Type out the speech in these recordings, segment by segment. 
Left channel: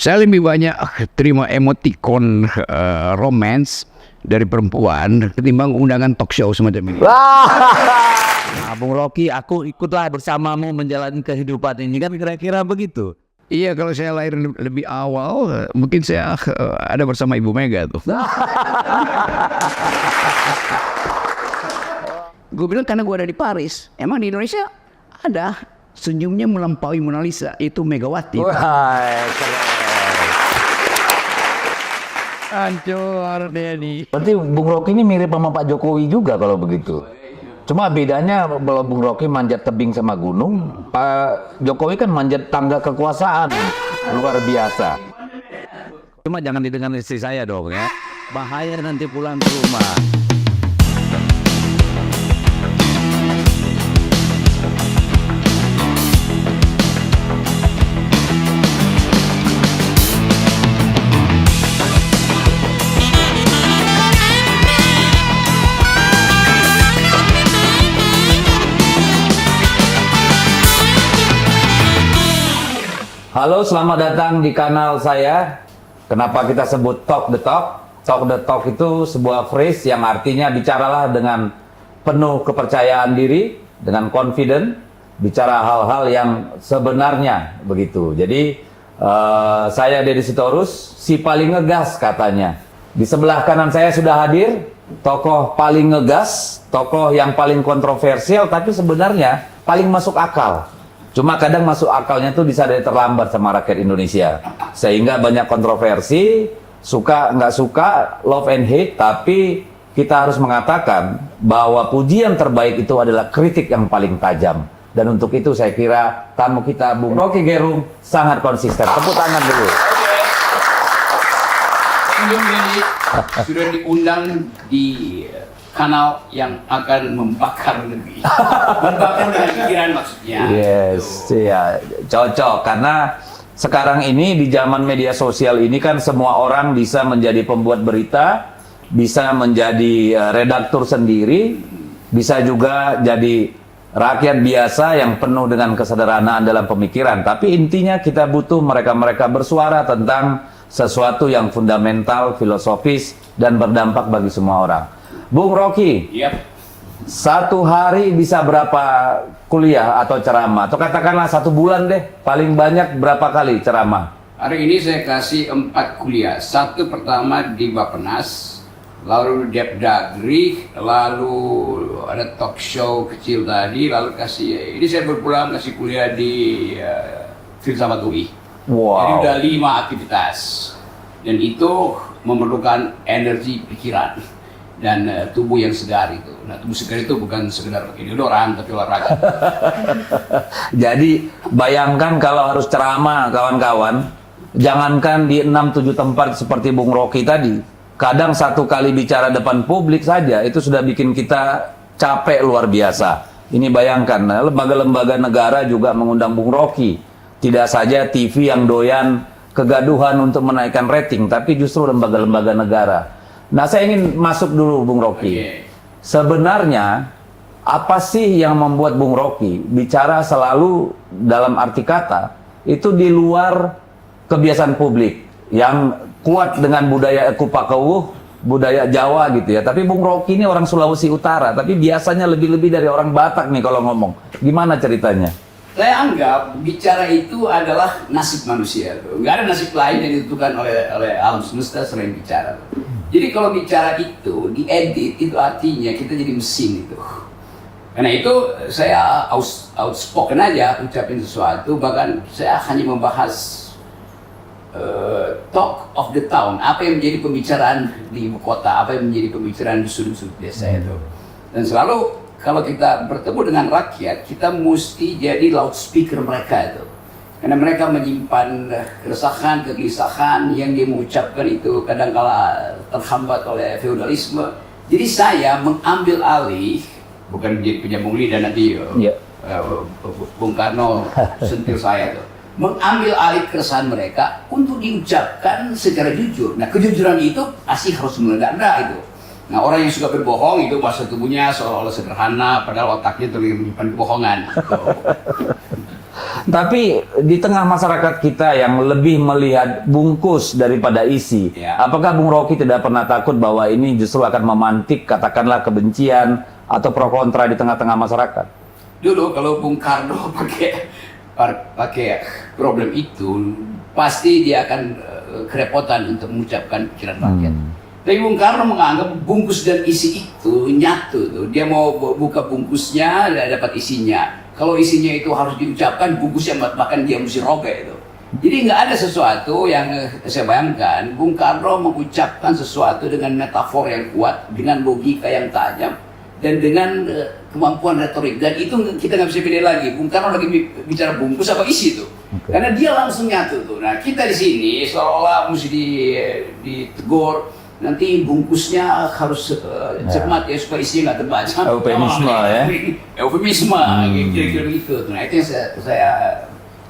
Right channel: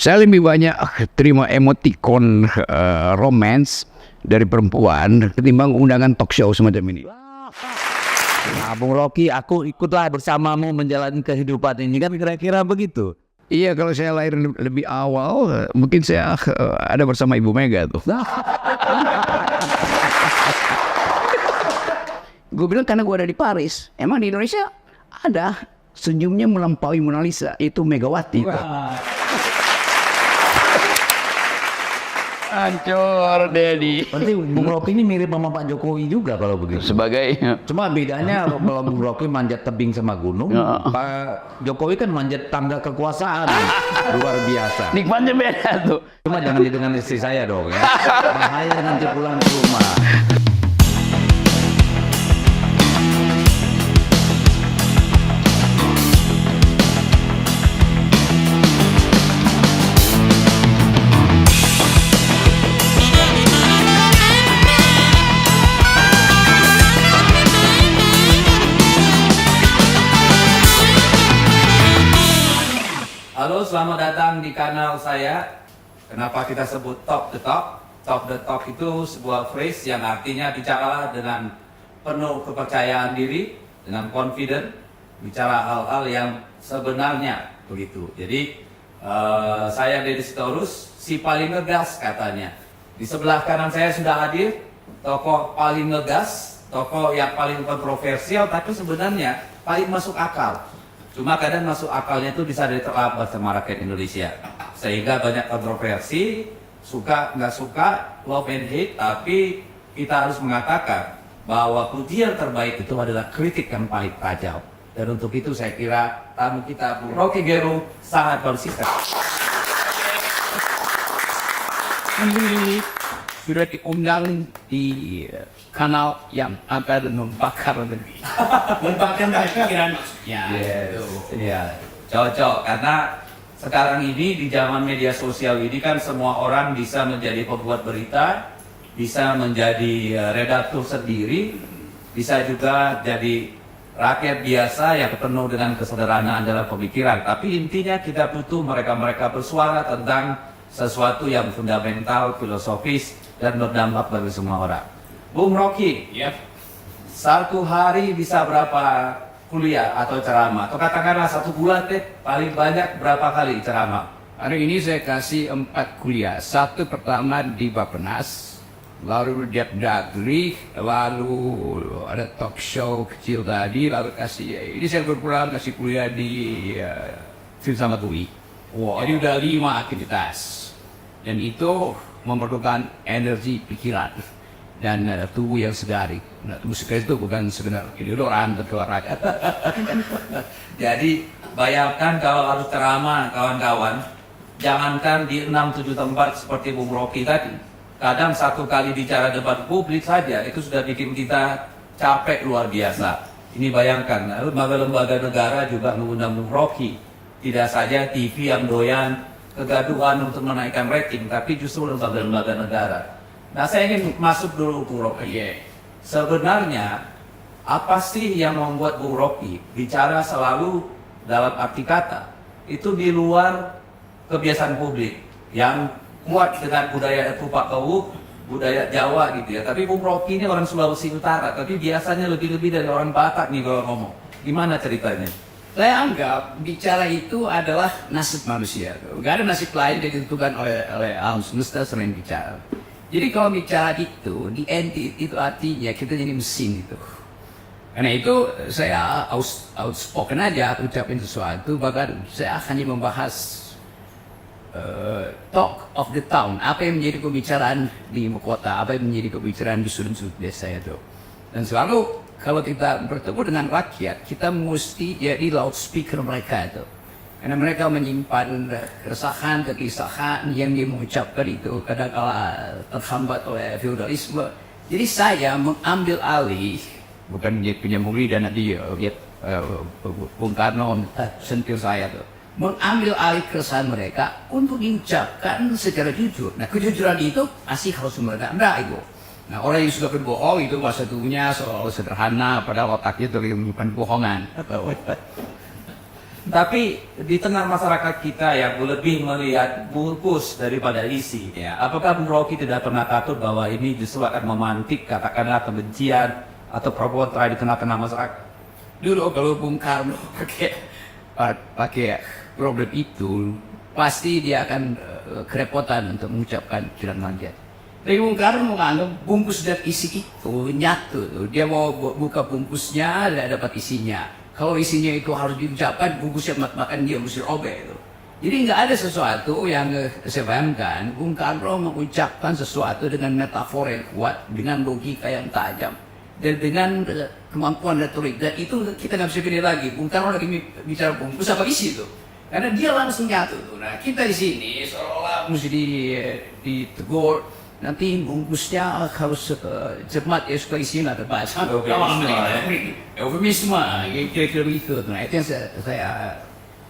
Saya lebih banyak terima emoticon romance dari perempuan ketimbang undangan talk show semacam ini. Nah, Bung Rocky, aku ikutlah bersamamu menjalani kehidupan ini, kan kira-kira begitu. Iya, kalau saya lahir lebih awal, mungkin saya ada bersama Ibu Mega tuh. Gue bilang karena gue ada di Paris, emang di Indonesia ada senyumnya melampaui Mona Lisa, itu Megawati. Hancur Dedi. Berarti Bung Rocky ini mirip sama Pak Jokowi juga kalau begitu. Sebagai Cuma bedanya kalau Bung Rocky manjat tebing sama gunung, Pak Jokowi kan manjat tangga kekuasaan. Luar biasa. nikmatnya beda tuh. Cuma jangan didengar istri saya dong ya. Bahaya nanti pulang ke rumah. Halo, selamat datang di kanal saya. Kenapa kita sebut Talk the Talk? Talk the Talk itu sebuah phrase yang artinya bicaralah dengan penuh kepercayaan diri, dengan confident, bicara hal-hal yang sebenarnya begitu. Jadi saya Deddy Sitorus, si paling ngegas katanya. Di sebelah kanan saya sudah hadir tokoh paling ngegas, tokoh yang paling kontroversial, tapi sebenarnya paling masuk akal. Cuma kadang masuk akalnya itu bisa dari terlambat sama rakyat Indonesia. Sehingga banyak kontroversi, suka nggak suka, love and hate, tapi kita harus mengatakan bahwa pujian terbaik itu adalah kritik yang paling tajam. Dan untuk itu saya kira tamu kita Bung Rocky Gerung sangat konsisten. Tepuk tangan dulu. Ini sudah diundang di kanal yang akan membakar lebih. Membakar pikiran maksudnya. Yes, iya, cocok karena sekarang ini di zaman media sosial ini kan semua orang bisa menjadi pembuat berita, bisa menjadi redaktur sendiri, bisa juga jadi rakyat biasa yang penuh dengan kesederhanaan dalam pemikiran. Tapi intinya kita butuh mereka-mereka bersuara tentang sesuatu yang fundamental, filosofis, dan berdampak bagi semua orang. Bung Rocky, satu hari bisa berapa kuliah atau ceramah? Atau katakanlah 1 bulan deh, paling banyak berapa kali ceramah? Hari ini saya kasih 4 kuliah. Satu pertama di Bappenas, lalu di Dagri, lalu ada talk show kecil tadi, lalu ini saya berpulang kasih kuliah di Filsafat UI. Wow. Jadi udah 5 aktivitas, dan itu memerlukan energi pikiran dan tubuh yang segar itu. Nah, tubuh segar itu bukan sekedar orang tapi olahraga. Jadi bayangkan kalau harus ceramah kawan-kawan, jangankan di 6-7 tempat seperti Bung Rocky tadi, kadang 1 kali bicara depan publik saja itu sudah bikin kita capek luar biasa. Ini bayangkan, lembaga-lembaga negara juga mengundang Bung Rocky. Tidak saja TV yang doyan kegaduhan untuk menaikkan rating, tapi justru lembaga-lembaga negara. Nah, saya ingin masuk dulu Bung Rocky. Sebenarnya apa sih yang membuat Bung Rocky bicara selalu dalam arti kata itu di luar kebiasaan publik yang kuat dengan budaya kupak kewuh, budaya Jawa gitu ya. Tapi Bung Rocky ini orang Sulawesi Utara, tapi biasanya lebih-lebih dari orang Batak nih kalau ngomong. Gimana ceritanya? Saya anggap bicara itu adalah nasib manusia. Nggak ada nasib lain yang ditentukan oleh alam semesta selain bicara. Jadi kalau bicara itu, diedit, itu artinya kita jadi mesin itu. Karena itu saya outspoken aja, ucapin sesuatu, bahkan saya hanya membahas talk of the town, apa yang menjadi pembicaraan di ibu kota, apa yang menjadi pembicaraan di sudut-sudut desa itu. Dan selalu kalau kita bertemu dengan rakyat, kita mesti jadi loudspeaker mereka itu. Karena mereka menyimpan keresahan, kegelisahan yang dia mengucapkan itu kadang-kala terhambat oleh feudalisme. Jadi saya mengambil alih, bukan punya Bung Lee dan nanti Bung Karno sentil saya tuh. Mengambil alih keresahan mereka untuk diucapkan secara jujur. Nah, kejujuran itu pasti harus meledak itu. Nah, orang yang suka berbohong itu bahasa tubuhnya seolah-olah sederhana, padahal otaknya terlibat kebohongan. Tapi di tengah masyarakat kita yang lebih melihat bungkus daripada isi, Ya. apakah Bung Rocky tidak pernah takut bahwa ini justru akan memantik katakanlah kebencian atau pro kontra di tengah-tengah masyarakat? Dulu kalau Bung Karno pakai problem itu, pasti dia akan kerepotan untuk mengucapkan pikiran rakyat. Tapi Bung Karno menganggap bungkus dan isi itu nyatu tuh. Dia mau buka bungkusnya dan dapat isinya. Kalau isinya itu harus diucapkan, bungkusnya bahkan dia mesti robek itu. Jadi nggak ada sesuatu yang saya bayangkan. Bung Karno mengucapkan sesuatu dengan metafor yang kuat, dengan logika yang tajam, dan dengan kemampuan retorik. Dan itu kita nggak bisa pilih lagi. Bung Karno lagi bicara bungkus apa isi itu. Karena dia langsung nyatu tuh. Nah kita di sini seolah-olah mesti ditegur. Nanti bungkusnya harus cermat ya supaya isinya nggak terbaca. Eufemisme ya. Eufemisme, kira-kira begitu. Nah itu yang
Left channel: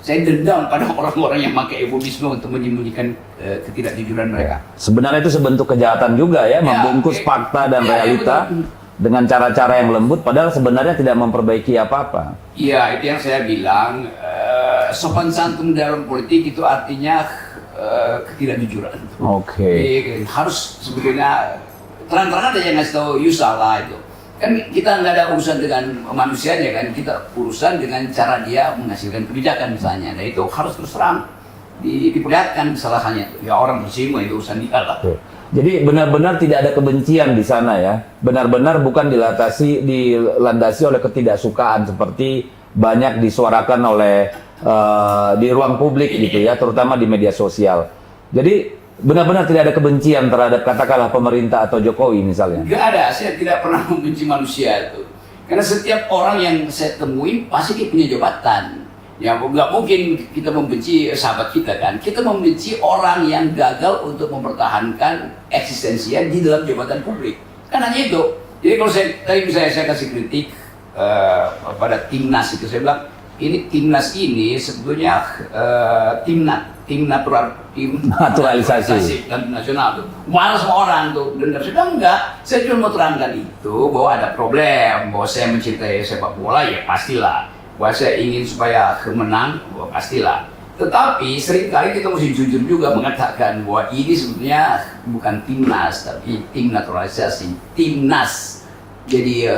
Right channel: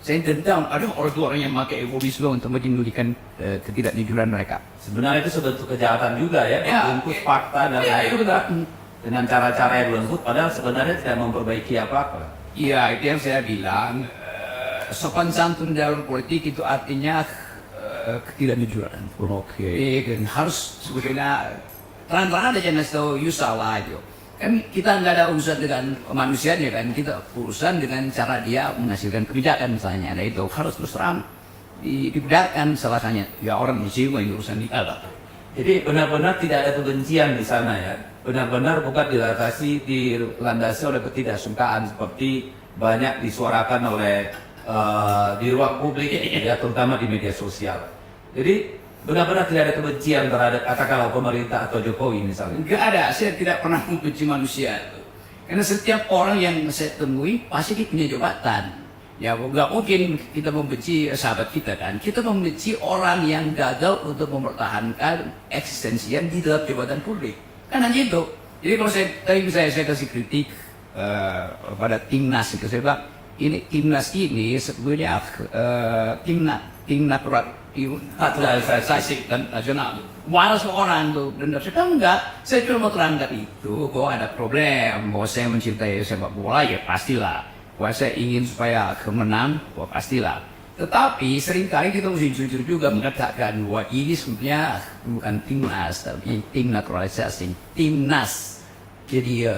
saya dendam pada orang-orang yang pakai eufemisme untuk menyembunyikan ketidakjujuran mereka. Sebenarnya itu sebentuk kejahatan juga ya, membungkus fakta dan realita dengan cara-cara yang lembut, padahal sebenarnya tidak memperbaiki apa-apa. Iya, itu yang saya bilang. Sopan santun dalam politik itu artinya ketidakjujuran. Oke. Harus sebetulnya terang-terangan aja ngasih tahu you salah itu. Kan kita nggak ada urusan dengan manusianya kan, kita urusan dengan cara dia menghasilkan kebijakan misalnya. Nah itu harus terus terang diperlihatkan salahnya. Ya orang muslim itu urusan dia lah. Jadi benar-benar tidak ada kebencian di sana ya. Benar-benar bukan dilandasi oleh ketidaksukaan seperti banyak disuarakan oleh di ruang publik gitu ya, terutama di media sosial. Jadi benar-benar tidak ada kebencian terhadap katakanlah pemerintah atau Jokowi misalnya. Nggak ada, saya tidak pernah membenci manusia itu. Karena setiap orang yang saya temui pasti dia punya jabatan. Ya nggak mungkin kita membenci sahabat kita kan. Kita membenci orang yang gagal untuk mempertahankan eksistensinya di dalam jabatan publik. Kan hanya itu. Jadi kalau saya kasih kritik pada timnas itu, saya bilang ini timnas ini sebetulnya tim naturalisasi dan nasional tuh. Marah semua orang tuh, dan saya bilang enggak. Saya cuma mau terangkan itu bahwa ada problem, bahwa saya mencintai sepak bola ya pastilah. Bahwa saya ingin supaya menang, bahwa pastilah. Tetapi seringkali kita mesti jujur juga mengatakan bahwa ini sebetulnya bukan timnas, tapi tim naturalisasi, timnas. Jadi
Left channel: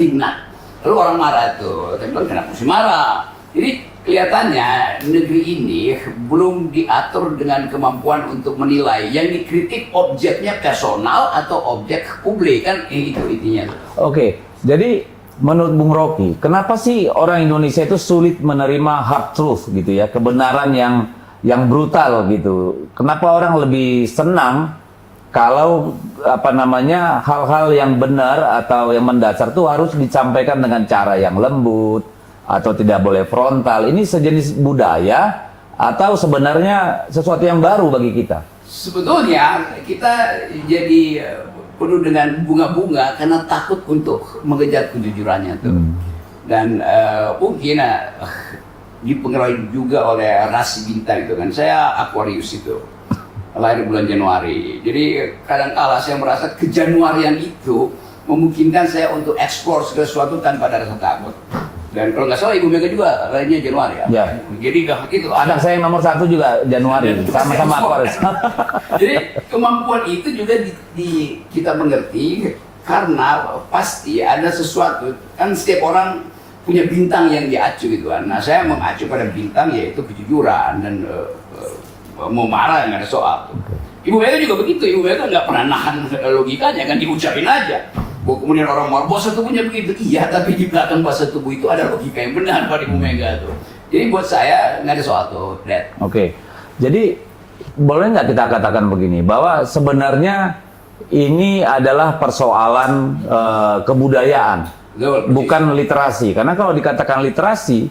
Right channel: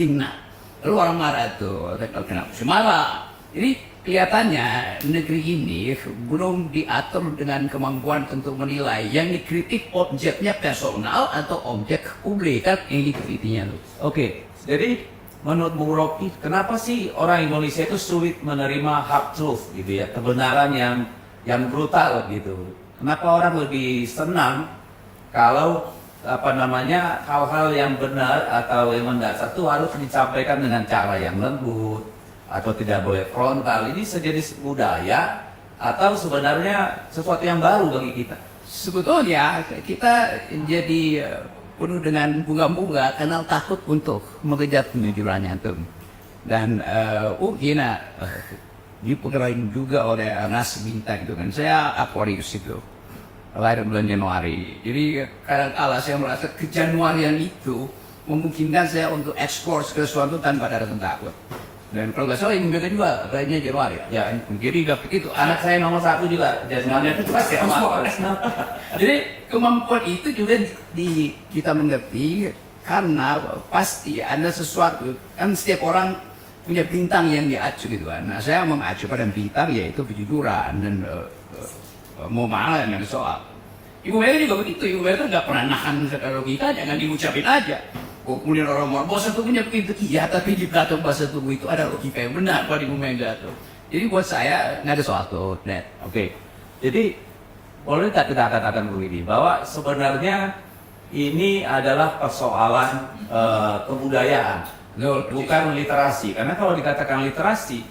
timnas. Lalu orang marah tuh, tapi kenapa mesti marah? Jadi kelihatannya negeri ini belum diatur dengan kemampuan untuk menilai yang dikritik objeknya personal atau objek publik kan itu intinya. Oke, jadi menurut Bung Rocky, kenapa sih orang Indonesia itu sulit menerima hard truth gitu ya, kebenaran yang brutal gitu? Kenapa orang lebih senang kalau hal-hal yang benar atau yang mendasar itu harus disampaikan dengan cara yang lembut atau tidak boleh frontal? Ini sejenis budaya atau sebenarnya sesuatu yang baru bagi kita? Sebetulnya kita jadi penuh dengan bunga-bunga karena takut untuk mengejar kejujurannya tuh. Dan mungkin dipengaruhi juga oleh ras bintang itu kan. Saya Aquarius itu. Lahir bulan Januari. Jadi kadang-kala saya merasa kejanuarian itu memungkinkan saya untuk eksplor segala sesuatu tanpa ada rasa takut. Dan kalau nggak salah Ibu Mega juga lahirnya Januari ya. Jadi itu anak saya nomor 1 juga Januari. Sama-sama. Jadi kemampuan itu juga kita mengerti karena pasti ada sesuatu. Kan setiap orang punya bintang yang diacu gitu kan. Nah saya mengacu pada bintang yaitu kejujuran dan mau marah nggak ada soal. Ibu Mega juga begitu. Ibu Mega nggak pernah nahan logikanya kan, diucapin aja. Kemudian orang marah, bahasa tubuhnya begitu. Iya, tapi di belakang bahasa tubuh itu ada logika yang benar pada Ibu Mega tuh. Jadi buat saya nggak ada soal tuh, Dad. Oke. Jadi boleh nggak kita katakan begini, bahwa sebenarnya ini adalah persoalan kebudayaan, bukan literasi. Karena kalau dikatakan literasi,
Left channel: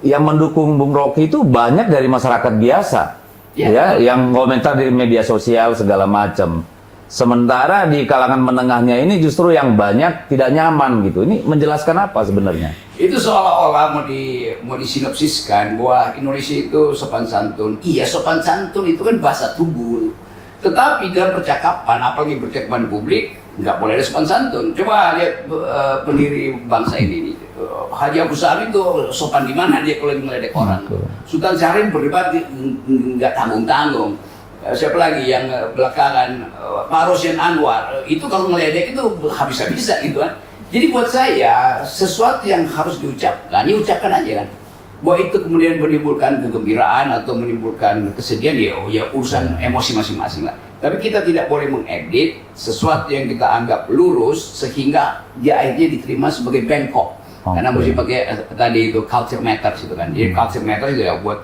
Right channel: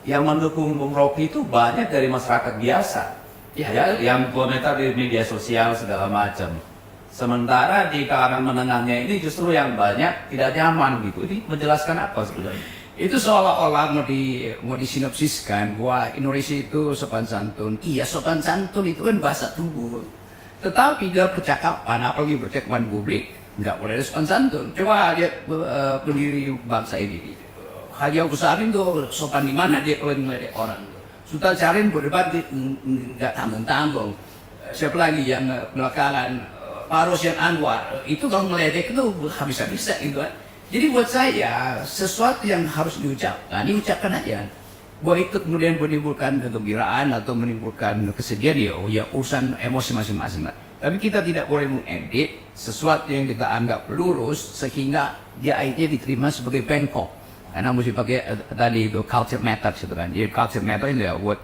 yang mendukung Bung Rocky itu banyak dari masyarakat biasa. Ya, yang komentar di media sosial segala macam. Sementara di kalangan menengahnya ini justru yang banyak tidak nyaman gitu. Ini menjelaskan apa sebenarnya? Itu seolah-olah mau disinopsiskan bahwa Indonesia itu sopan santun. Iya, sopan santun itu kan bahasa tubuh. Tetapi dalam percakapan, apalagi percakapan publik, nggak boleh ada sopan santun. Coba lihat pendiri bangsa ini, Haji Agus Salim tuh sopan di mana dia kalau ngeledek orang. Sultan Syahrir berdebat nggak tanggung-tanggung. Siapa lagi yang belakangan Pak Rosyan Anwar itu kalau ngeledek itu habis-habisan gitu kan. Jadi buat saya sesuatu yang harus diucapkan, diucapkan aja kan. Bahwa itu kemudian menimbulkan kegembiraan atau menimbulkan kesedihan ya urusan emosi masing-masing lah. Tapi kita tidak boleh mengedit sesuatu yang kita anggap lurus sehingga dia akhirnya diterima sebagai bengkok. Karena mesti pakai tadi itu culture matters itu kan. Jadi culture matters itu ya buat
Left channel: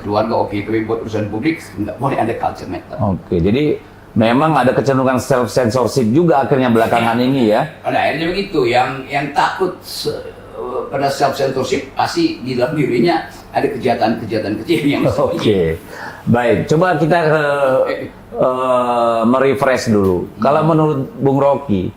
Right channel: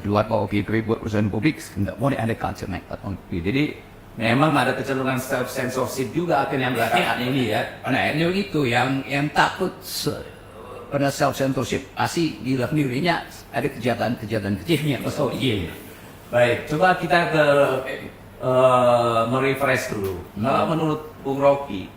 keluarga oke, tapi buat urusan publik nggak boleh ada culture matter. Oke, jadi memang ada kecenderungan self censorship juga akhirnya belakangan ini ya. Nah, akhirnya begitu. Yang takut pada self censorship pasti di dalam dirinya ada kejahatan-kejahatan kecil yang Oke. Baik, coba kita merefresh dulu. Kalau menurut Bung Rocky,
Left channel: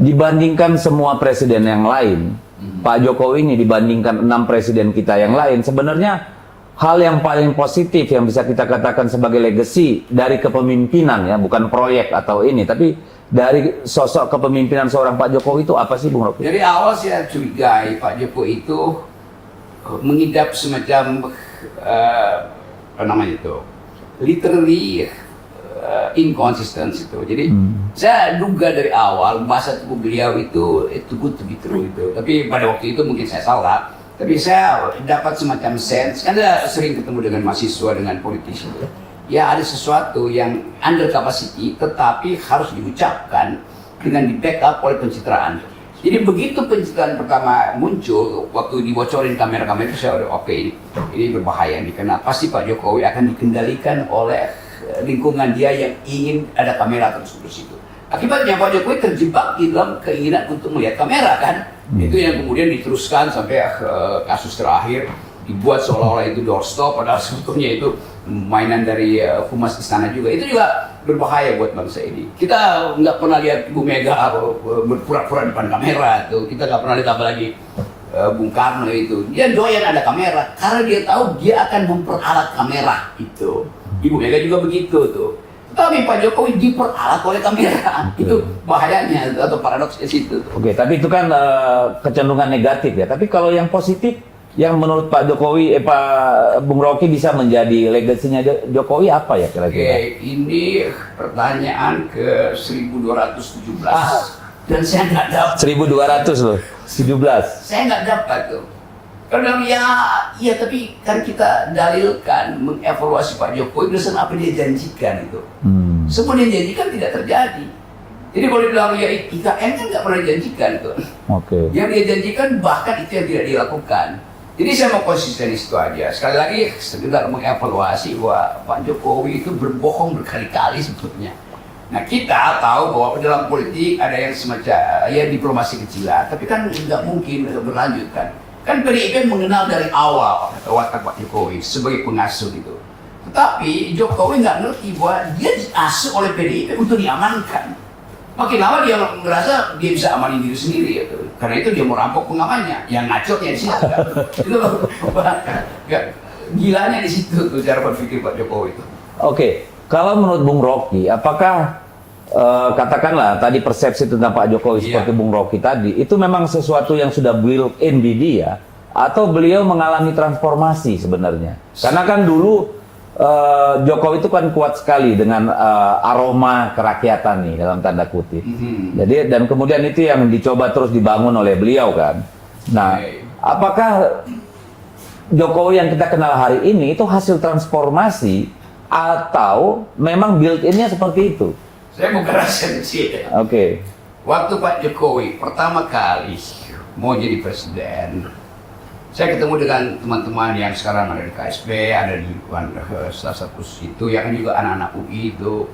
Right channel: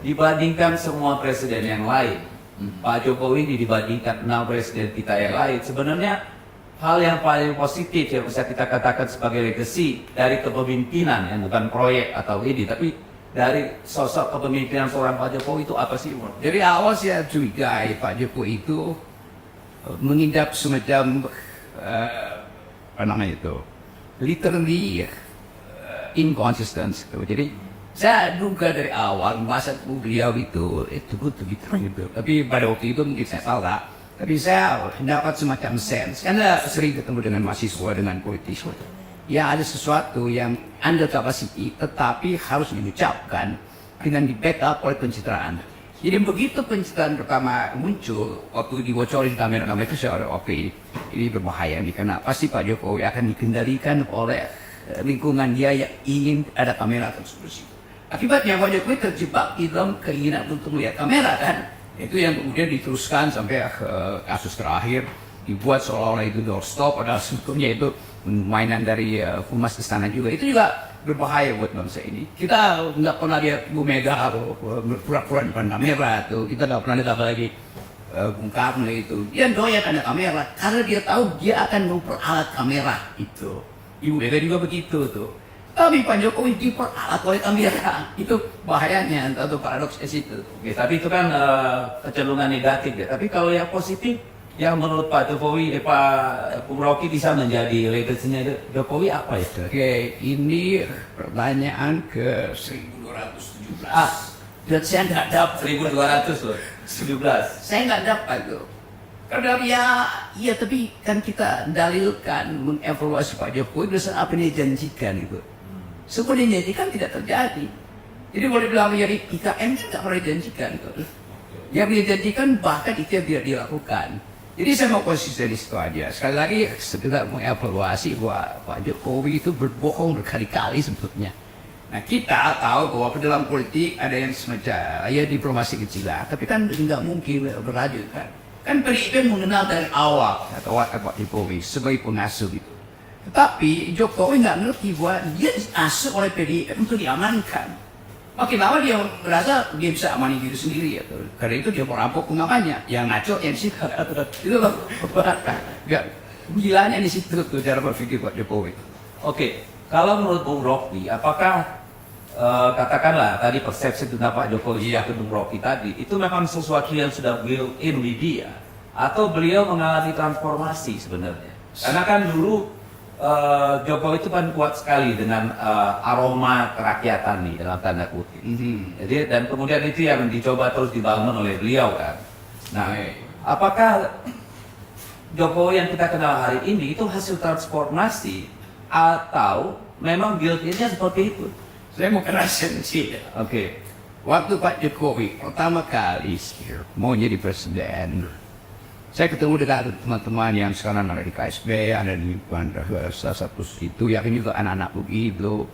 dibandingkan semua presiden yang lain, Pak Jokowi ini dibandingkan 6 presiden kita yang lain, sebenarnya hal yang paling positif yang bisa kita katakan sebagai legacy dari kepemimpinan ya, bukan proyek atau ini, tapi dari sosok kepemimpinan seorang Pak Jokowi itu apa sih Bung Rocky? Jadi awal saya curigai Pak Jokowi itu mengidap semacam apa namanya itu, literally inconsistent itu. Jadi saya duga dari awal bahasa tubuh beliau itu good to be true itu. Tapi pada waktu itu mungkin saya salah. Tapi saya dapat semacam sense, karena sering ketemu dengan mahasiswa, dengan politisi. Ya ada sesuatu yang under capacity, tetapi harus diucapkan dengan di backup oleh pencitraan. Jadi begitu pencitraan pertama muncul, waktu dibocorin kamera-kamera itu saya udah oke, ini berbahaya nih, karena pasti Pak Jokowi akan dikendalikan oleh lingkungan dia yang ingin ada kamera terus di situ. Akibatnya Pak Jokowi terjebak di dalam keinginan untuk melihat kamera kan. Itu yang kemudian diteruskan sampai kasus terakhir dibuat seolah-olah itu doorstop, padahal sebetulnya itu mainan dari humas istana juga. Itu juga berbahaya buat bangsa ini. Kita nggak pernah lihat Bu Mega berpura-pura depan kamera tuh. Kita nggak pernah lihat apalagi Bung Karno itu. Dia doyan ada kamera karena dia tahu dia akan memperalat kamera itu. Ibu Mega juga begitu tuh. Tapi Pak Jokowi diperalat oleh kamera. Itu bahayanya atau paradoksnya situ. Oke, tapi itu kan kecenderungan negatif ya. Tapi kalau yang positif, yang menurut Pak Jokowi, Pak Bung Rocky bisa menjadi legasinya Jokowi apa ya kira-kira? Oke, ini pertanyaan ke 1217 dan saya nggak dapat. 1200 loh, 17. Saya nggak dapat tuh. Karena ya tapi kan kita dalilkan mengevaluasi Pak Jokowi berdasarkan apa dia janjikan itu. Semua dia janjikan tidak terjadi. Jadi kalau dibilang ya IKN kan nggak pernah dijanjikan itu. Oke. Yang dia janjikan bahkan itu yang tidak dilakukan. Jadi saya mau konsisten di situ aja. Sekali lagi sekedar mengevaluasi bahwa Pak Jokowi itu berbohong berkali-kali sebetulnya. Nah kita tahu bahwa dalam politik ada yang semacam ya diplomasi kecilan, tapi kan nggak mungkin berlanjut kan. Kan PDIP mengenal dari awal watak Pak Jokowi sebagai pengasuh itu. Tetapi Jokowi nggak ngerti bahwa dia diasuh oleh PDIP untuk diamankan. Makin lama dia merasa dia bisa amanin diri sendiri gitu. Karena itu dia mau rampok pengamannya. Yang ngaco yang situ kan. Itu nggak gilanya di situ tuh cara berpikir Pak Jokowi itu. Oke, kalau menurut Bung Rocky, apakah katakanlah tadi persepsi tentang Pak Jokowi seperti Bung Rocky tadi, itu memang sesuatu yang sudah built-in di dia, atau beliau mengalami transformasi sebenarnya? Karena kan dulu Jokowi itu kan kuat sekali dengan aroma kerakyatan nih dalam tanda kutip. Jadi dan kemudian itu yang dicoba terus dibangun oleh beliau kan. Nah, apakah Jokowi yang kita kenal hari ini itu hasil transformasi atau memang built-innya seperti itu? Saya mau keraskan sih. Oke. Waktu Pak Jokowi pertama kali mau jadi presiden, saya ketemu dengan teman-teman yang sekarang ada di KSP, ada di salah satu situ, yang juga anak-anak UI itu.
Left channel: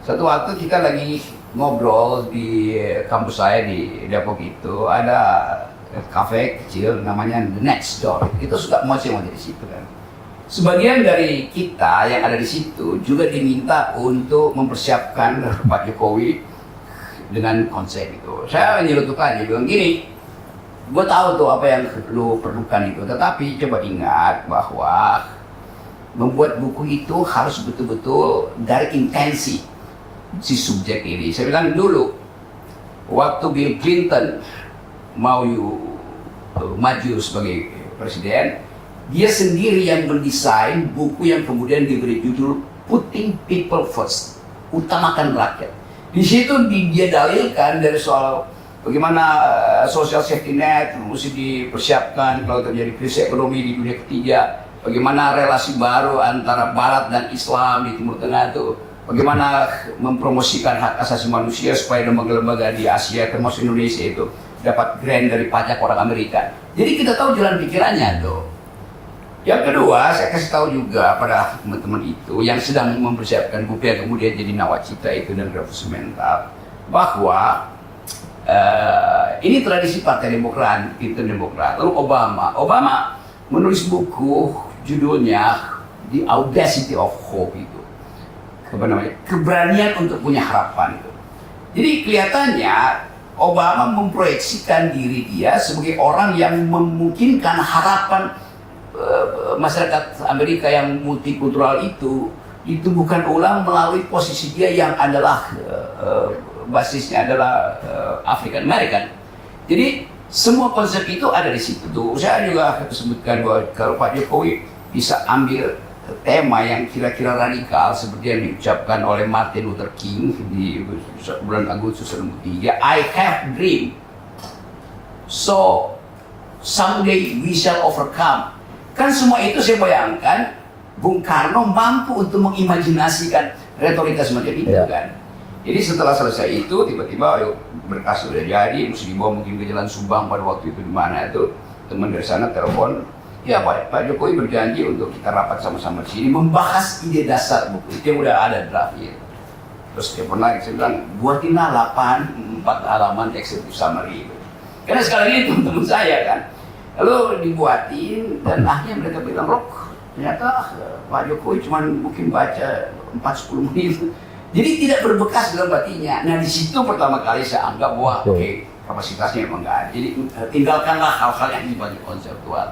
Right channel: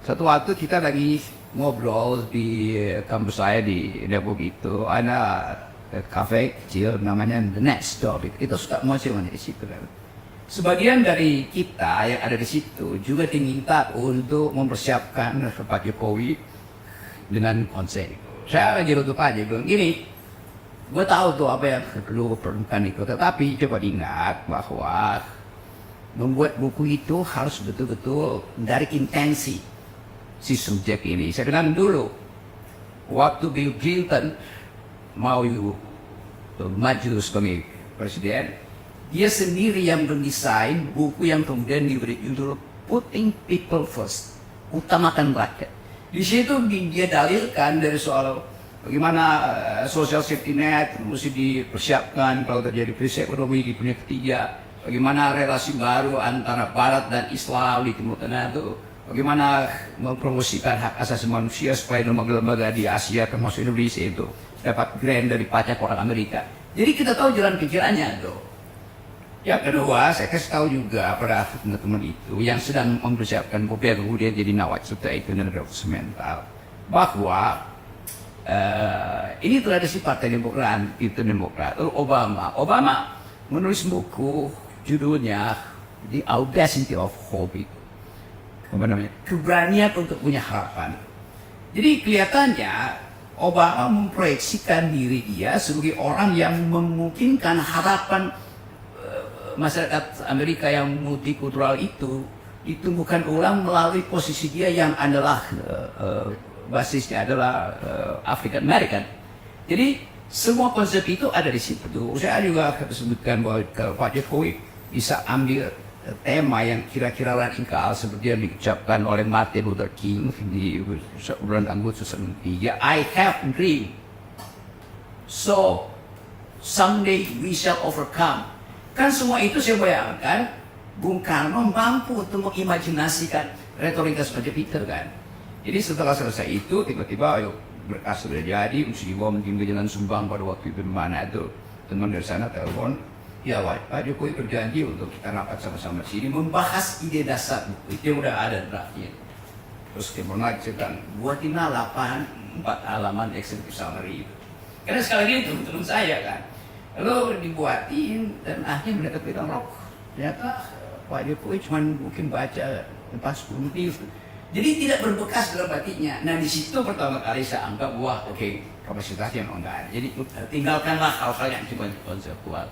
Satu waktu kita lagi ngobrol di kampus saya di Depok itu, ada kafe kecil namanya The Next Door. Kita suka masih mau di situ kan. Sebagian dari kita yang ada di situ juga diminta untuk mempersiapkan Pak Jokowi dengan konsep itu. Saya nyerutuk aja, bilang gini, gue tahu tuh apa yang lu perlukan itu, tetapi coba ingat bahwa membuat buku itu harus betul-betul dari intensi si subjek ini. Saya bilang dulu, waktu Bill Clinton mau maju sebagai presiden, dia sendiri yang mendesain buku yang kemudian diberi judul Putting People First, utamakan rakyat. Di situ dia dalilkan dari soal bagaimana social safety net mesti dipersiapkan kalau terjadi krisis ekonomi di dunia ketiga, bagaimana relasi baru antara Barat dan Islam di Timur Tengah itu, bagaimana mempromosikan hak asasi manusia supaya lembaga-lembaga di Asia termasuk Indonesia itu dapat grant dari pajak orang Amerika. Jadi kita tahu jalan pikirannya tuh. Yang kedua, saya kasih tahu juga pada teman-teman itu yang sedang mempersiapkan buku yang kemudian jadi nawacita itu dan revolusi mental, bahwa ini tradisi Partai Demokrat, itu Demokrat. Lalu Obama menulis buku judulnya The Audacity of Hope itu, apa namanya, keberanian untuk punya harapan itu. Jadi kelihatannya Obama memproyeksikan diri dia sebagai orang yang memungkinkan harapan masyarakat Amerika yang multikultural itu ditumbuhkan ulang melalui posisi dia yang adalah basisnya adalah African American. Jadi semua konsep itu ada di situ. Saya juga sebutkan bahwa kalau Pak Jokowi bisa ambil tema yang kira-kira radikal seperti yang diucapkan oleh Martin Luther King di bulan Agustus 1963, I have dream, so someday we shall overcome. Kan semua itu saya bayangkan Bung Karno mampu untuk mengimajinasikan retorika semacam itu kan. Jadi setelah selesai itu tiba-tiba berkas sudah jadi, mesti dibawa mungkin ke Jalan Subang pada waktu itu di mana itu, teman dari sana telepon, ya Pak Jokowi berjanji untuk kita rapat sama-sama di sini membahas ide dasar buku itu yang udah ada draftnya. Terus dia pernah saya bilang buatinlah 4 halaman executive summary itu. Karena sekali lagi teman-teman saya kan. Lalu dibuatin dan akhirnya mereka bilang, Rok, ternyata Pak Jokowi cuma mungkin baca 4-10 menit. Jadi tidak berbekas dalam hatinya. Nah di situ pertama kali saya anggap, wah oke, kapasitasnya memang nggak ada. Jadi tinggalkanlah hal-hal yang sifatnya konseptual.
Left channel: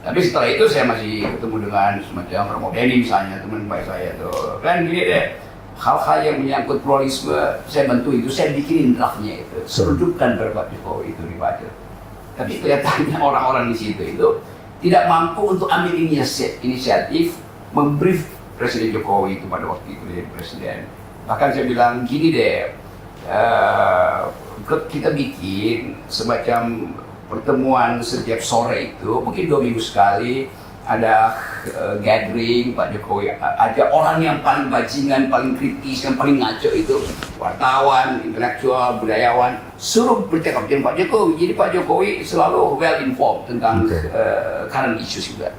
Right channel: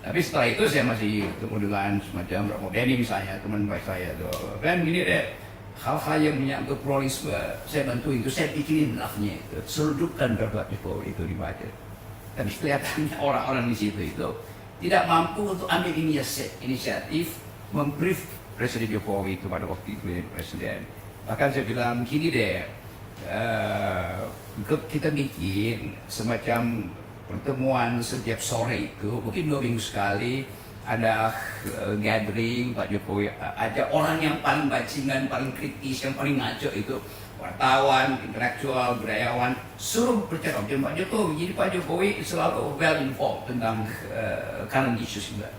Tapi setelah itu saya masih ketemu dengan semacam Romo Beni misalnya, teman baik saya tuh. Kan gini deh, hal-hal yang menyangkut pluralisme, saya bantu itu, saya bikinin draftnya itu. Serudupkan Pak Jokowi itu dibaca. Tapi kelihatannya orang-orang di situ itu tidak mampu untuk ambil inisiatif membrief Presiden Jokowi itu pada waktu itu jadi presiden. Bahkan saya bilang gini deh, kita bikin semacam pertemuan setiap sore itu, mungkin 2 minggu sekali ada gathering Pak Jokowi, ada orang yang paling bajingan, paling kritis, yang paling ngaco itu wartawan, intelektual, budayawan, suruh bercakap dengan Pak Jokowi. Jadi Pak Jokowi selalu well informed tentang current issues juga.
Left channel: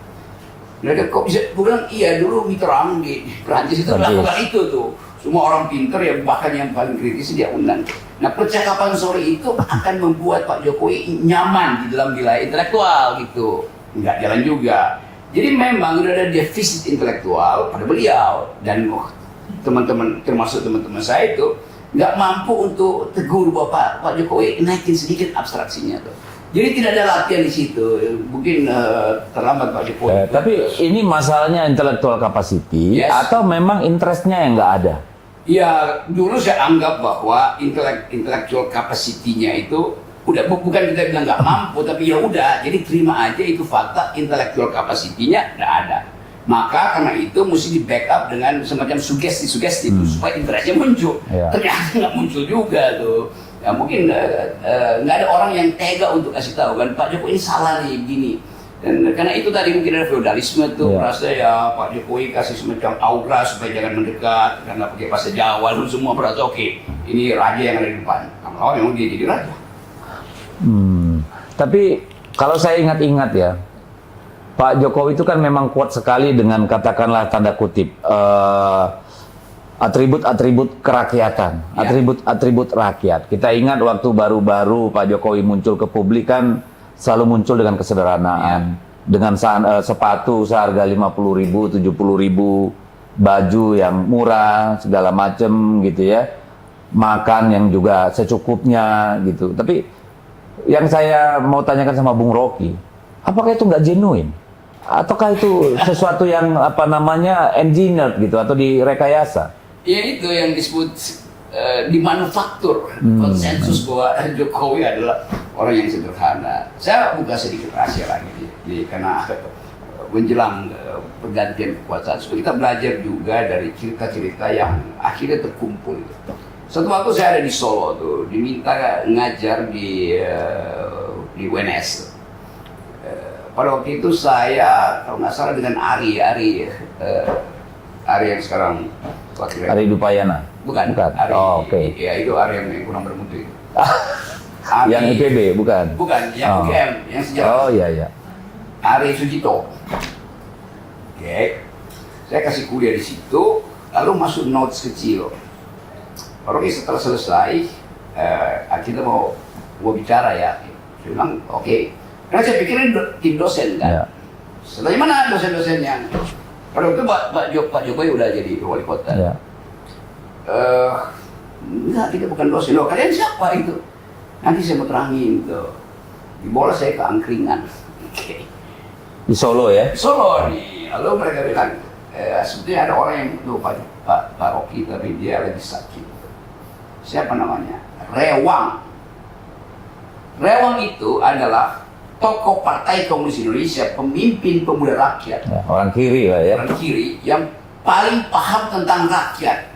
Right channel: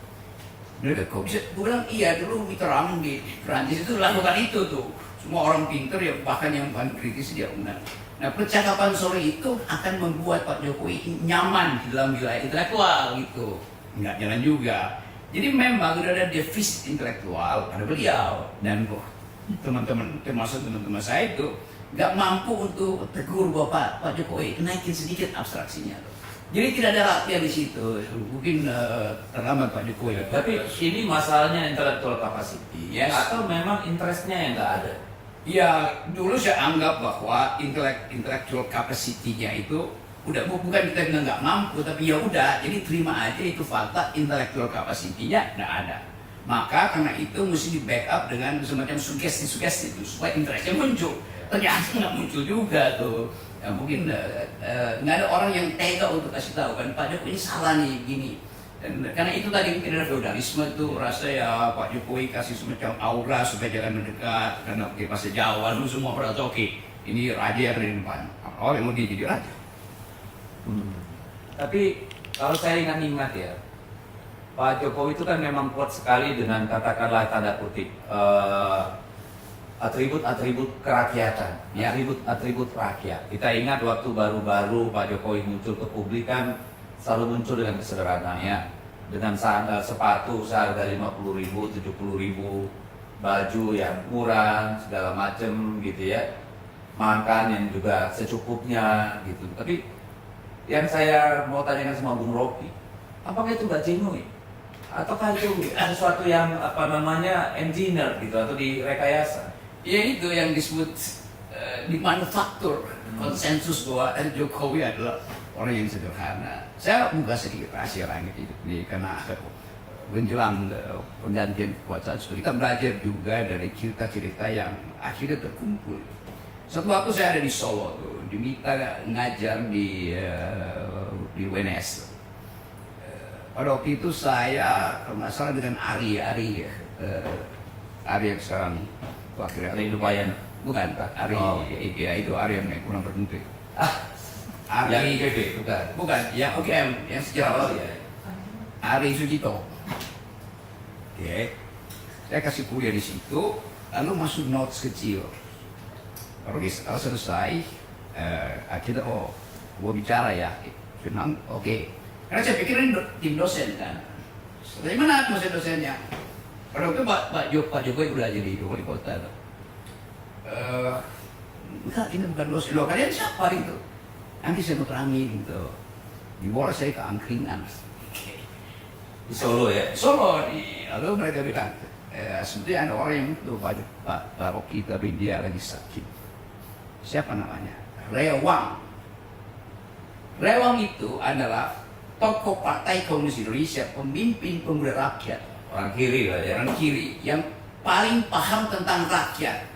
Mereka kok bisa, gue bilang iya dulu Mitterrand di Prancis itu melakukan itu tuh. Semua orang pintar ya, bahkan yang paling kritis dia undang. Nah percakapan sore itu akan membuat Pak Jokowi nyaman di dalam wilayah intelektual gitu. Nggak jalan juga. Jadi memang udah ada defisit intelektual pada beliau. Dan teman-teman, termasuk teman-teman saya itu nggak mampu untuk tegur Pak Jokowi, naikin sedikit abstraksinya tuh. Jadi tidak ada latihan di situ, mungkin terlambat Pak Jokowi. Tapi ini masalahnya intellectual capacity, yes, atau memang interestnya yang nggak ada? Ya dulu saya anggap bahwa intellectual capacity-nya itu udah, bukan kita bilang nggak mampu, tapi ya udah, jadi terima aja itu fakta, intellectual capacity-nya nggak ada. Maka karena itu mesti di backup dengan semacam sugesti-sugesti itu supaya interestnya muncul. Ternyata nggak muncul juga tuh. Ya mungkin nggak ada orang yang tega untuk kasih tahu kan Pak Jokowi ini salah nih gini. Dan karena itu tadi mungkin ada feudalisme tuh, merasa ya Pak Jokowi kasih semacam aura supaya jangan mendekat karena pakai bahasa Jawa, lu semua merasa oke, ini raja yang ada di depan. Oh memang dia jadi raja. Tapi kalau saya ingat-ingat ya, Pak Jokowi itu kan memang kuat sekali dengan katakanlah tanda kutip atribut-atribut kerakyatan, atribut-atribut rakyat. Kita ingat waktu baru-baru Pak Jokowi muncul ke publik kan selalu muncul dengan kesederhanaan, dengan sepatu seharga 50.000, 70.000, baju yang murah, segala macem gitu ya, makan yang juga secukupnya gitu. Tapi yang saya mau tanyakan sama Bung Rocky, apakah itu nggak genuine? Ataukah itu sesuatu yang apa namanya engineered gitu atau direkayasa? Ya itu yang disebut dimanufaktur konsensus bahwa Jokowi adalah orang yang sederhana. Saya buka sedikit rahasia lagi karena menjelang pergantian kekuasaan, kita belajar juga dari cerita-cerita yang akhirnya terkumpul. Satu waktu saya ada di Solo tuh, diminta ngajar di UNS. Pada waktu itu saya, kalau nggak salah dengan Ari yang sekarang Ari Dupayana. Bukan. Ari, Oh, oke. ya itu Ari yang kurang bermutu itu. Yang IPB bukan? Bukan, yang UGM, yang sejarah. Oh iya. Ari Sujito. Oke. Saya kasih kuliah di situ, lalu masuk notes kecil. Oke, setelah selesai, kita mau bicara ya. Saya bilang, oke. Karena saya pikirin tim dosen kan. Ya. Setelah mana dosen-dosennya? Pada waktu Pak Jokowi udah jadi wali kota. Ya. Enggak, kita bukan dosen. Loh, kalian siapa itu? Nanti saya mau terangin gitu. Dibawa saya ke angkringan. Oke. Di Solo ya? Solo nih, lalu mereka bilang, sebetulnya ada orang yang tuh Pak Rocky, tapi dia lagi sakit. Siapa namanya? Rewang. Rewang itu adalah tokoh Partai Komunis Indonesia, pemimpin pemuda rakyat, Ya, orang kiri lah ya. orang kiri yang paling paham tentang rakyat.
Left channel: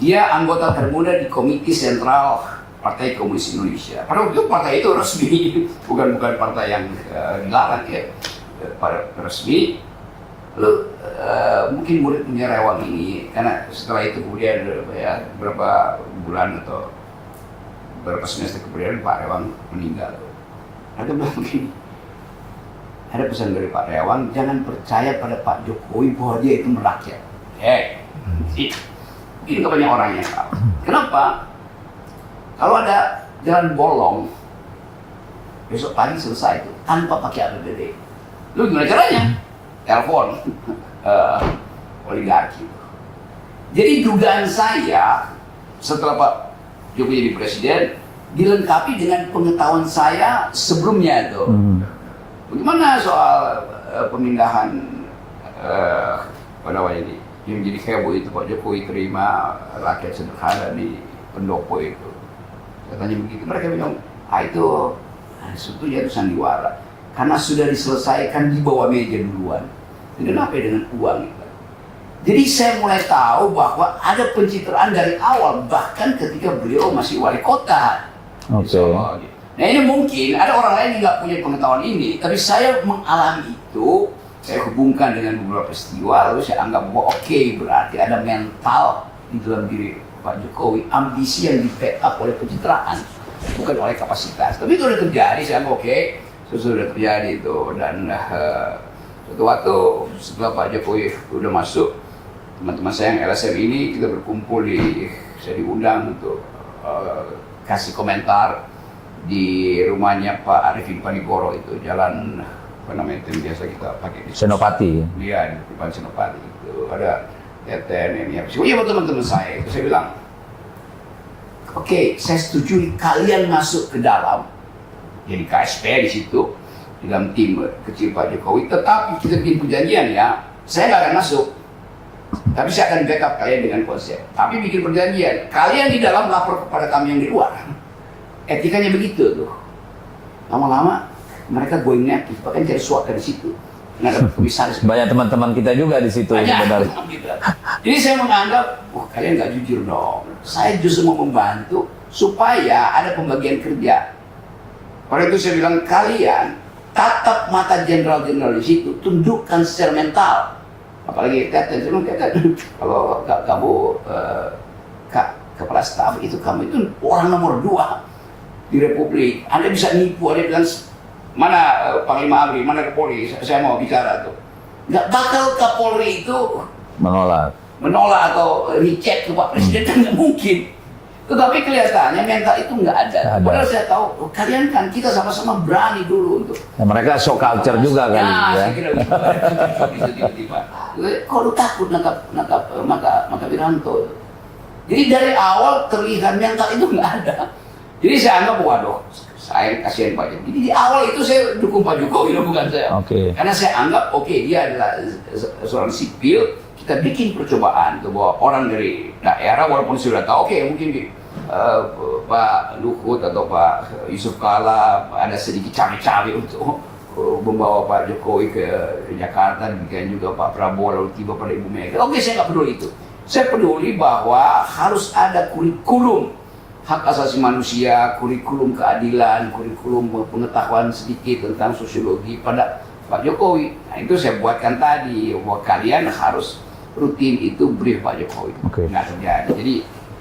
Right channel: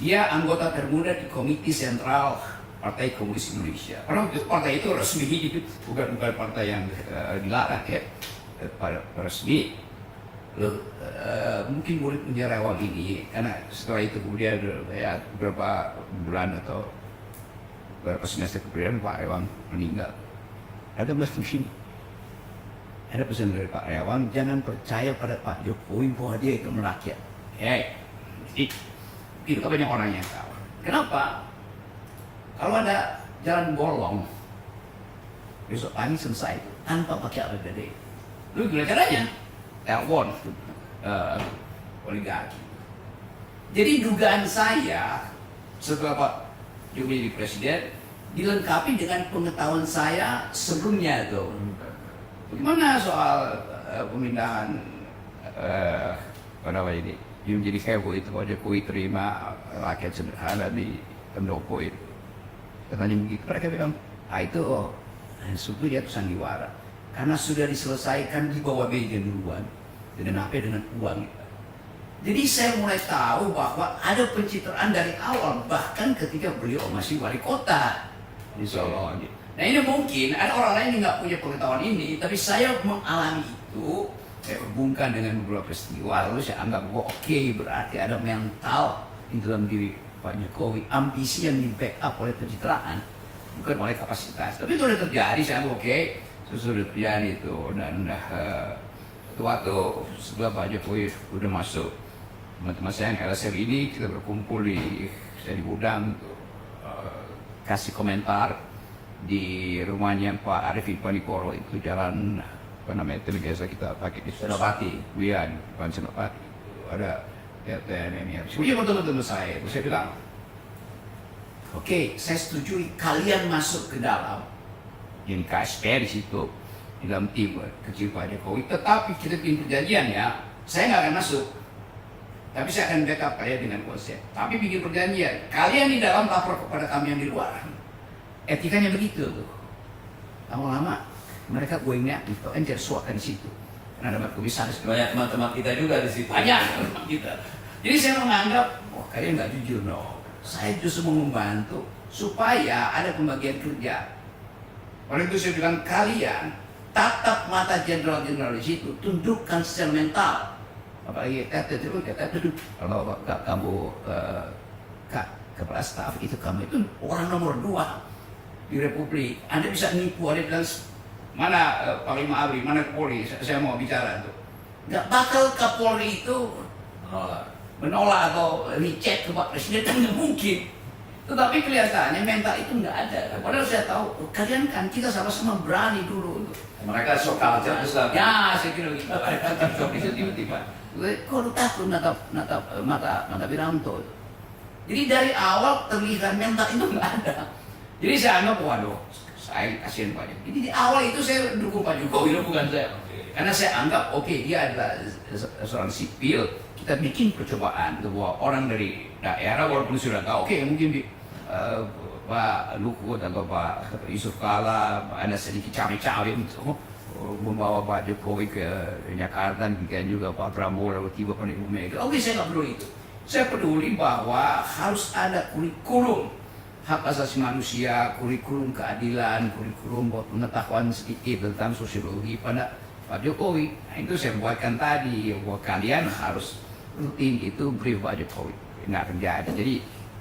Dia anggota termuda di Komite Sentral Partai Komunis Indonesia. Karena waktu itu partai itu resmi, bukan partai yang dilarang ya. Resmi. Lalu mungkin murid punya Rewang ini, karena setelah itu kemudian ya, beberapa bulan atau beberapa semester kemudian Pak Rewang meninggal. Ada bilang begini, ada pesan dari Pak Rewang, jangan percaya pada Pak Jokowi bahwa dia itu merakyat. Itu banyak orang yang tahu. Kenapa? Kalau ada jalan bolong, besok pagi selesai itu tanpa pakai APBD. Lu gimana caranya? Telepon oligarki. Jadi dugaan saya setelah Pak Jokowi jadi presiden dilengkapi dengan pengetahuan saya sebelumnya itu. Bagaimana soal pemindahan apa namanya ini yang menjadi heboh itu Pak Jokowi terima rakyat sederhana di pendopo itu. Katanya begitu. Mereka bilang, itu sebetulnya itu sandiwara. Karena sudah diselesaikan di bawah meja duluan. Dengan apa? Dengan uang itu. Jadi saya mulai tahu bahwa ada pencitraan dari awal, bahkan ketika beliau masih wali kota. Oke. Nah ini mungkin ada orang lain yang nggak punya pengetahuan ini, tapi saya mengalami itu, saya hubungkan dengan beberapa peristiwa, lalu saya anggap bahwa oke, berarti ada mental di dalam diri Pak Jokowi, ambisi yang di-backup oleh pencitraan, bukan oleh kapasitas. Tapi itu sudah terjadi, saya anggap oke, itu sudah terjadi itu. Dan suatu waktu setelah Pak Jokowi sudah masuk, teman-teman saya yang LSM ini, kita berkumpul saya diundang untuk kasih komentar di rumahnya Pak Arifin Panigoro itu, jalan apa namanya itu biasa kita pakai di Senopati. Iya, di depan Senopati itu ada Teten ini. Iya teman-teman saya itu, saya bilang, oke, saya setuju kalian masuk ke dalam, jadi KSP di situ, di dalam tim kecil Pak Jokowi. Tetapi kita bikin perjanjian ya, saya nggak akan masuk, tapi saya akan backup kalian dengan konsep. Tapi bikin perjanjian, kalian di dalam lapor kepada kami yang di luar. Etikanya begitu tuh. Lama-lama mereka going aktif, bahkan cari suaka di situ. Nah, ada komisaris. Banyak teman-teman kita juga di situ. Banyak. Gitu. Jadi saya menganggap, kalian nggak jujur dong. Saya justru mau membantu supaya ada pembagian kerja. Pada itu saya bilang, kalian tatap mata jenderal-jenderal di situ, tundukkan secara mental. Apalagi Teten, kalau kamu kepala staf itu, kamu itu orang nomor 2 di Republik. Anda bisa nipu, Anda bilang, mana Panglima Abri, mana Kapolri, saya mau bicara tuh. Nggak bakal Kapolri itu menolak atau reject ke Pak Presiden, kan nggak mungkin. Tetapi kelihatannya mental itu nggak ada. Padahal saya tahu, kalian kan kita sama-sama berani dulu untuk. Nah, mereka show culture juga kan? Ya, saya kira gitu. Bisa tiba-tiba. Kok lu takut maka Wiranto? Jadi dari awal terlihat mental itu nggak ada. Jadi saya anggap, waduh, saya kasihan Pak Jokowi. Jadi di awal itu saya dukung Pak Jokowi, bukan saya. Oke. Karena saya anggap, dia adalah seorang sipil. Kita bikin percobaan tuh bahwa orang dari daerah walaupun sudah tahu, mungkin Pak Luhut atau Pak Yusuf Kala ada sedikit cawe-cawe untuk membawa Pak Jokowi ke Jakarta, demikian juga Pak Prabowo lalu tiba pada Ibu Mega. Oke, saya nggak peduli itu. Saya peduli bahwa harus ada kurikulum hak asasi manusia, kurikulum keadilan, kurikulum pengetahuan sedikit tentang sosiologi pada Pak Jokowi. Nah, itu saya buatkan tadi, bahwa kalian harus rutin itu brief Pak Jokowi. Nggak terjadi. Jadi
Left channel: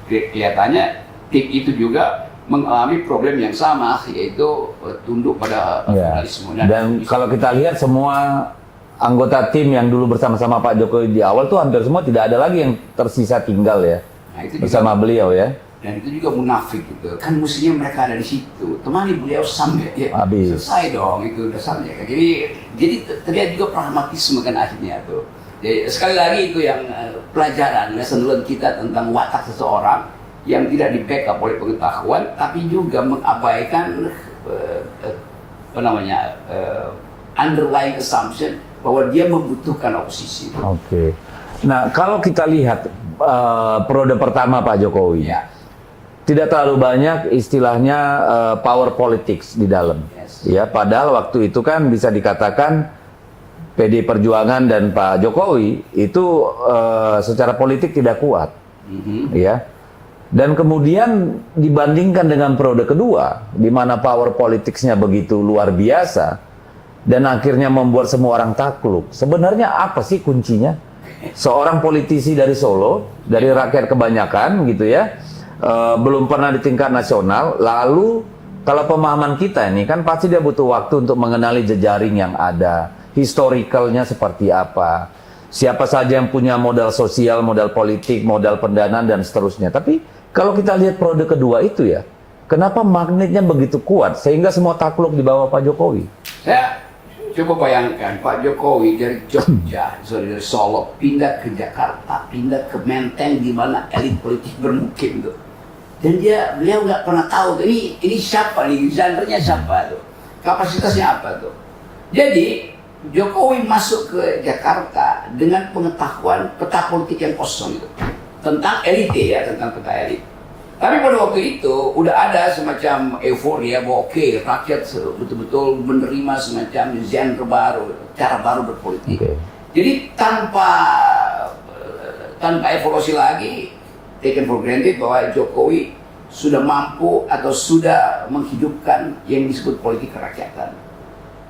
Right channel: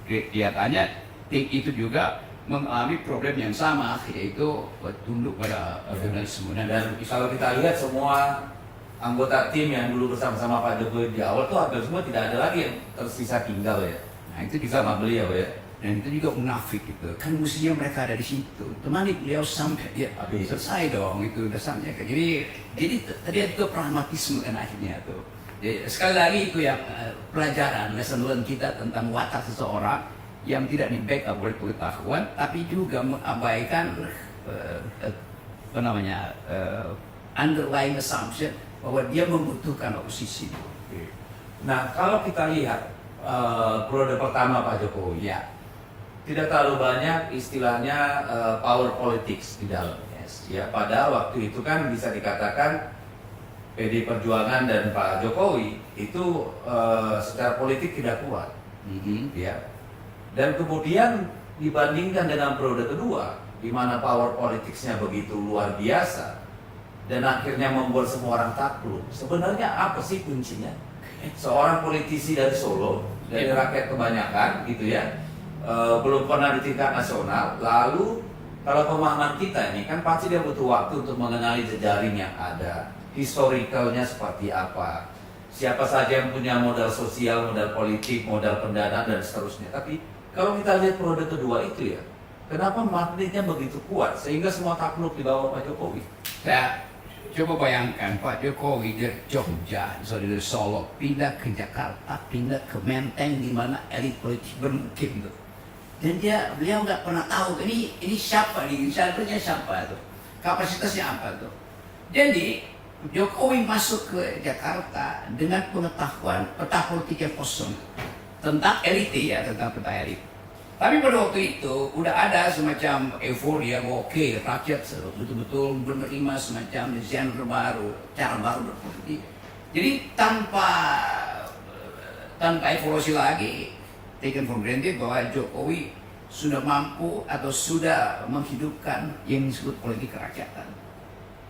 kelihatannya tim itu juga mengalami problem yang sama, yaitu tunduk pada jurnalisme. Dan kalau kita lihat semua anggota tim yang dulu bersama-sama Pak Jokowi di awal tuh hampir semua tidak ada lagi yang tersisa tinggal ya, itu bersama beliau ya. Dan itu juga munafik gitu. Kan mestinya mereka ada di situ. Temani beliau sampai ya selesai dong itu udah sampai. Jadi terlihat juga pragmatisme kan akhirnya tuh. Jadi, sekali lagi itu yang pelajaran lesson learned kita tentang watak seseorang yang tidak di-backup oleh pengetahuan, tapi juga mengabaikan underlying assumption bahwa dia membutuhkan oposisi. Oke. Nah, kalau kita lihat periode pertama Pak Jokowi, tidak terlalu banyak istilahnya power politics di dalam. Ya, padahal waktu itu kan bisa dikatakan PD Perjuangan dan Pak Jokowi itu secara politik tidak kuat, ya. Dan kemudian dibandingkan dengan periode kedua, di mana power politicsnya begitu luar biasa, dan akhirnya membuat semua orang takluk. Sebenarnya apa sih kuncinya? Seorang politisi dari Solo, dari rakyat kebanyakan gitu ya, belum pernah di tingkat nasional, lalu kalau pemahaman kita ini kan pasti dia butuh waktu untuk mengenali jejaring yang ada, historicalnya seperti apa, siapa saja yang punya modal sosial, modal politik, modal pendanaan dan seterusnya. Tapi kalau kita lihat periode kedua itu ya, kenapa magnetnya begitu kuat sehingga semua takluk di bawah Pak Jokowi? Saya coba bayangkan Pak Jokowi dari Jogja, dari Solo, pindah ke Jakarta, pindah ke Menteng di mana elit politik bermukim tuh. Dan beliau nggak pernah tahu ini siapa nih, genrenya siapa tuh, kapasitasnya apa tuh. Jadi Jokowi masuk ke Jakarta dengan pengetahuan peta politik yang kosong itu. Tentang elit ya, tentang peta elit. Tapi pada waktu itu udah ada semacam euforia bahwa oke, rakyat betul-betul menerima semacam genre baru, cara baru berpolitik. Jadi tanpa evaluasi lagi, taken for granted bahwa Jokowi sudah mampu atau sudah menghidupkan yang disebut politik kerakyatan.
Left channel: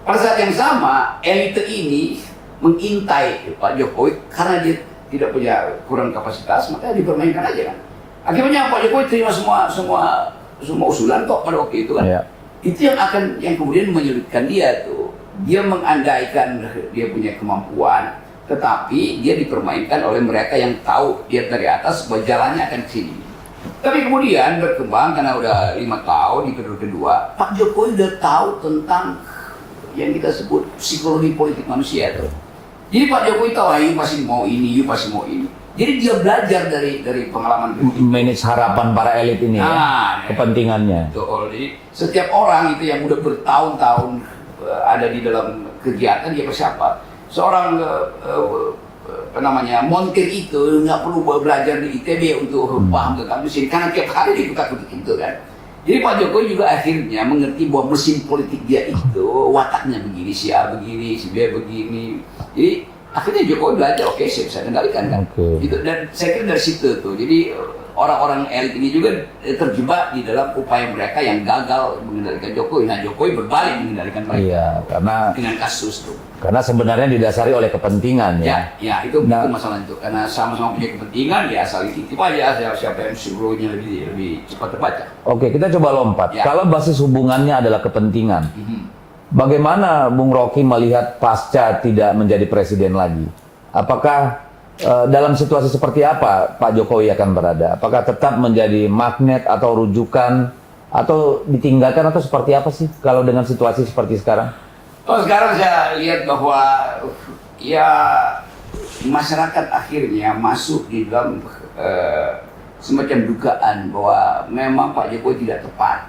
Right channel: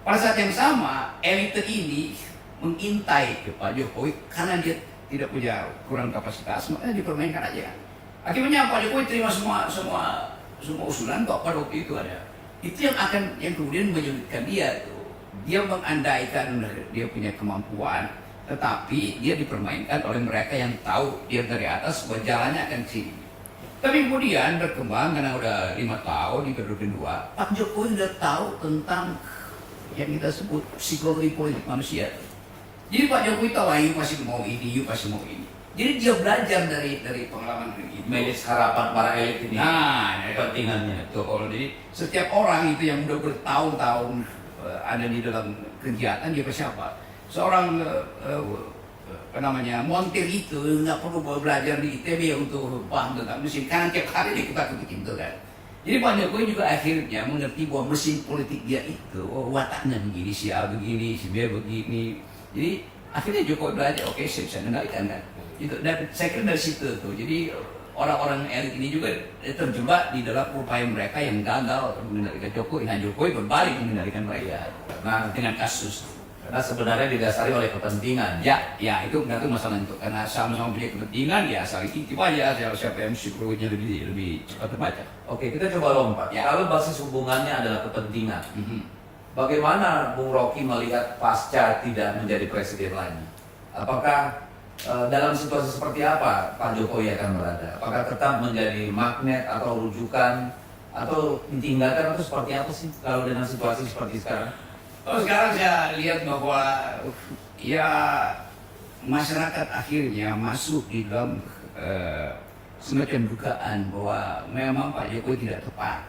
Pada saat yang sama, elit ini mengintai Pak Jokowi karena dia tidak punya kurang kapasitas, makanya dipermainkan aja kan. Akibatnya Pak Jokowi terima semua usulan kok pada waktu itu kan. Itu yang kemudian menyulitkan dia tuh. Dia mengandaikan dia punya kemampuan, tetapi dia dipermainkan oleh mereka yang tahu dia dari atas bahwa jalannya akan ke sini. Tapi kemudian berkembang karena udah 5 tahun di periode kedua, Pak Jokowi udah tahu tentang yang kita sebut psikologi politik manusia tuh. Jadi Pak Jokowi tahu, you pasti mau ini, you pasti mau ini. Jadi dia belajar dari pengalaman itu. Manage harapan para elit ini, kepentingannya. Betul. Jadi setiap orang itu yang udah bertahun-tahun ada di dalam kegiatan dia persiapa. Seorang montir itu nggak perlu belajar di ITB untuk paham tentang mesin, karena tiap hari dia kutak-kutik itu kan. Jadi Pak Jokowi juga akhirnya mengerti bahwa mesin politik dia itu wataknya begini, si A begini, si B begini. Jadi akhirnya Jokowi belajar, oke, saya bisa kendalikan kan. Gitu. Dan saya kira dari situ tuh. Jadi orang-orang elit ini juga terjebak di dalam upaya mereka yang gagal mengendalikan Jokowi. Nah, Jokowi berbalik mengendalikan mereka. Iya, karena dengan kasus tuh. Karena sebenarnya didasari oleh kepentingan ya. Ya, itu masalah itu. Karena sama-sama punya kepentingan, ya asal titip aja siapa yang psikologinya lebih cepat terbaca. Oke, kita coba lompat. Kalau basis hubungannya adalah kepentingan, bagaimana Bung Rocky melihat pasca tidak menjadi presiden lagi? Apakah dalam situasi seperti apa Pak Jokowi akan berada? Apakah tetap menjadi magnet atau rujukan, atau ditinggalkan, atau seperti apa sih kalau dengan situasi seperti sekarang? Sekarang saya lihat bahwa ya masyarakat akhirnya masuk di dalam semacam dugaan bahwa memang Pak Jokowi tidak tepat,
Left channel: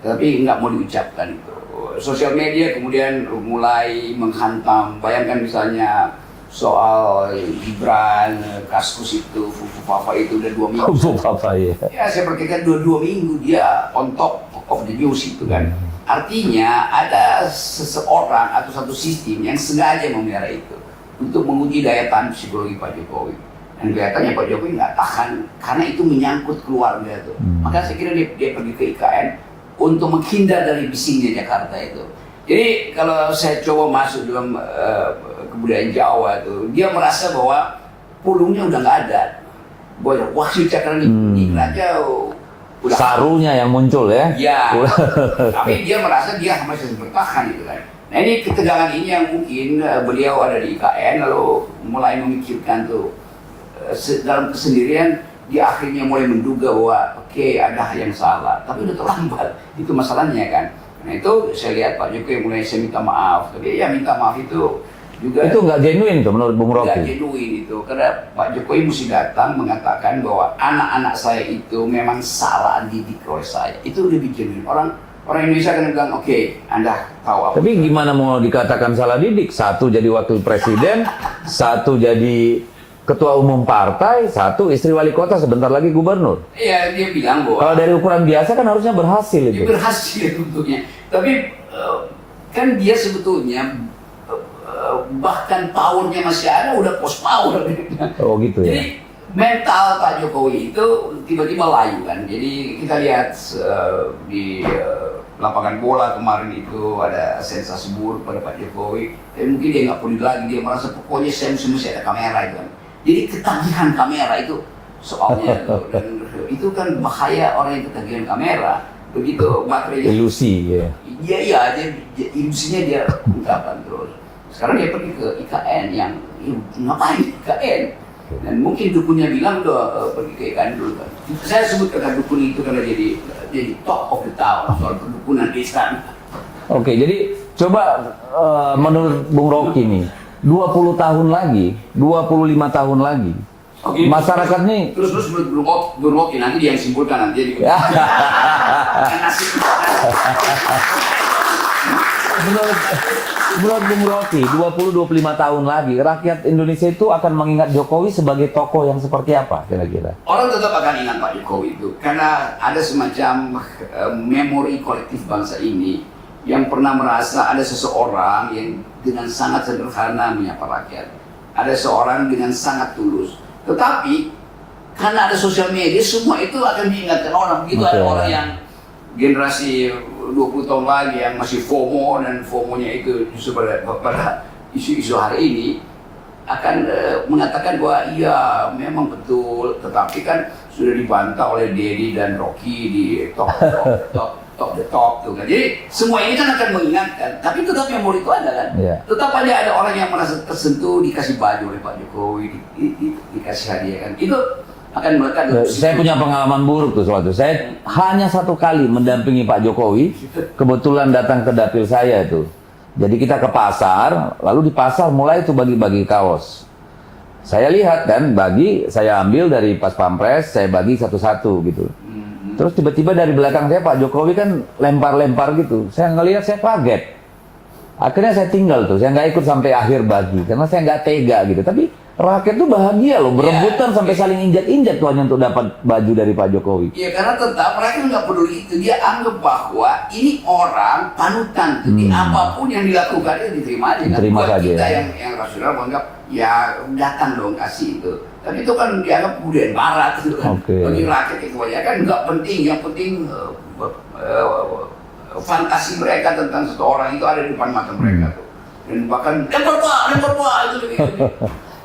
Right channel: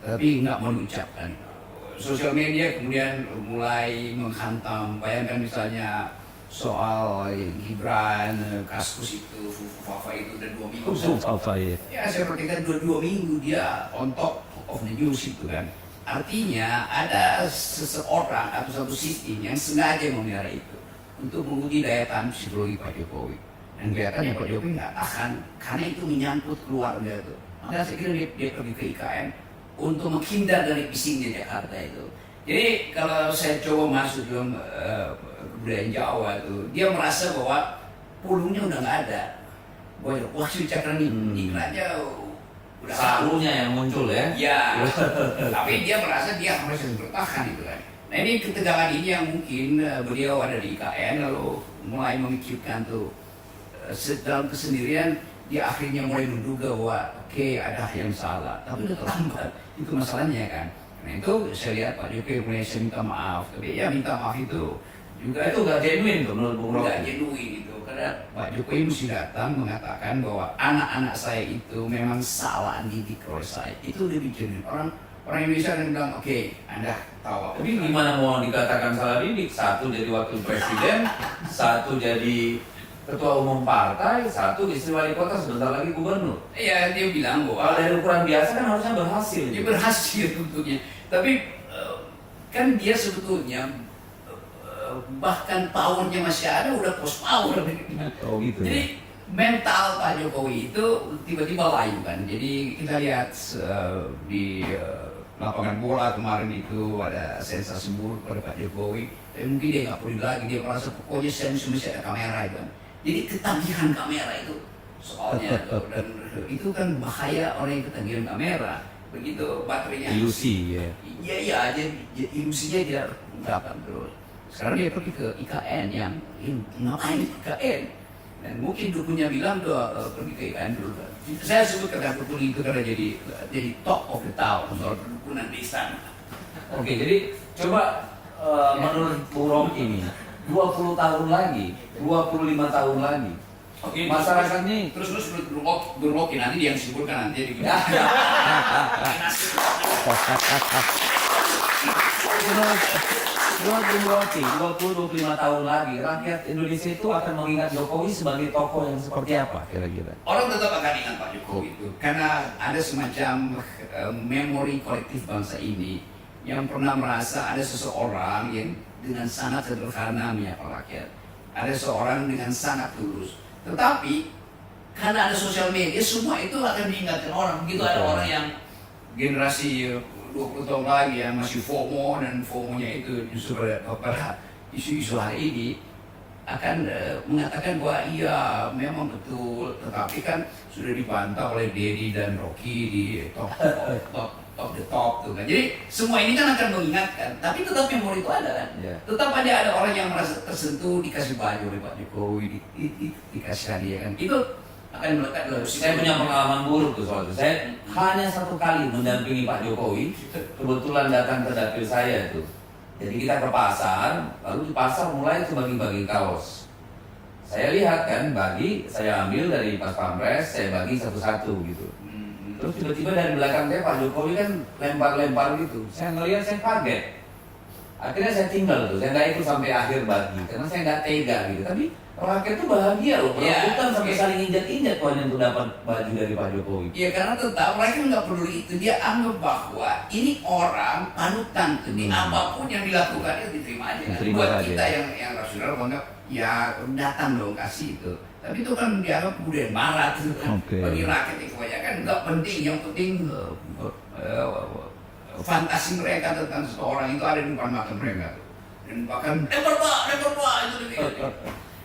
tapi nggak mau diucapkan itu. Sosial media kemudian mulai menghantam. Bayangkan misalnya soal Gibran, Kaskus itu, Fufu itu udah 2 minggu. Apa ya? Ya saya perkirakan 2 minggu dia on top of the news itu kan. Artinya ada seseorang atau satu sistem yang sengaja memelihara itu untuk menguji daya tahan psikologi Pak Jokowi. Dan kelihatannya Pak Jokowi nggak tahan karena itu menyangkut keluarga tuh. Maka saya kira dia pergi ke IKN untuk menghindar dari bisingnya Jakarta itu. Jadi kalau saya coba masuk dalam kebudayaan Jawa tuh, dia merasa bahwa pulungnya udah nggak ada. Wah, Cakra ini aja udah Sarunya yang muncul ya? Ya, tapi dia merasa dia masih bertahan gitu kan. Nah ini ketegangan ini yang mungkin beliau ada di IKN lalu mulai memikirkan tuh dalam kesendirian dia akhirnya mulai menduga bahwa oke, ada yang salah, tapi udah terlambat. Itu masalahnya kan. Nah itu saya lihat Pak Jokowi mulai saya minta maaf, tapi ya minta maaf itu juga itu nggak genuine tuh menurut Bung Rocky? Nggak genuine itu, karena Pak Jokowi mesti datang mengatakan bahwa anak-anak saya itu memang salah didik oleh saya. Itu lebih genuine. Orang Indonesia kan bilang, oke, Anda tahu apa. Tapi gimana mau dikatakan salah didik? Satu jadi wakil presiden, satu jadi ketua umum partai, satu istri wali kota, sebentar lagi gubernur. Iya, dia bilang bahwa Kalau dari ukuran biasa kan harusnya berhasil dia itu. berhasil tentunya. Tapi kan dia sebetulnya bahkan powernya masih ada, udah post power. Oh gitu ya. Jadi mental Pak Jokowi itu tiba-tiba layu kan. Jadi kita lihat di lapangan bola kemarin itu ada sensasi buruk pada Pak Jokowi. Tapi mungkin dia nggak peduli lagi, dia merasa pokoknya saya mesti ada kamera itu kan. Jadi ketagihan kamera itu soalnya tuh. Dan itu kan bahaya orang yang ketagihan kamera. Begitu baterainya. Ilusi ya. Iya, ilusinya dia ungkapkan terus. Sekarang dia pergi ke IKN yang ngapain IKN? Dan mungkin dukunnya bilang udah pergi ke IKN dulu kan. Saya sebut kata dukun itu karena jadi top of the town soal perdukunan di istana. Oke, jadi coba menurut Bung Rocky nih, 20 tahun lagi, 25 tahun lagi, Oke, masyarakat nih terus Bung Rocky nanti dia yang simpulkan nanti di menurut Bung Rocky, 20-25 tahun lagi, rakyat Indonesia itu akan mengingat Jokowi sebagai tokoh yang seperti apa kira-kira? Orang tetap akan ingat Pak Jokowi itu karena ada semacam memori kolektif bangsa ini yang pernah merasa ada seseorang yang dengan sangat sederhana menyapa rakyat, ada seorang dengan sangat tulus. Tetapi karena ada sosial media, semua itu akan diingatkan orang. Begitu ada orang yang generasi 20 tahun lagi yang masih FOMO, dan FOMO-nya itu justru pada isu-isu hari ini akan mengatakan bahwa iya memang betul, tetapi kan sudah dibantah oleh Dedi dan Rocky di top the top tuh kan. Jadi semua ini kan akan mengingatkan, tapi tetap memori itu ada kan. Yeah. Tetap aja ada orang yang merasa tersentuh, dikasih baju oleh Pak Jokowi, dikasih hadiah kan. Itu akan melekat. Saya punya pengalaman buruk tuh suatu. Saya hanya 1 kali mendampingi Pak Jokowi, kebetulan datang ke dapil saya tuh. Jadi kita ke pasar, lalu di pasar mulai tuh bagi-bagi kaos. Saya lihat kan, saya ambil dari pas pampres, saya bagi satu-satu gitu. Terus tiba-tiba dari belakang saya Pak Jokowi kan lempar-lempar gitu. Saya ngelihat, saya kaget. Akhirnya saya tinggal tuh, saya nggak ikut sampai akhir bagi, karena saya nggak tega gitu. Tapi rakyat tuh bahagia loh, berebutan sampai saling injak-injak tuh hanya untuk dapat baju dari Pak Jokowi. Iya, karena tetap mereka nggak peduli itu. Dia anggap bahwa ini orang panutan. Jadi apapun yang dilakukan itu diterima aja. Diterima Buat saja. kita yang rasional menganggap ya datang dong kasih itu. Tapi itu kan dianggap budaya barat gitu kan. Oke. Bagi rakyat itu aja kan nggak penting. Yang penting fantasi mereka tentang seseorang itu ada di depan mata mereka tuh. Dan bahkan lempar pak itu.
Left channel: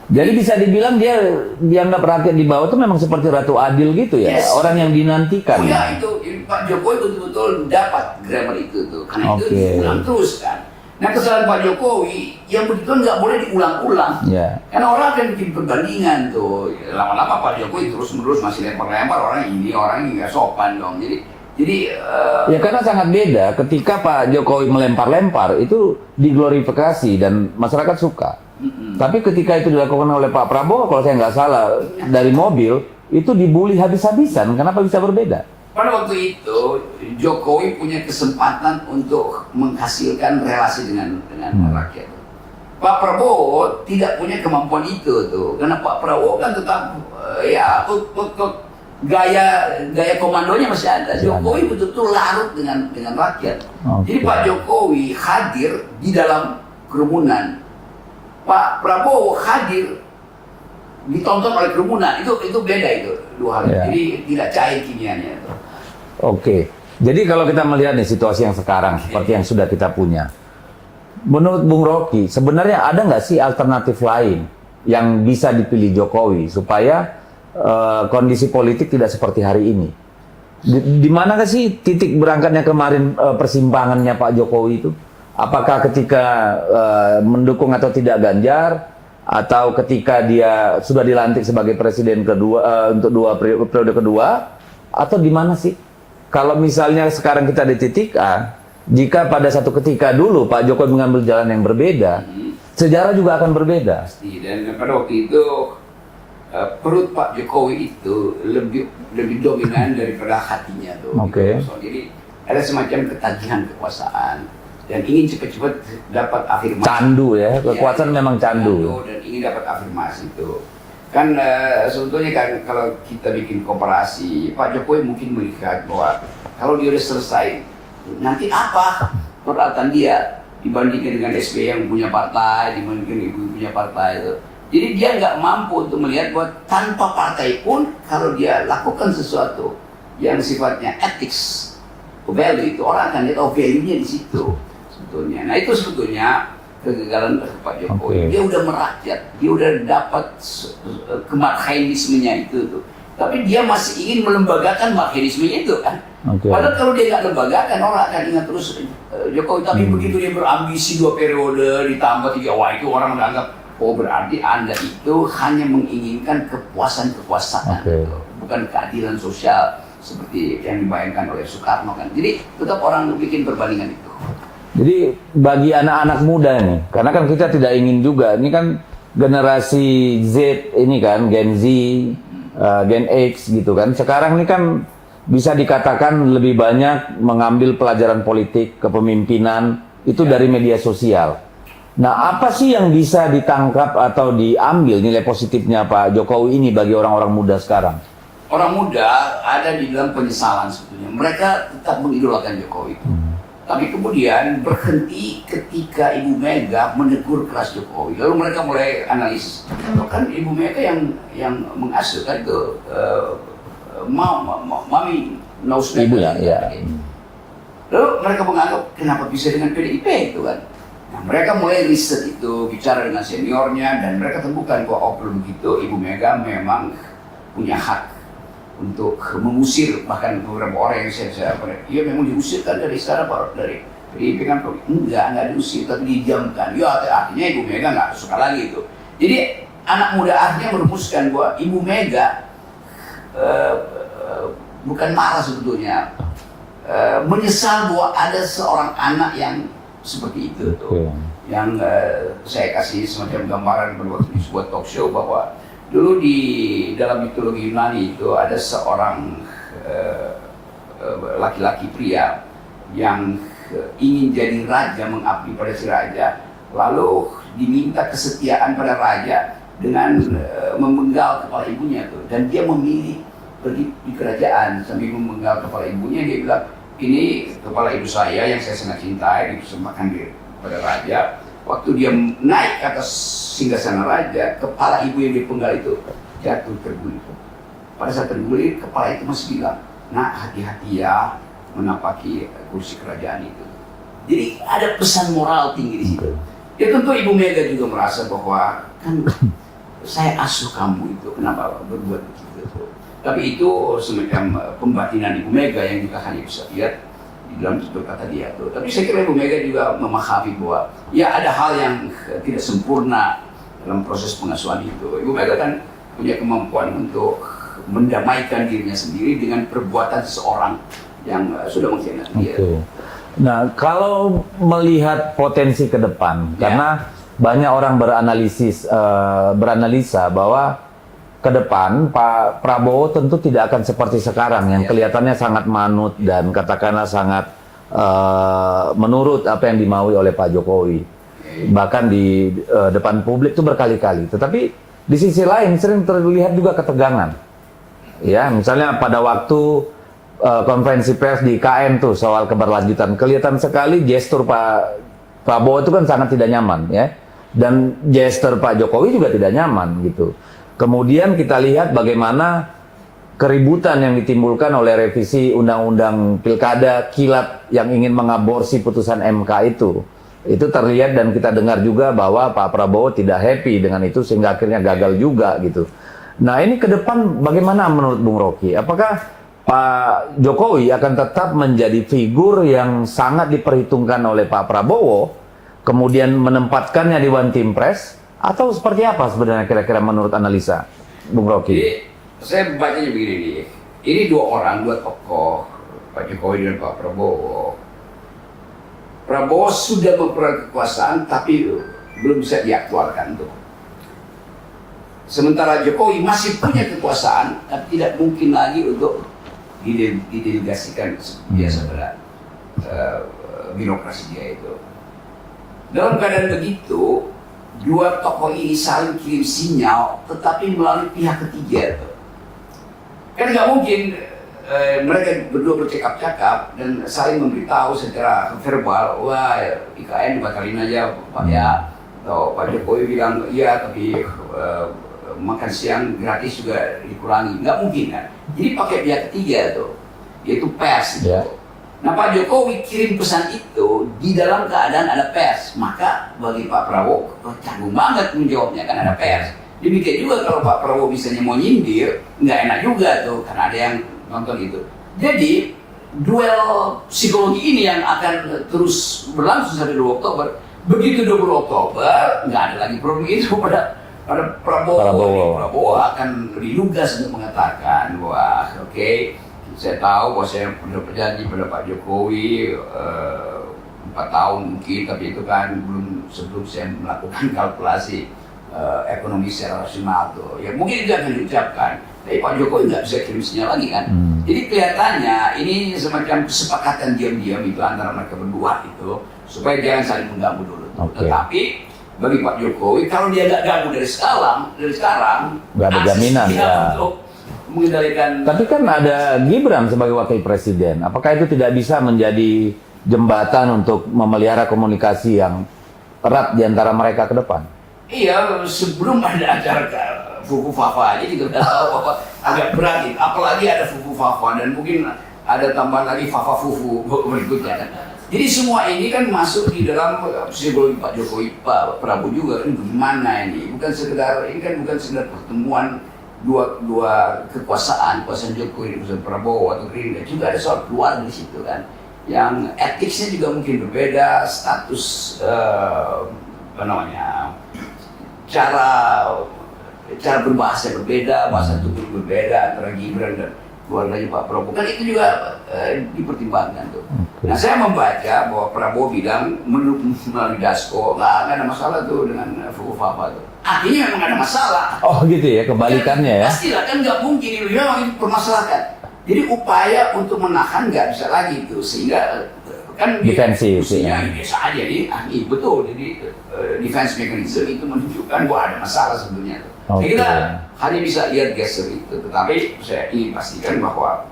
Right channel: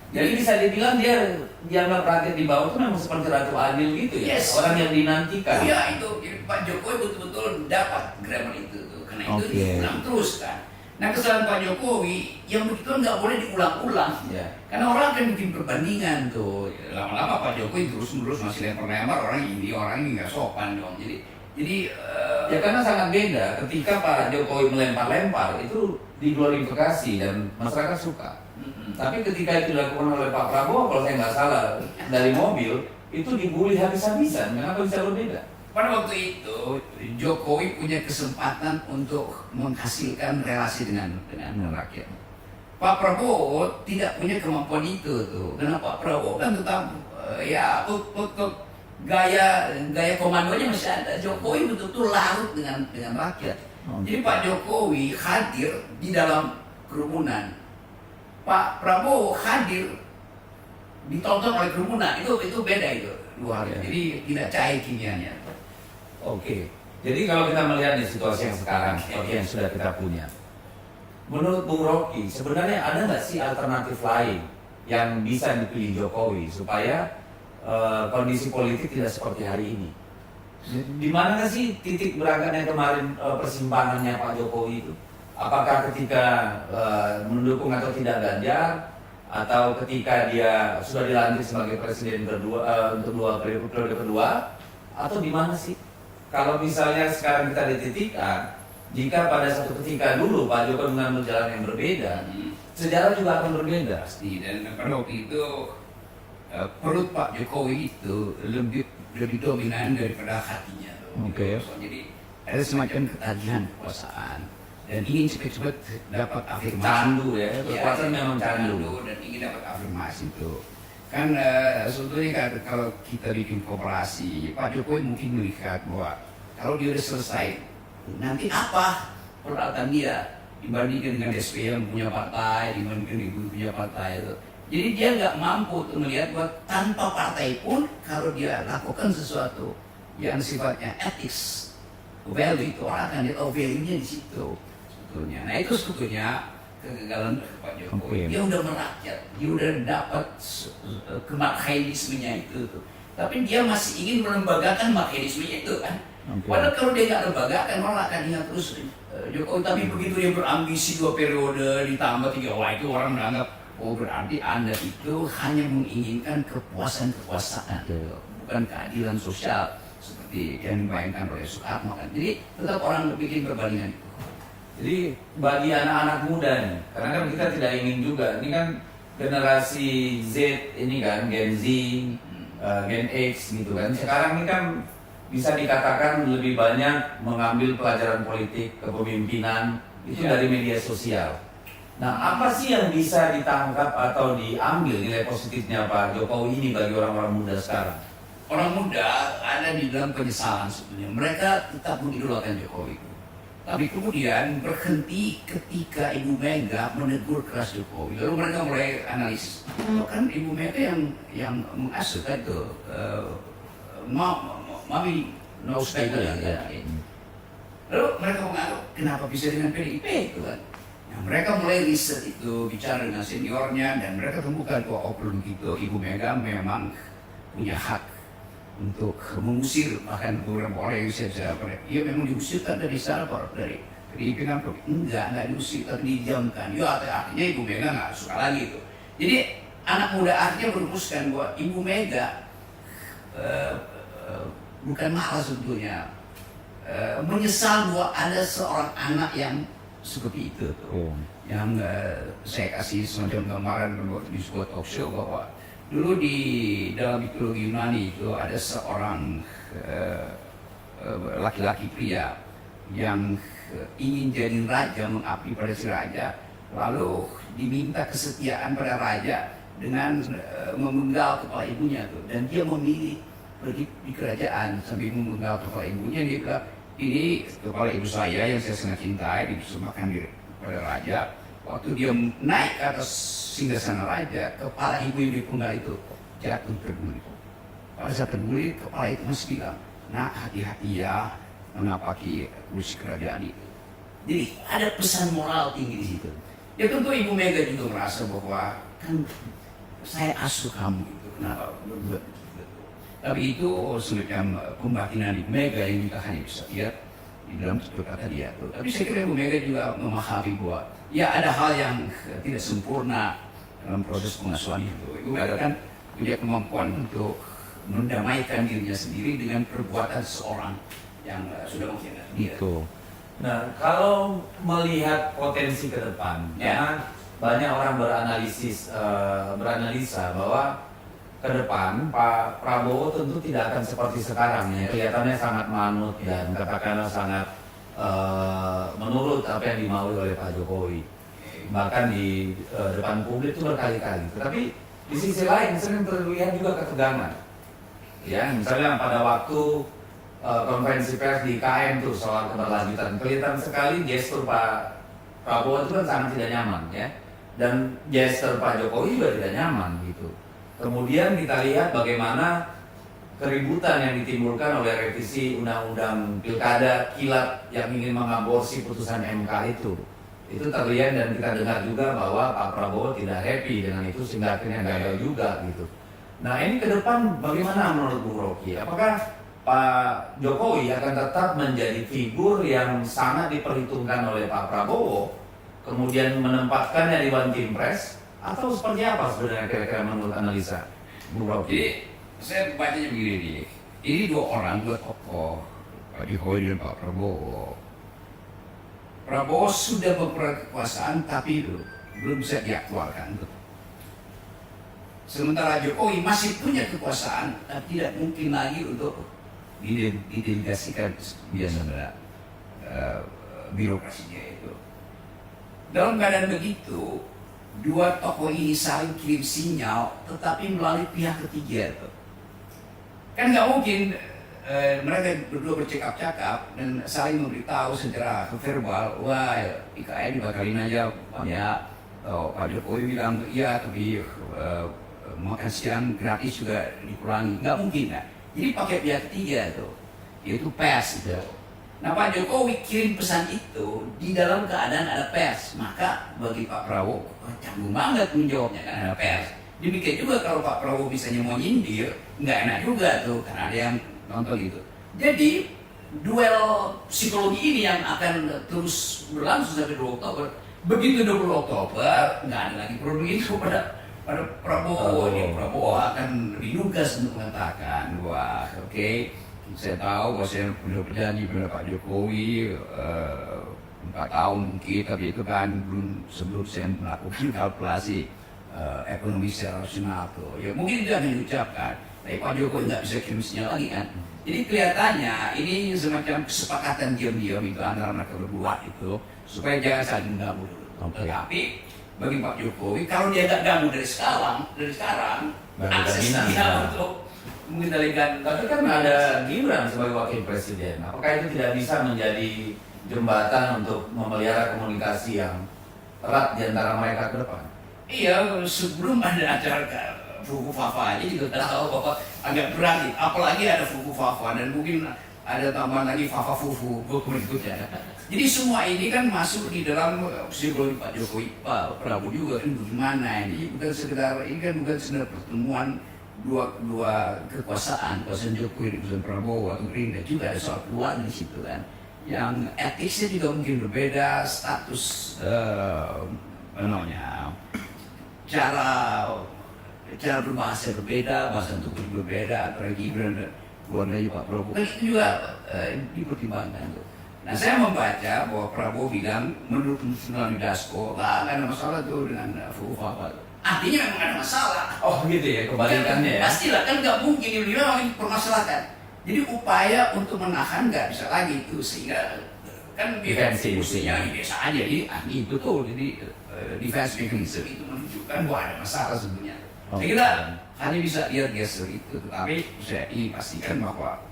Jadi bisa dibilang dia dianggap rakyat di bawah itu memang seperti Ratu Adil gitu ya, Yes. orang yang dinantikan. Iya itu Pak Jokowi betul-betul dapat grammar itu tuh, karena itu Oke. diulang terus kan. Nah kesalahan Pak Jokowi yang begitu nggak boleh diulang-ulang, Ya. karena orang akan bikin perbandingan tuh. Lama-lama Pak Jokowi terus-menerus masih lempar-lempar, orang ini nggak sopan dong. Jadi Ya karena sangat beda ketika Pak Jokowi melempar-lempar itu diglorifikasi dan masyarakat suka. Tapi ketika itu dilakukan oleh Pak Prabowo, kalau saya nggak salah, dari mobil, itu dibully habis-habisan. Kenapa bisa berbeda? pada waktu itu Jokowi punya kesempatan untuk menghasilkan relasi dengan rakyat. Pak Prabowo tidak punya kemampuan itu tuh, karena Pak Prabowo kan tetap gaya komandonya masih ada. Jokowi betul-betul larut dengan rakyat. Jadi Pak Jokowi hadir di dalam kerumunan, Pak Prabowo hadir ditonton oleh kerumunan. Itu beda itu dua hal. Jadi tidak cair kimianya. Oke. Jadi kalau kita melihat nih situasi yang sekarang seperti yang sudah kita punya, menurut Bung Rocky, sebenarnya ada nggak sih alternatif lain yang bisa dipilih Jokowi supaya kondisi politik tidak seperti hari ini? Di mana sih titik berangkatnya kemarin persimpangannya Pak Jokowi itu? Apakah ketika mendukung atau tidak Ganjar, atau ketika dia sudah dilantik sebagai presiden kedua untuk periode kedua, atau di mana sih? Kalau misalnya sekarang kita di titik A, jika pada satu ketika dulu Pak Jokowi mengambil jalan yang berbeda, sejarah juga akan berbeda. Pasti. Dan pada waktu itu perut Pak Jokowi itu lebih dominan daripada hatinya tuh. Oke. Gitu. Jadi ada semacam ketagihan kekuasaan dan ingin cepat-cepat dapat afirmasi. Candu ya, kekuasaan memang candu. Dan ingin dapat afirmasi itu. Kan sebetulnya kan kalau kita bikin komparasi, Pak Jokowi mungkin melihat bahwa kalau dia udah selesai, nanti apa peralatan dia dibandingkan dengan SBY yang punya partai, dibandingkan ibu punya partai itu. Jadi dia nggak mampu untuk melihat bahwa tanpa partai pun kalau dia lakukan sesuatu yang sifatnya ethics, value itu orang akan lihat value-nya di situ sebetulnya. Nah itu sebetulnya kegagalan Pak Jokowi. Dia udah merakyat, dia udah dapat kemarxismenya itu tuh. Tapi dia masih ingin melembagakan marxismenya itu kan. Padahal kalau dia nggak lembagakan orang akan ingat terus Jokowi. Tapi begitu dia berambisi 2 periode ditambah 3, wah itu orang menganggap berarti Anda itu hanya menginginkan kepuasan kekuasaan, bukan keadilan sosial seperti yang dibayangkan oleh Soekarno kan. Jadi tetap orang bikin perbandingan itu. Jadi bagi anak-anak muda nih, karena kan kita tidak ingin juga, ini kan generasi Z ini kan, Gen Z, Gen X gitu kan. Sekarang ini kan bisa dikatakan lebih banyak mengambil pelajaran politik, kepemimpinan, itu dari media sosial. Nah, apa sih yang bisa ditangkap atau diambil nilai positifnya Pak Jokowi ini bagi orang-orang muda sekarang? Orang muda ada di dalam penyesalan sebetulnya. Mereka tetap mengidolakan Jokowi. Tapi kemudian berhenti ketika Ibu Mega menegur keras Jokowi. Lalu mereka mulai analisis. Kan Ibu Mega yang mengasuh kan itu Mami Nausbek. Ya. Lalu mereka menganggap kenapa bisa dengan PDIP itu kan. Nah, mereka mulai riset itu, bicara dengan seniornya dan mereka temukan bahwa belum gitu Ibu Mega memang punya hak untuk mengusir bahkan beberapa orang yang saya ia memang diusirkan dari istana dari pimpinan enggak diusir tapi didiamkan. Ya artinya Ibu Mega nggak suka lagi itu. Jadi anak muda akhirnya merumuskan bahwa Ibu Mega bukan marah sebetulnya, menyesal bahwa ada seorang anak yang seperti itu tuh. Yang saya kasih semacam gambaran waktu di sebuah talk show bahwa dulu di dalam mitologi Yunani itu ada seorang laki-laki pria yang ingin jadi raja, mengabdi pada si raja, lalu diminta kesetiaan pada raja dengan memenggal kepala ibunya tuh, dan dia memilih pergi di kerajaan sambil memenggal kepala ibunya. Dia bilang, ini kepala ibu saya yang saya sangat cintai, dipersembahkan pada raja. Waktu dia naik ke atas singgasana raja, kepala ibu yang dipenggal itu jatuh terguling. Pada saat terguling, kepala itu masih bilang, "Nak, hati-hati ya menapaki kursi kerajaan itu." Jadi ada pesan moral tinggi di situ. Ya tentu Ibu Mega juga merasa bahwa kan saya asuh kamu itu, kenapa berbuat begitu. Tapi itu semacam pembatinan Ibu Mega yang kita hanya bisa lihat di dalam kata dia tuh. Tapi saya kira Ibu Mega juga memahami bahwa ya ada hal yang tidak sempurna dalam proses pengasuhan itu. Ibu Mega kan punya kemampuan untuk mendamaikan dirinya sendiri dengan perbuatan seseorang yang sudah mengkhianati dia. Nah, kalau melihat potensi ke depan, karena banyak orang beranalisa bahwa ke depan Pak Prabowo tentu tidak akan seperti sekarang yang kelihatannya sangat manut dan katakanlah sangat menurut apa yang dimaui oleh Pak Jokowi. bahkan di depan publik itu berkali-kali. Tetapi di sisi lain sering terlihat juga ketegangan. Ya, misalnya pada waktu konferensi pers di KM tuh soal keberlanjutan, kelihatan sekali gestur Pak Prabowo itu kan sangat tidak nyaman, ya. Dan gestur Pak Jokowi juga tidak nyaman gitu. Kemudian kita lihat bagaimana keributan yang ditimbulkan oleh revisi Undang-Undang Pilkada kilat yang ingin mengaborsi putusan MK itu. Itu terlihat dan kita dengar juga bahwa Pak Prabowo tidak happy dengan itu sehingga akhirnya gagal juga gitu. Nah ini ke depan bagaimana menurut Bung Rocky? Apakah Pak Jokowi akan tetap menjadi figur yang sangat diperhitungkan oleh Pak Prabowo, kemudian menempatkannya di One Team Press, atau seperti apa sebenarnya kira-kira menurut analisa Bung Rocky? Jadi saya bacanya begini nih, ini dua tokoh, Pak Jokowi dan Pak Prabowo. Prabowo sudah berperan kekuasaan tapi belum bisa diaktualkan tuh. Sementara Jokowi masih punya kekuasaan dan tidak mungkin lagi untuk didelegasikan biasa pada birokrasinya itu. Dalam keadaan begitu, dua tokoh ini saling kirim sinyal tetapi melalui pihak ketiga tuh. Kan nggak mungkin mereka berdua bercakap-cakap dan saling memberitahu secara verbal, wah IKN dibatalin aja Pak ya, atau Pak Jokowi bilang iya tapi makan siang gratis juga dikurangi, nggak mungkin kan? Jadi pakai pihak ketiga tuh, yaitu pers gitu. Yeah. Nah Pak Jokowi kirim pesan itu di dalam keadaan ada pers, maka bagi Pak Prabowo canggung banget menjawabnya kan ada pers. Demikian juga kalau Pak Prabowo misalnya mau nyindir, nggak enak juga tuh, karena ada yang nonton itu. Jadi duel psikologi ini yang akan terus berlangsung sampai 2 Oktober. Begitu 20 Oktober, nggak ada lagi problem itu pada Prabowo. Prabowo akan lebih lugas untuk mengatakan bahwa oke, saya tahu bahwa saya sudah berjanji pada Pak Jokowi 4 tahun mungkin, tapi itu kan belum sebelum saya melakukan kalkulasi ekonomi secara rasional tuh. Ya mungkin itu akan diucapkan. Tapi Pak Jokowi nggak bisa kirim sinyal lagi kan. Jadi kelihatannya ini semacam kesepakatan diam-diam itu antara mereka berdua itu supaya jangan saling mengganggu dulu. Tetapi bagi Pak Jokowi kalau dia nggak ganggu dari sekarang nggak ada jaminan ya untuk mengendalikan. Tapi kan ada Gibran sebagai wakil presiden. Apakah itu tidak bisa menjadi jembatan untuk memelihara komunikasi yang erat di antara mereka ke depan? Iya, sebelum ada acara Fuku Fafa aja juga udah tahu bahwa agak berat, apalagi ada Fuku Fafa dan mungkin ada tambahan lagi Fafa Fufu berikutnya. Jadi semua ini kan masuk di dalam psikologi Pak Jokowi, Pak Prabowo juga kan gimana ini? Bukan sekedar ini kan bukan sekedar pertemuan dua kekuasaan Jokowi dan Prabowo atau Gerindra, juga ada soal keluarga di situ kan. Yang etiknya juga mungkin berbeda, status cara berbahasa berbeda, bahasa tubuh berbeda antara Gibran dan keluarganya Pak Prabowo. Kan itu juga dipertimbangkan tuh. Nah saya membaca bahwa Prabowo bilang melalui Dasko nggak ada masalah tuh dengan Fuku Fafa tuh. Artinya memang ada masalah. Oh gitu ya, kebalikannya ya. Pastilah kan nggak mungkin ini memang dipermasalahkan. Jadi upaya untuk menahan nggak bisa lagi tuh, sehingga kan defensif mestinya biasa aja nih, betul. Jadi defense mechanism itu menunjukkan bahwa ada masalah sebenarnya. Saya kira hanya bisa lihat gesture itu, tetapi saya ingin pastikan bahwa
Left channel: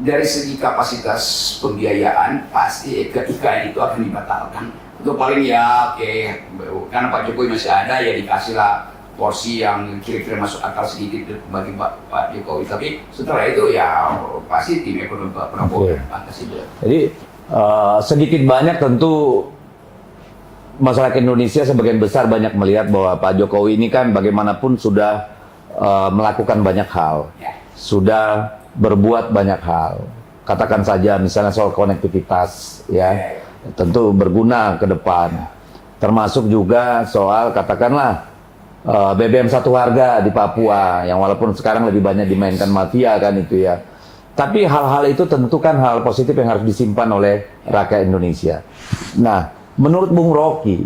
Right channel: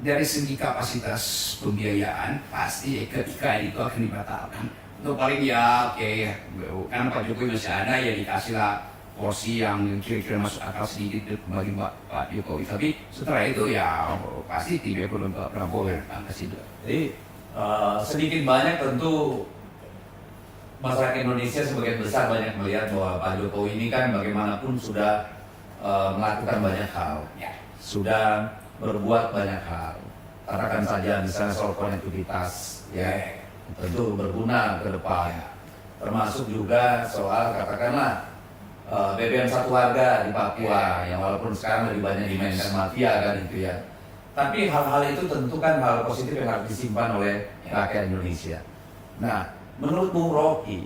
dari segi kapasitas pembiayaan pasti ke IKN itu akan dibatalkan. Untuk paling ya oke, karena Pak Jokowi masih ada ya dikasihlah porsi yang kira-kira masuk akal sedikit bagi Pak Jokowi. Tapi setelah itu ya pasti tim ekonomi Pak Prabowo akan ke situ. Jadi sedikit banyak tentu masyarakat Indonesia sebagian besar banyak melihat bahwa Pak Jokowi ini kan bagaimanapun sudah melakukan banyak hal, sudah berbuat banyak hal. Katakan saja misalnya soal konektivitas, ya tentu berguna ke depan. Termasuk juga soal katakanlah BBM satu harga di Papua, yang walaupun sekarang lebih banyak dimainkan mafia kan itu ya. Tapi hal-hal itu tentu kan hal positif yang harus disimpan oleh rakyat Indonesia. Nah, menurut Bung Rocky,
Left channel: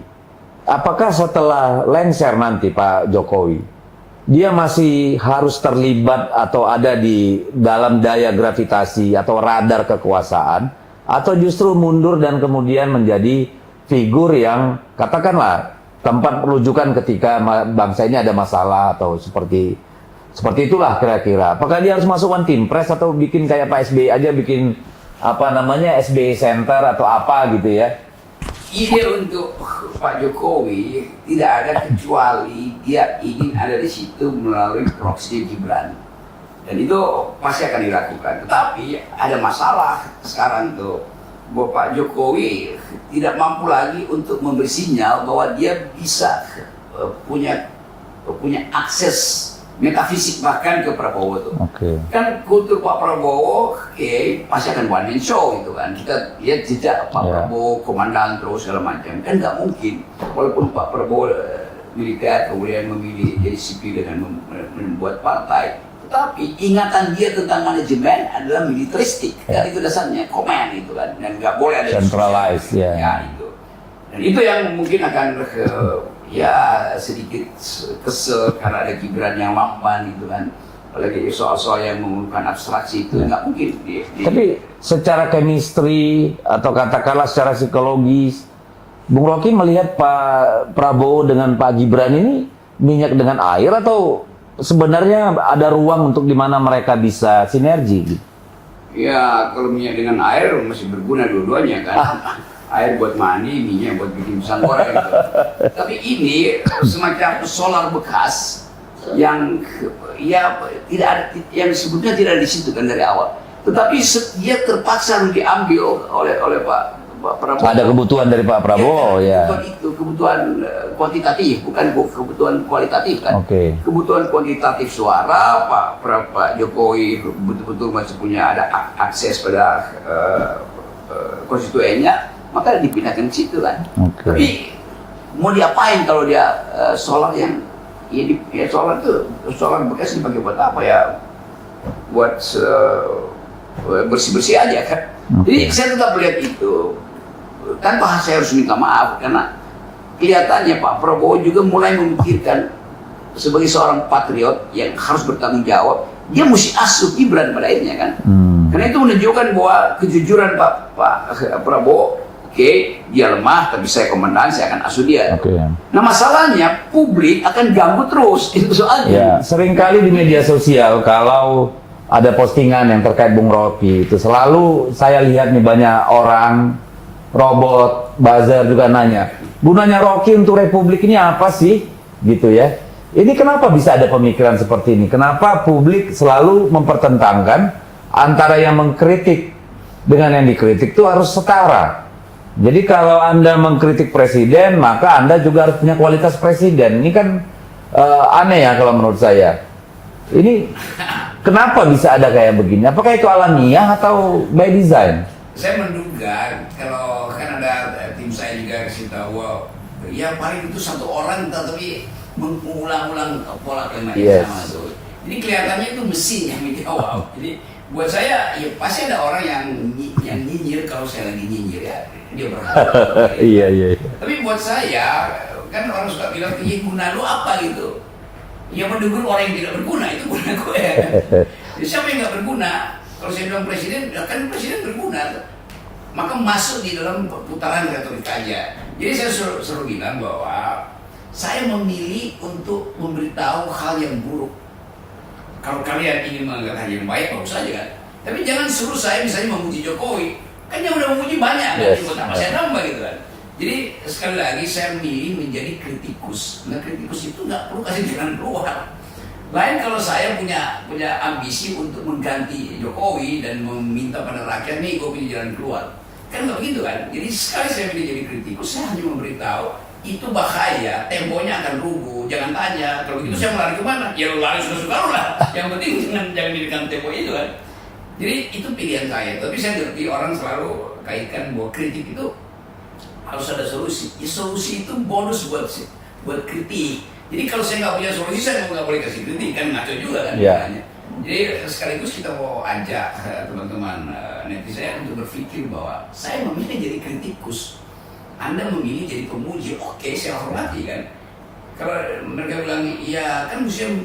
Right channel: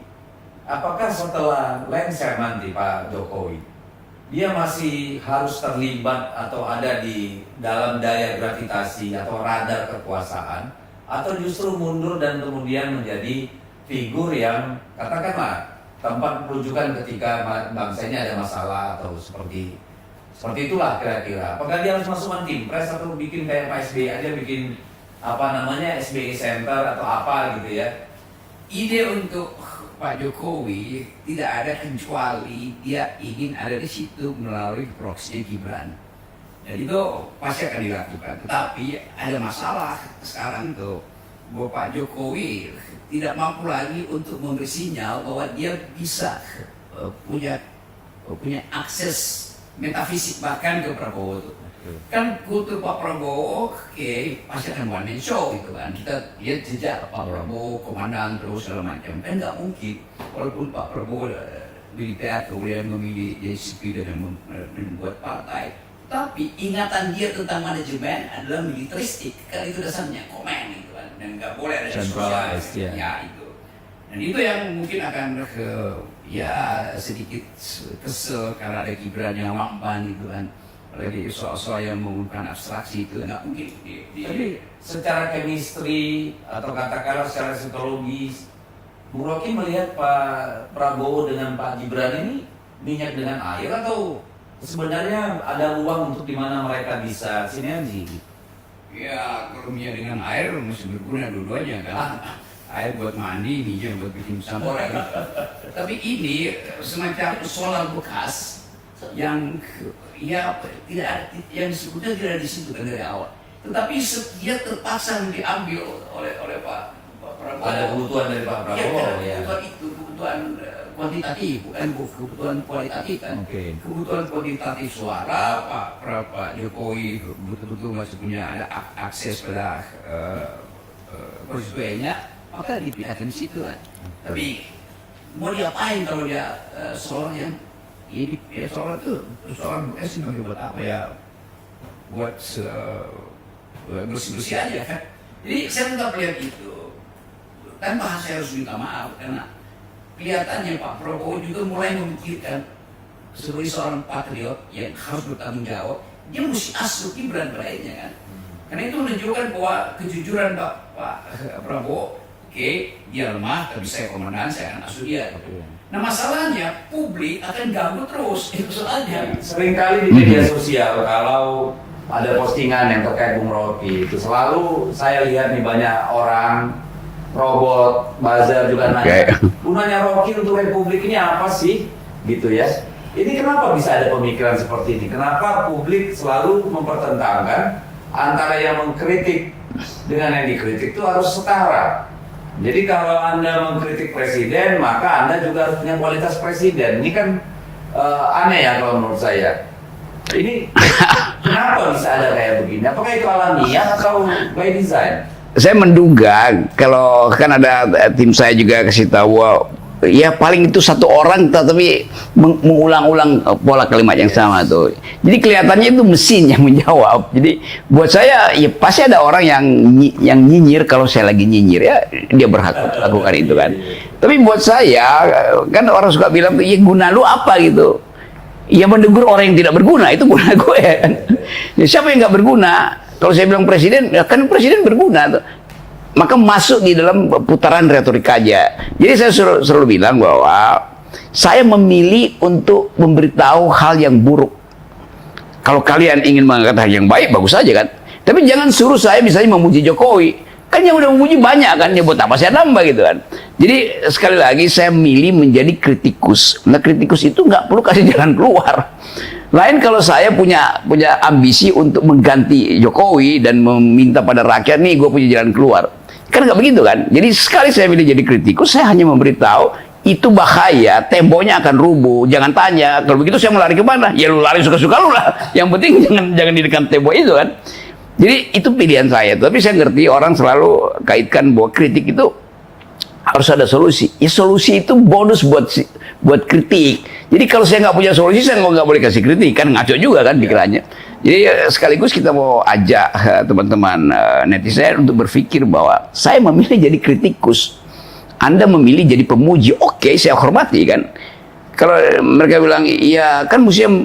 apakah setelah lengser nanti Pak Jokowi, dia masih harus terlibat atau ada di dalam daya gravitasi atau radar kekuasaan, atau justru mundur dan kemudian menjadi figur yang katakanlah tempat rujukan ketika bangsa ini ada masalah atau seperti itulah kira-kira. Apakah dia harus masuk one team press atau bikin kayak Pak SBY aja, bikin apa namanya SBY Center atau apa gitu ya? Ide untuk Pak Jokowi tidak ada kecuali dia ingin ada di situ melalui proxy Gibran. Dan itu pasti akan dilakukan. Tetapi ada masalah sekarang tuh, bahwa Pak Jokowi tidak mampu lagi untuk memberi sinyal bahwa dia bisa punya akses metafisik bahkan ke Prabowo tuh. Kan kultur Pak Prabowo pasti akan one man show gitu kan. Kita lihat jejak Pak Prabowo komandan terus segala macam. Kan nggak mungkin walaupun Pak Prabowo militer kemudian memilih jadi sipil dan membuat partai, tapi ingatan dia tentang manajemen adalah militeristik. Dan itu dasarnya command gitu kan. Dan nggak boleh ada centralized ya itu. Dan itu yang mungkin akan sedikit kesel karena ada Gibran yang lamban gitu kan. Apalagi soal-soal yang menggunakan abstraksi itu nggak mungkin. Tapi secara chemistry atau katakanlah secara psikologis, Bung Rocky melihat Pak Prabowo dengan Pak Gibran ini minyak dengan air atau sebenarnya ada ruang untuk di mana mereka bisa sinergi? Ya kalau minyak dengan air masih berguna dua-duanya kan. Air buat mandi, minyak buat bikin pisang goreng gitu. Tapi ini semacam solar bekas yang tidak ada, yang sebetulnya tidak ada di situ kan dari awal. Tetapi dia terpaksa diambil oleh Pak Prabowo. Ada kebutuhan dari Pak Prabowo ya. Kebutuhan kuantitatif, bukan kebutuhan kualitatif kan. Kebutuhan kuantitatif suara Pak Jokowi betul-betul masih punya ada akses pada konstituennya. Maka dipindahkan ke situ kan. Tapi mau diapain kalau dia solar yang solar bekas dipakai buat apa ya? Buat bersih-bersih aja kan. Jadi saya tetap melihat itu. Tanpa saya harus minta maaf karena kelihatannya Pak Prabowo juga mulai memikirkan sebagai seorang patriot yang harus bertanggung jawab, dia mesti asuh Gibran pada akhirnya kan. Karena itu menunjukkan bahwa kejujuran Pak Prabowo, dia lemah, tapi saya komandan, saya akan asuh dia. Nah masalahnya publik akan ganggu terus, itu soalnya. Seringkali di media sosial kalau ada postingan yang terkait Bung Rocky, itu selalu saya lihat nih banyak orang, robot, buzzer juga nanya, gunanya Rocky untuk Republik ini apa sih? Gitu ya. Ini kenapa bisa ada pemikiran seperti ini? Kenapa publik selalu mempertentangkan antara yang mengkritik dengan yang dikritik itu harus setara? Jadi kalau Anda mengkritik presiden, maka Anda juga harus punya kualitas presiden. Ini kan aneh ya kalau menurut saya. Ini kenapa bisa ada kayak begini? Apakah itu alamiah atau by design? Saya menduga kalau kan ada tim saya juga kasih tahu, ya paling itu satu orang tapi mengulang-ulang pola kalimat yang sama tuh. Jadi kelihatannya itu mesin yang menjawab. Jadi buat saya ya pasti ada orang yang nyinyir kalau saya lagi nyinyir ya dia berhak melakukan itu kan. Tapi buat saya kan orang suka bilang ya guna lu apa gitu. Ya menegur orang yang tidak berguna itu guna gue. Ya, siapa yang nggak berguna? Kalau saya bilang presiden, ya kan presiden berguna tuh. Maka masuk di dalam putaran retorika aja. Jadi saya selalu bilang bahwa saya memilih untuk memberitahu hal yang buruk. Kalau kalian ingin mengangkat hal yang baik, bagus saja kan. Tapi jangan suruh saya misalnya memuji Jokowi. Kan yang udah memuji banyak kan, ya buat apa saya nambah gitu kan. Jadi sekali lagi saya milih menjadi kritikus. Nah kritikus itu nggak perlu kasih jalan keluar. Lain kalau saya punya ambisi untuk mengganti Jokowi dan meminta pada rakyat nih gue punya jalan keluar. Kan nggak begitu kan. Jadi sekali saya milih jadi kritikus, saya hanya memberitahu itu bahaya, temboknya akan rubuh. Jangan tanya, kalau begitu saya mau lari kemana? Ya lu lari suka-suka lu lah. Yang penting jangan di dekat tembok itu kan. Jadi itu pilihan saya. Tapi saya ngerti orang selalu kaitkan bahwa kritik itu harus ada solusi. Ya solusi itu bonus buat kritik. Jadi kalau saya nggak punya solusi, saya nggak boleh kasih kritik. Kan ngaco juga kan pikirannya. Jadi sekaligus kita mau ajak teman-teman netizen untuk berpikir bahwa saya memilih jadi kritikus. Anda memilih jadi pemuji. Oke, saya hormati kan. Kalau mereka bilang, iya kan museum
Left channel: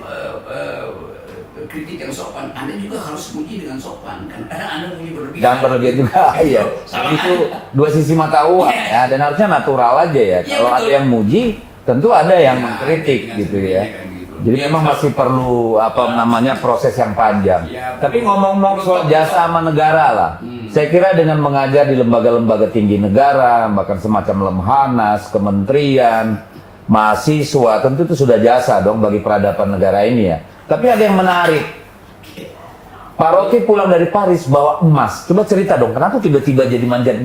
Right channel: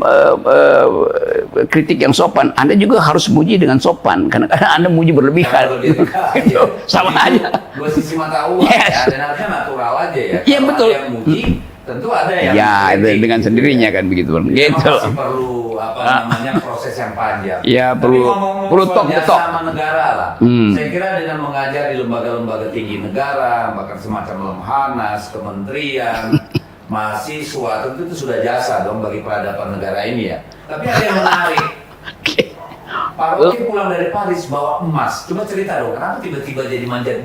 kritik yang sopan, Anda juga harus muji dengan sopan, karena Anda muji berlebihan. Jangan berlebihan. Iya. Sama Itu aja. dua sisi mata uang Yes. ya, dan harusnya natural aja ya. Iya, Kalau betul. ada yang muji, tentu ada yang Ya, kritik, dengan gitu sendirinya ya. kan begitu. Jadi memang Gitu. masih perlu apa namanya proses yang panjang. Ya, Tapi perlu- ngomong-ngomong perlu soal top- jasa top. sama negara lah. Saya kira dengan mengajar di lembaga-lembaga tinggi negara, bahkan semacam Lemhanas, kementerian, mahasiswa, tentu itu sudah jasa dong bagi peradaban negara ini ya. Tapi ada yang menarik. Pak Rocky pulang dari Paris bawa emas. Coba cerita dong, kenapa tiba-tiba jadi manjat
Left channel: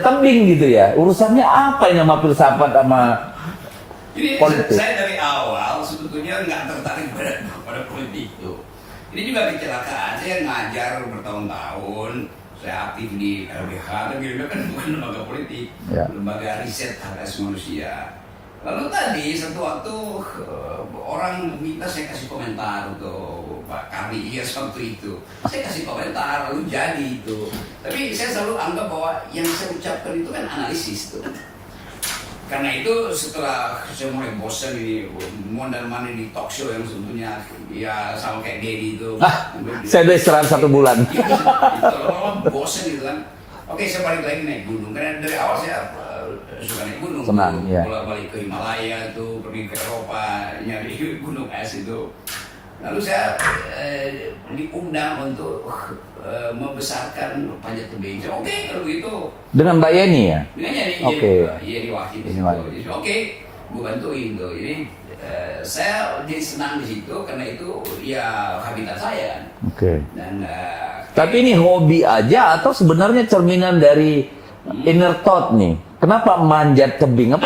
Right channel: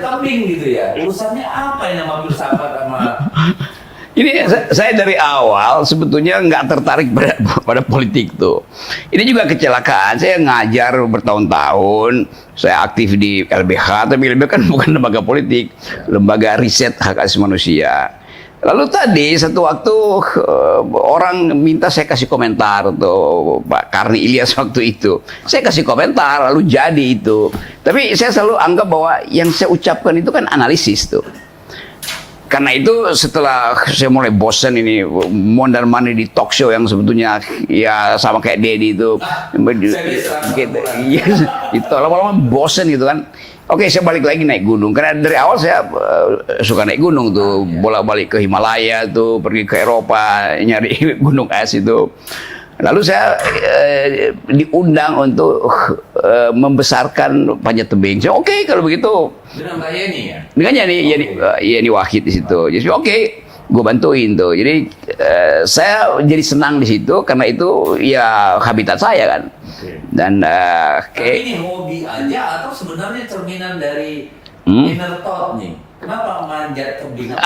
tebing gitu ya? Urusannya apa yang sama filsafat sama Ini saya dari awal sebetulnya nggak tertarik pada politik tuh. Ini juga kecelakaan. Saya ngajar bertahun-tahun. Saya aktif di LBH, tapi LBH kan bukan lembaga politik, Ya. lembaga riset hak asasi manusia. Lalu tadi satu waktu orang minta saya kasih komentar tuh Pak Karni Ilyas waktu itu. Saya kasih komentar lalu jadi itu. Tapi saya selalu anggap bahwa yang saya ucapkan itu kan analisis tuh. Karena itu setelah saya mulai bosan ini mondar-mandir di talk show yang sebetulnya ya sama kayak Dedi itu. saya udah istirahat 1 bulan. Iya, itu lama-lama bosan gitu kan. Oke, saya balik lagi naik gunung. Karena dari awal saya suka naik gunung tuh, ya. bolak-balik ke Himalaya tuh, pergi ke Eropa nyari gunung es itu. Lalu saya diundang untuk membesarkan panjat tebing. Saya oke, kalau begitu. dengan Mbak Yeni ya? Dengan Yeni Wahid di situ. Jadi oke, gue bantuin tuh. Jadi saya jadi senang di situ karena itu ya habitat saya kan. Oke. Dan Tapi ini hobi aja atau sebenarnya cerminan dari inner thought nih? Kenapa manjat tebing?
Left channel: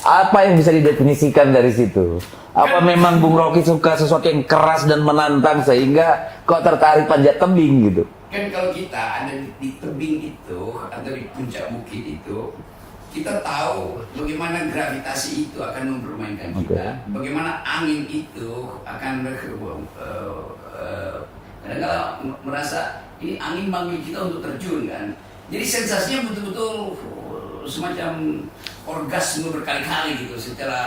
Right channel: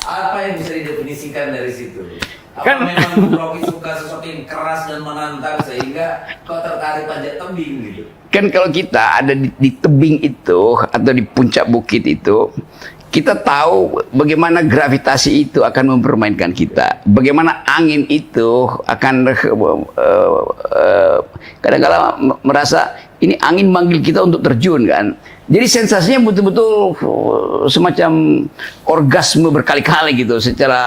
Apa yang bisa didefinisikan dari situ? Apa memang Bung Rocky suka sesuatu yang keras dan menantang sehingga kok tertarik panjat tebing gitu? kan kalau kita ada di tebing itu atau di puncak bukit itu, kita tahu bagaimana gravitasi itu akan mempermainkan kita, bagaimana angin itu akan kadang-kadang merasa ini angin manggil kita untuk terjun kan. Jadi sensasinya betul-betul semacam orgasme berkali-kali gitu, secara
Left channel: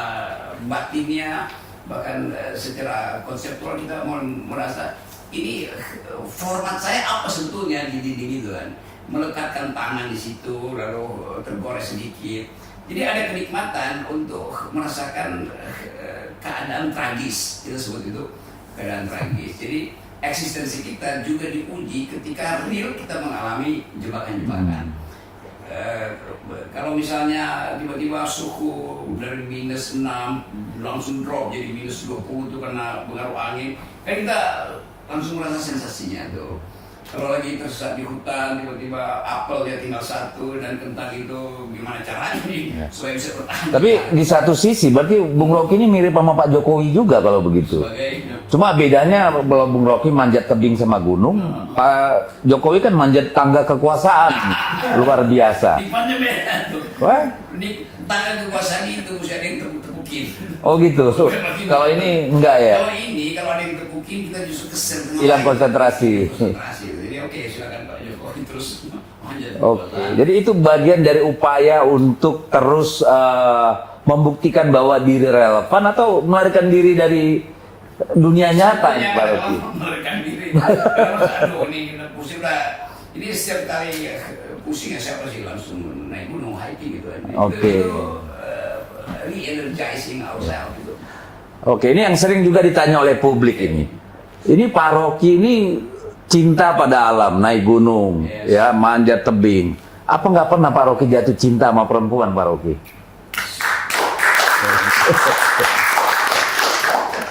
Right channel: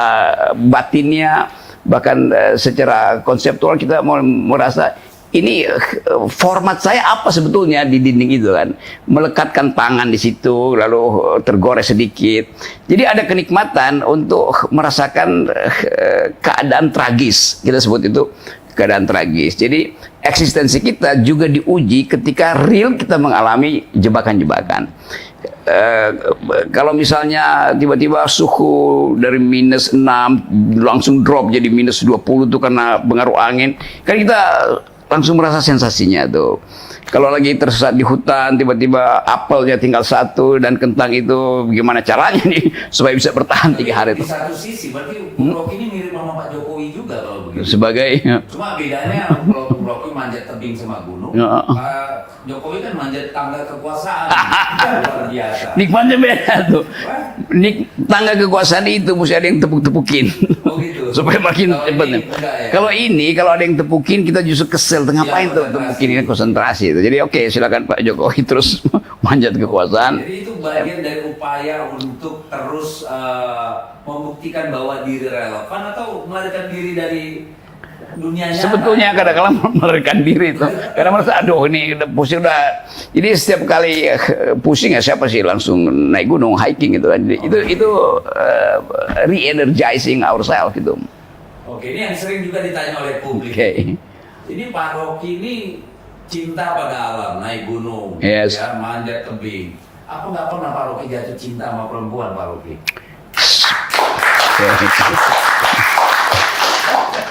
batinnya bahkan secara konseptual kita mau merasa ini format saya apa sebetulnya di dinding itu kan, melekatkan tangan di situ lalu tergores sedikit. Jadi ada kenikmatan untuk merasakan keadaan tragis, kita sebut itu keadaan tragis. Jadi eksistensi kita juga diuji ketika real kita mengalami jebakan-jebakan. Kalau misalnya tiba-tiba suhu dari -6 langsung drop jadi -20 itu karena pengaruh angin, kan kita langsung merasa sensasinya tuh. Kalau lagi tersesat di hutan, tiba-tiba apelnya tinggal 1 dan kentang itu gimana caranya nih supaya bisa bertahan 3 Tapi hari. di satu sisi berarti Bung Rocky ini mirip sama Pak Jokowi juga kalau begitu. Sebagai Cuma bedanya kalau Bung Rocky manjat tebing sama gunung, Ya. Pak Jokowi kan manjat tangga kekuasaan. Luar biasa. nikmatnya beda tuh. Wah, Tangga kekuasaan itu mesti ada yang tepuk-tepukin. oh gitu. Supaya makin Kalau ini enggak ya. Kalau ada yang tepukin kita justru kesel tengah Iya, konsentrasi. Ini konsentrasi itu. Jadi oke, silakan Pak Jokowi terus manjat kekuasaan. Jadi itu bagian dari upaya untuk terus membuktikan bahwa diri relevan atau melarikan diri dari dunia nyata. Sebetulnya kadang-kadang melarikan diri itu. Karena merasa aduh ini udah pusing udah. Jadi setiap kali pusing ya siapa sih langsung naik gunung hiking gitu kan. Jadi itu re-energizing ourselves gitu. Oke, ini yang sering juga ditanya oleh publik ini. Ini Pak Rocky ini cinta pada alam, naik gunung, Yes. ya manjat tebing. Apa nggak pernah Pak Rocky jatuh cinta sama perempuan, Pak Rocky?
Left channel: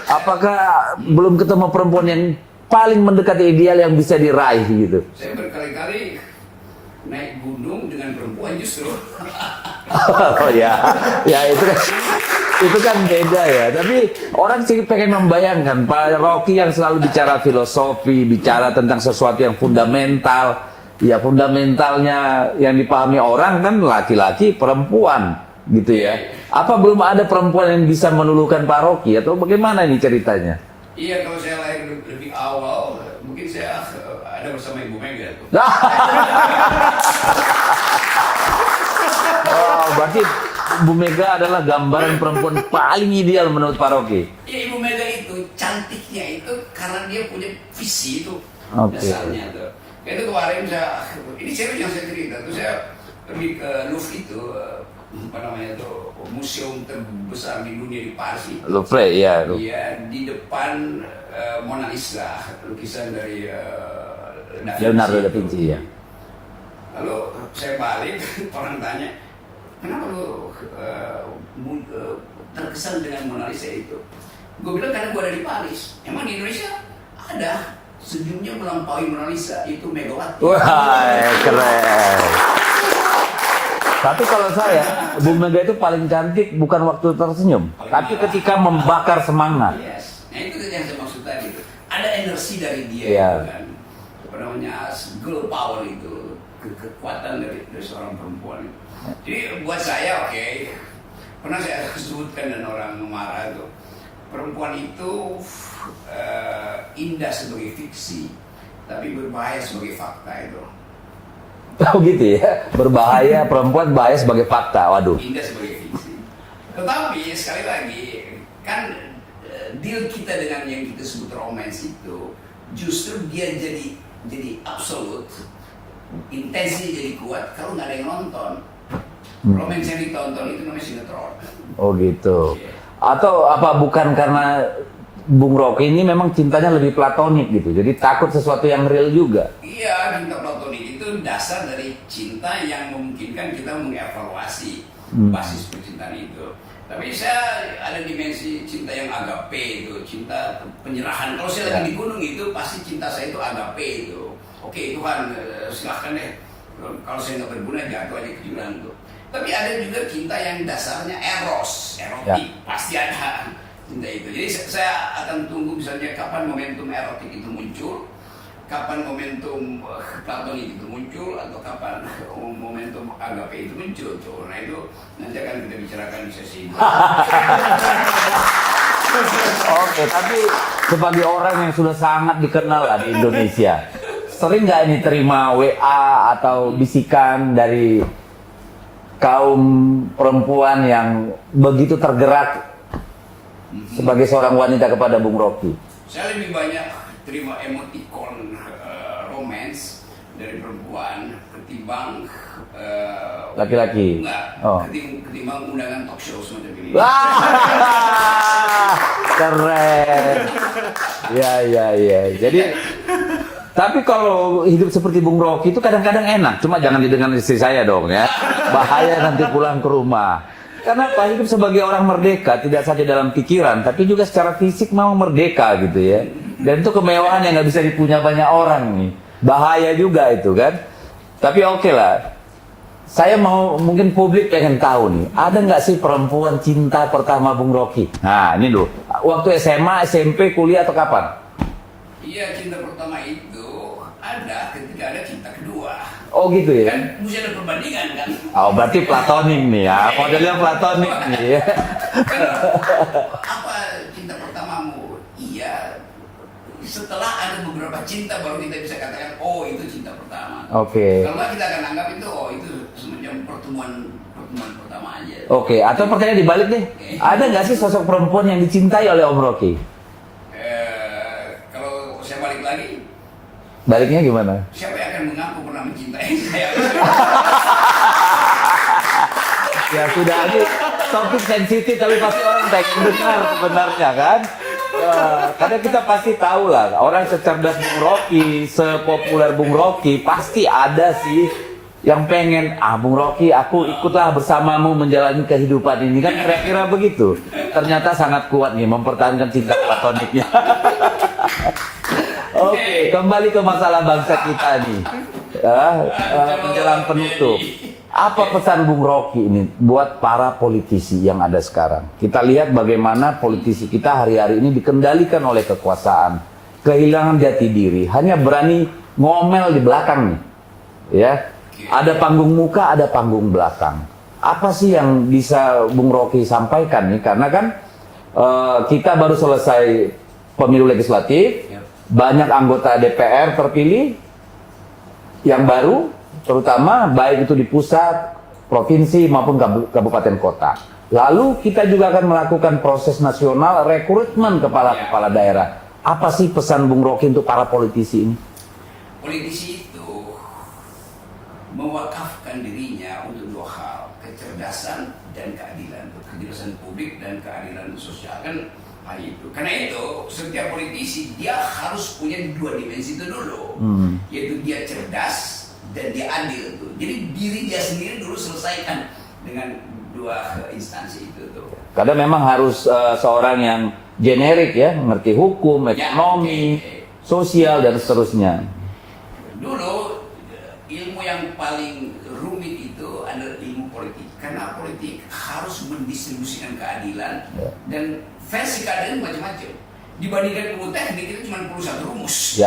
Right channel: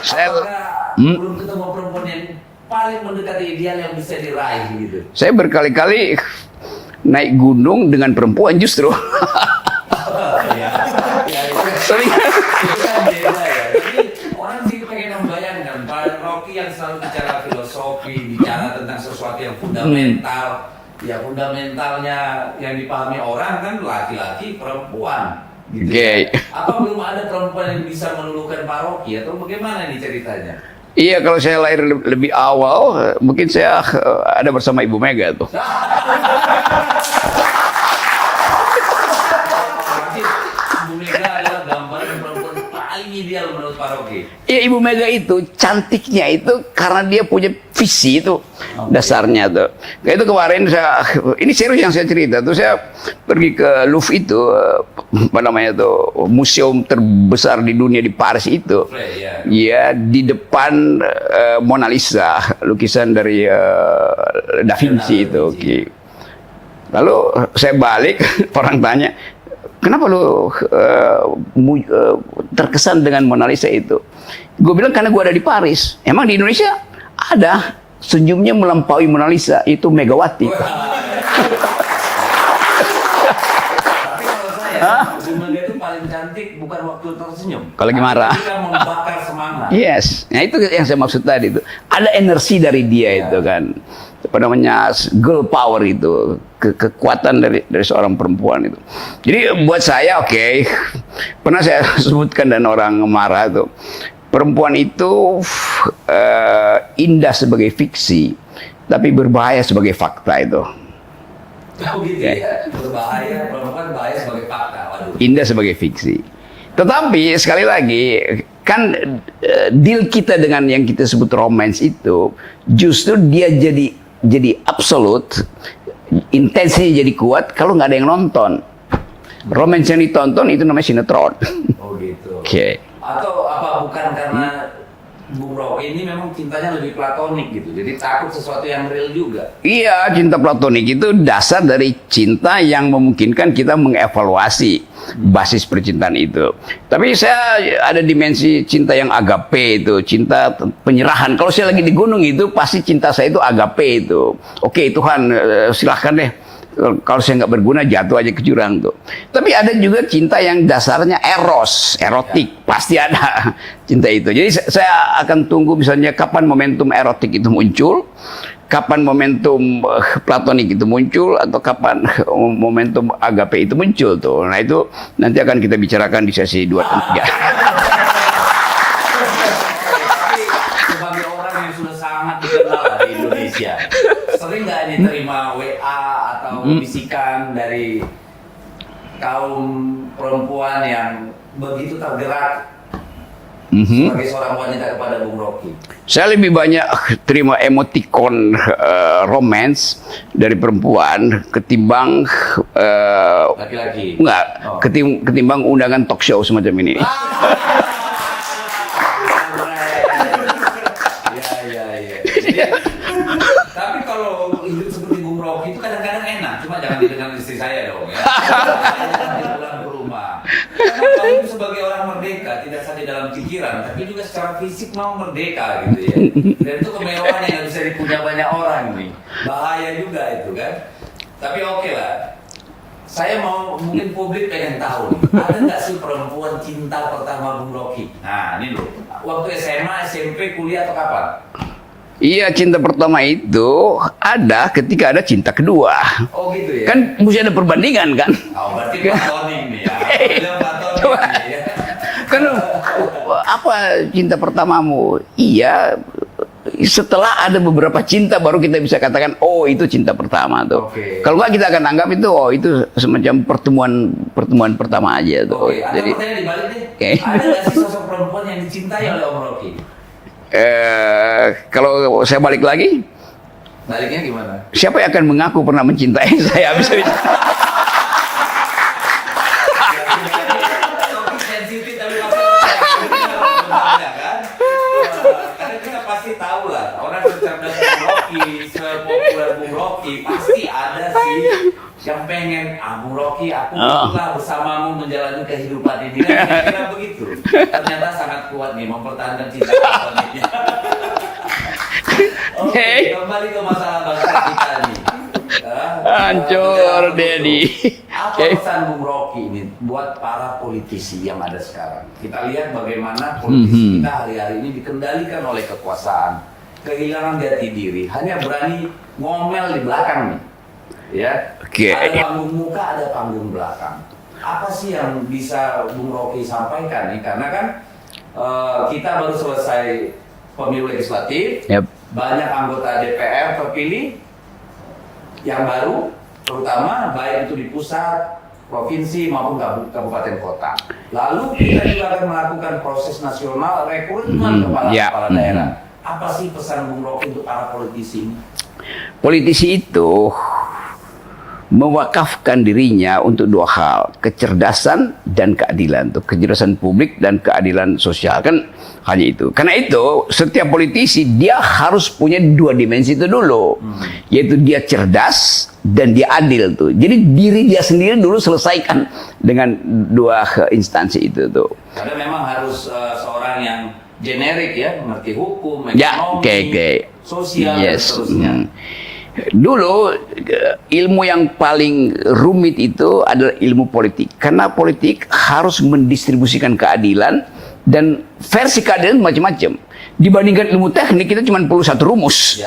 Apakah belum ketemu perempuan yang paling mendekati ideal yang bisa diraih gitu? Saya berkali-kali naik gunung dengan perempuan justru. Oh ya, ya itu kan itu kan beda ya. Tapi orang sih pengen membayangkan Pak Rocky yang selalu bicara filosofi, bicara tentang sesuatu yang fundamental. Ya fundamentalnya yang dipahami orang kan laki-laki, perempuan gitu ya. Apa belum ada perempuan yang bisa meluluhkan Pak Rocky atau bagaimana ini ceritanya? Iya, kalau saya lahir lebih awal, mungkin saya ada bersama Ibu Mega tuh. Berarti Bu Mega adalah gambaran perempuan paling ideal menurut Pak Rocky. Ya Ibu Mega itu cantiknya itu karena dia punya visi itu dasarnya tuh. Kayak itu kemarin ini serius yang saya cerita tuh, saya pergi ke Louvre itu apa namanya tuh, museum terbesar di dunia di Paris itu. Iya. Ya di depan Mona Lisa, lukisan dari Da Vinci itu. Oke. Lalu saya balik, orang tanya, kenapa lu terkesan dengan Mona Lisa itu? Gue bilang karena gue ada di Paris. Emang di Indonesia ada senyumnya melampaui Mona Lisa, itu Megawati. Wah, keren. Tapi kalau saya, Bu Mega itu paling cantik bukan waktu tersenyum. Kalau lagi marah. Ketika membakar semangat. Yes, nah itu yang saya maksud tadi itu. Ada energi dari dia itu kan. Apa namanya, girl power itu, kekuatan dari seorang perempuan itu. Jadi buat saya pernah saya sebutkan dan orang marah itu, perempuan itu indah sebagai fiksi, tapi berbahaya sebagai fakta itu. Oh gitu ya, berbahaya, perempuan bahaya sebagai fakta, waduh. Indah sebagai fiksi. Tetapi sekali lagi, kan deal kita dengan yang kita sebut romance itu, justru dia jadi absolut, intensinya jadi kuat kalau nggak ada yang nonton. Romance yang ditonton itu namanya sinetron. Oh gitu. Oke. Atau apa bukan karena Bung Rocky ini memang cintanya lebih platonik gitu, jadi takut sesuatu yang real juga. Iya, cinta platonik itu dasar dari cinta yang memungkinkan kita mengevaluasi basis percintaan itu. Tapi saya ada dimensi cinta yang agape itu, cinta penyerahan. Kalau saya lagi di gunung itu, pasti cinta saya itu agape itu. Oke Tuhan, silahkan deh. Kalau saya nggak berguna, jatuh aja ke jurang tuh. Tapi ada juga cinta yang dasarnya erotik, pasti ada cinta itu. Jadi saya akan tunggu misalnya kapan momentum erotik itu muncul, kapan momentum platonik itu muncul, atau kapan momentum agape itu muncul tuh. Nah itu nanti akan kita bicarakan di sesi 2 dan 3. Oke, tapi sebagai orang yang sudah sangat dikenal lah di Indonesia, sering nggak ini terima WA atau bisikan dari kaum perempuan yang begitu tergerak sebagai seorang wanita kepada Bung Rocky? Saya lebih banyak terima emoticon romance dari perempuan ketimbang Laki-laki. ketimbang undangan talk show semacam ini. Keren. Ya. Jadi, tapi kalau hidup seperti Bung Rocky itu kadang-kadang enak. Cuma jangan dengan istri saya dong ya. Bahaya nanti pulang ke rumah. Kenapa? Hidup sebagai orang merdeka tidak saja dalam pikiran, tapi juga secara fisik mau merdeka gitu ya. Dan itu kemewahan yang nggak bisa dipunya banyak orang nih. Bahaya juga itu kan. Tapi oke lah. Saya mau, mungkin publik pengen tahu nih, ada nggak sih perempuan cinta pertama Bung Rocky? Nah ini loh, waktu SMA, SMP, kuliah atau kapan? Iya, cinta pertama itu ada ketika ada cinta kedua. Oh gitu ya? Kan mesti ada perbandingan kan? Oh berarti platonik nih ya, modelnya platonik nih ya. Kan apa cinta pertamamu? Iya, setelah ada beberapa cinta baru kita bisa katakan oh itu cinta pertama tuh. Oke. Kalau nggak kita akan anggap itu oh itu semacam pertemuan pertama aja tuh. Oke, atau pertanyaan dibalik deh. Ada nggak sih sosok perempuan yang dicintai oleh Om Rocky? Kalau saya balik lagi, Baliknya gimana? siapa yang akan mengaku pernah mencintai saya? Bisa Ya sudah, ini topik sensitif tapi pasti orang pengen dengar sebenarnya kan. Karena kita pasti tahu lah orang secerdas Bung Rocky, sepopuler Bung Rocky pasti ada sih yang pengen Bung Rocky aku ikutlah bersamamu menjalani kehidupan ini kan, kira-kira begitu. Ternyata sangat kuat nih mempertahankan cinta platoniknya. Oke, kembali ke masalah bangsa kita nih. Hancur dia nih. Apa pesan Bung Rocky ini buat para politisi yang ada sekarang? Kita lihat bagaimana politisi kita hari-hari ini dikendalikan oleh kekuasaan, kehilangan jati diri, hanya berani ngomel di belakang nih. Ya, ada panggung muka, ada panggung belakang. Apa sih yang bisa Bung Rocky sampaikan nih? Karena kan kita baru selesai pemilu legislatif, banyak anggota DPR terpilih yang baru, terutama baik itu di pusat, provinsi maupun kabupaten kota. Lalu kita juga akan melakukan proses nasional rekrutmen kepala-kepala daerah. Apa sih pesan Bung Rocky untuk para politisi ini? Politisi itu mewakafkan dirinya untuk dua hal, kecerdasan dan keadilan. Tuh, kecerdasan publik dan keadilan sosial, kan hanya itu. Karena itu setiap politisi dia harus punya dua dimensi itu dulu, yaitu dia cerdas dan dia adil tuh. Jadi diri dia sendiri dulu selesaikan dengan dua instansi itu tuh. Karena memang harus seorang yang generik ya, mengerti hukum, ekonomi, sosial dan seterusnya. Dulu ilmu yang paling rumit itu adalah ilmu politik, karena politik harus mendistribusikan keadilan dan versi keadilan macam-macam. Dibandingkan ilmu teknik kita cuma perlu satu rumus.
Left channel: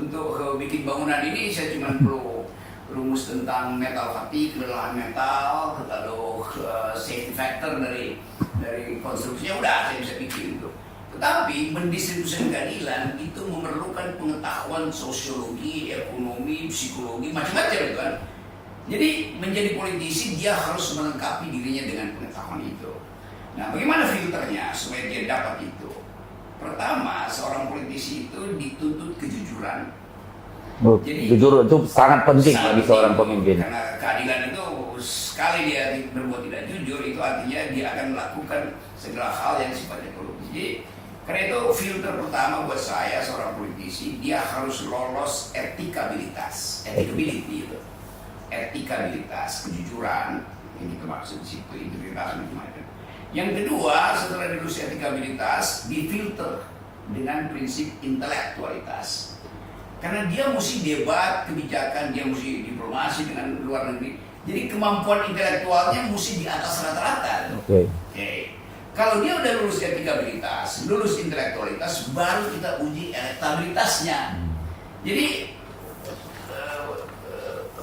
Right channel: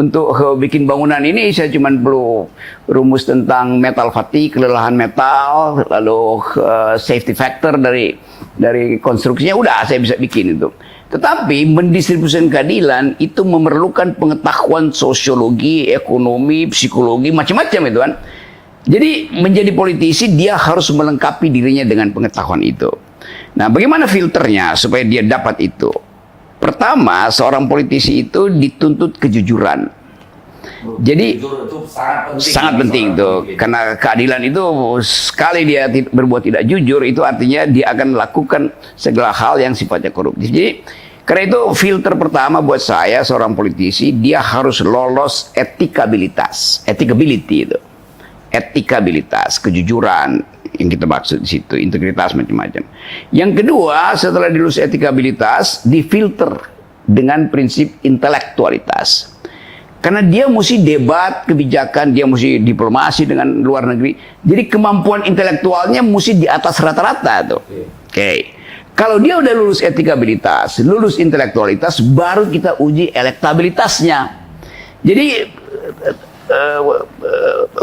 Untuk bikin bangunan ini saya cuma perlu rumus tentang metal fatigue, kelelahan metal, lalu safety factor dari konstruksinya, udah saya bisa bikin itu. Tetapi mendistribusikan keadilan itu memerlukan pengetahuan sosiologi, ekonomi, psikologi, macam-macam itu kan. Jadi menjadi politisi dia harus melengkapi dirinya dengan pengetahuan itu. Nah, bagaimana filternya supaya dia dapat itu? Pertama, seorang politisi itu dituntut kejujuran. Jadi jujur itu sangat penting. Sangat penting tuh, karena keadilan itu sekali dia berbuat tidak jujur, itu artinya dia akan melakukan segala hal yang sifatnya koruptif. Jadi karena itu filter pertama buat saya seorang politisi, dia harus lolos etikabilitas, etikability itu, etikabilitas, kejujuran yang kita maksud di situ, integritas macam-macam. Yang kedua, setelah dilulus etikabilitas, difilter dengan prinsip intelektualitas. Karena dia mesti debat kebijakan, dia mesti diplomasi dengan luar negeri. Jadi kemampuan intelektualnya mesti di atas rata-rata tuh. Oke. Kalau dia udah lulus etikabilitas, lulus intelektualitas, baru kita uji elektabilitasnya. Jadi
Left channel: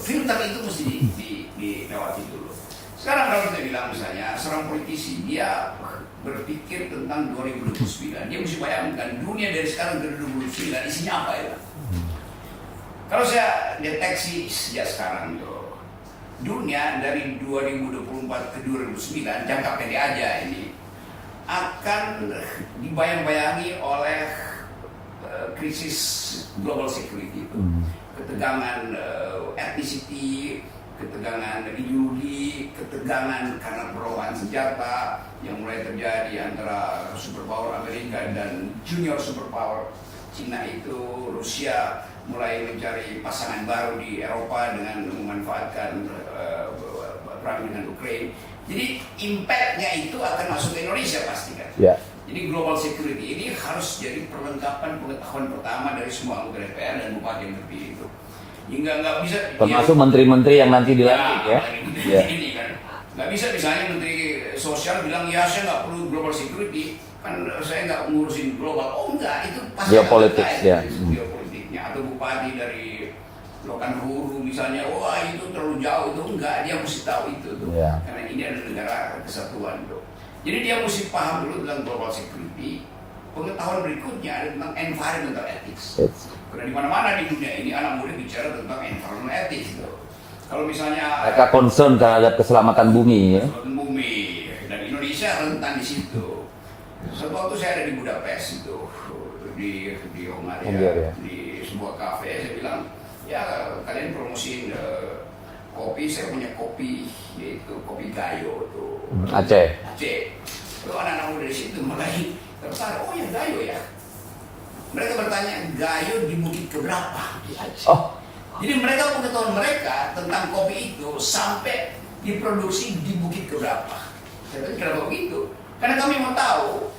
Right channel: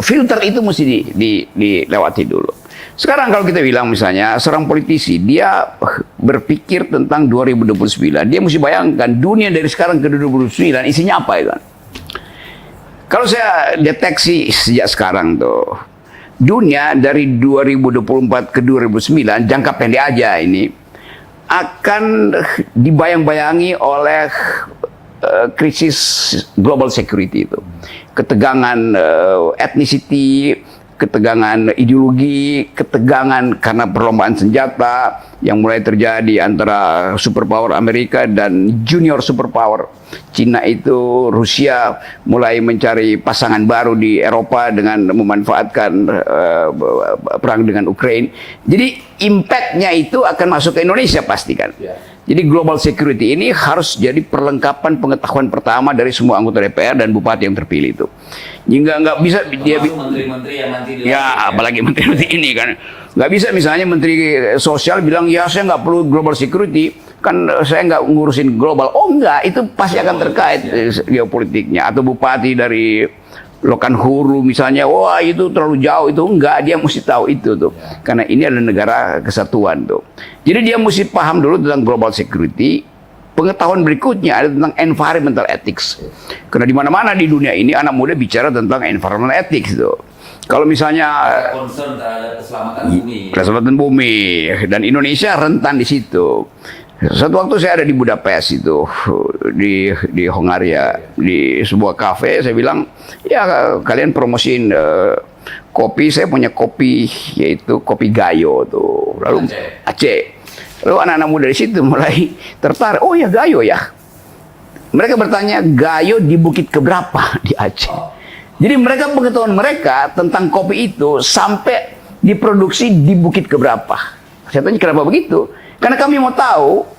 filter itu mesti dilewati dulu. Sekarang kalau kita bilang misalnya seorang politisi, dia berpikir tentang 2029. Dia mesti bayangkan dunia dari sekarang ke 2029 isinya apa itu kan. Kalau saya deteksi sejak sekarang tuh, dunia dari 2024 ke 2009, jangka pendek aja ini, akan dibayang-bayangi oleh krisis global security itu. Ketegangan ethnicity, ketegangan ideologi, ketegangan karena perlombaan senjata yang mulai terjadi antara superpower Amerika dan junior superpower Cina itu. Rusia mulai mencari pasangan baru di Eropa dengan memanfaatkan perang dengan Ukraina. Jadi impactnya itu akan masuk ke Indonesia pasti kan. Jadi global security ini harus jadi perlengkapan pengetahuan pertama dari semua anggota DPR dan bupati yang terpilih itu. Nggak bisa dia menteri-menteri yang nanti dilantik. Apalagi menteri ini kan. Nggak bisa misalnya menteri sosial bilang ya saya nggak perlu global security, kan saya nggak ngurusin global. Oh enggak, itu pasti akan terkait geopolitiknya. Atau bupati dari Lokanhuru misalnya, wah itu terlalu jauh, itu enggak, dia mesti tahu itu tuh. Karena ini adalah negara kesatuan tuh. Jadi dia mesti paham dulu tentang global security. Pengetahuan berikutnya ada tentang environmental ethics. Karena di mana-mana di dunia ini anak muda bicara tentang environmental ethics tuh. Kalau misalnya ada concern terhadap keselamatan bumi. Keselamatan bumi, dan Indonesia rentan di situ. Satu waktu saya ada di Budapest itu, di Hongaria, di sebuah kafe. Saya bilang, ya kalian promosiin kopi. Saya punya kopi, yaitu kopi Gayo tuh. Lalu Aceh. Lalu anak-anak muda di situ mulai tertarik. Oh ya Gayo ya. Mereka bertanya, Gayo di bukit keberapa di Aceh? Jadi mereka, pengetahuan mereka tentang kopi itu sampai diproduksi di bukit keberapa. Saya tanya kenapa begitu? Karena kami mau tahu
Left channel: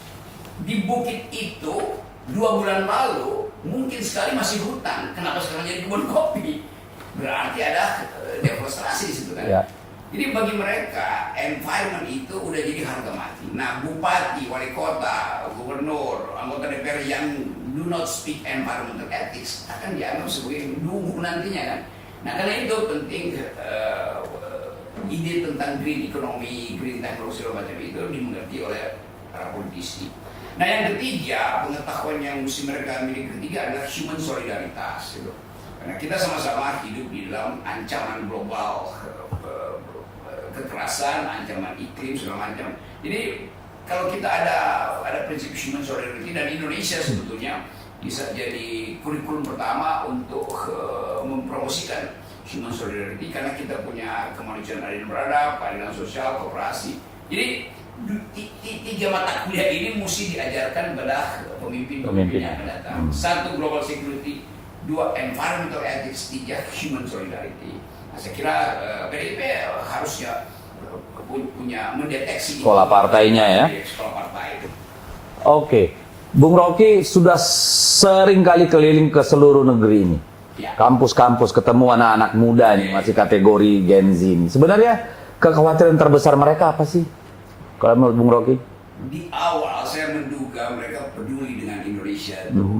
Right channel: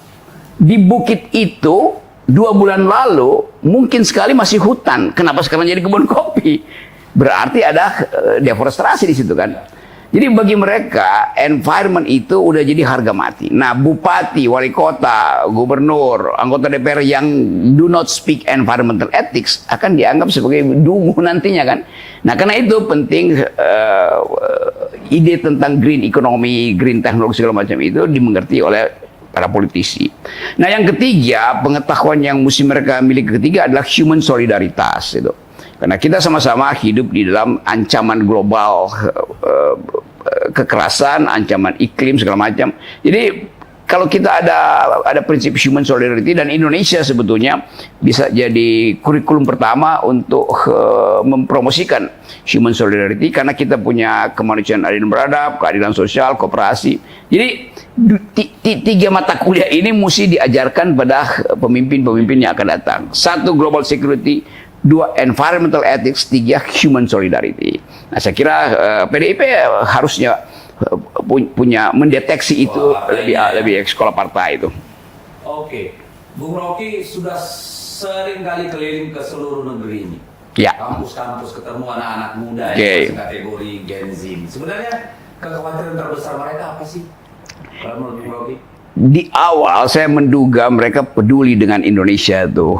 di bukit itu 2 bulan lalu mungkin sekali masih hutan. Kenapa sekarang jadi kebun kopi? Berarti ada deforestasi di situ kan. Jadi bagi mereka environment itu udah jadi harga mati. Nah, bupati, wali kota, gubernur, anggota DPR yang do not speak environmental ethics akan dianggap sebagai dungu nantinya kan. Nah, karena itu penting ide tentang green economy, green teknologi segala macam itu dimengerti oleh para politisi. Nah, yang ketiga, pengetahuan yang mesti mereka miliki ketiga adalah human solidaritas itu. Karena kita sama-sama hidup di dalam ancaman global, kekerasan, ancaman iklim segala macam. Jadi kalau kita ada prinsip human solidarity, dan Indonesia sebetulnya bisa jadi kurikulum pertama untuk mempromosikan human solidarity, karena kita punya kemanusiaan adil beradab, keadilan sosial, kooperasi. Jadi tiga mata kuliah ini mesti diajarkan pada pemimpin-pemimpin yang akan datang. Satu, global security; dua, environmental ethics; tiga, human solidarity. Nah, saya kira PDIP harusnya punya mendeteksi itu di sekolah partai itu. Oke, Bung Rocky sudah sering kali keliling ke seluruh negeri ini. Ya. Kampus-kampus, ketemu anak-anak muda yang masih kategori Gen Z ini. Sebenarnya kekhawatiran terbesar mereka apa sih? Kalau menurut Bung Rocky? Di awal saya menduga mereka peduli dengan Indonesia tuh.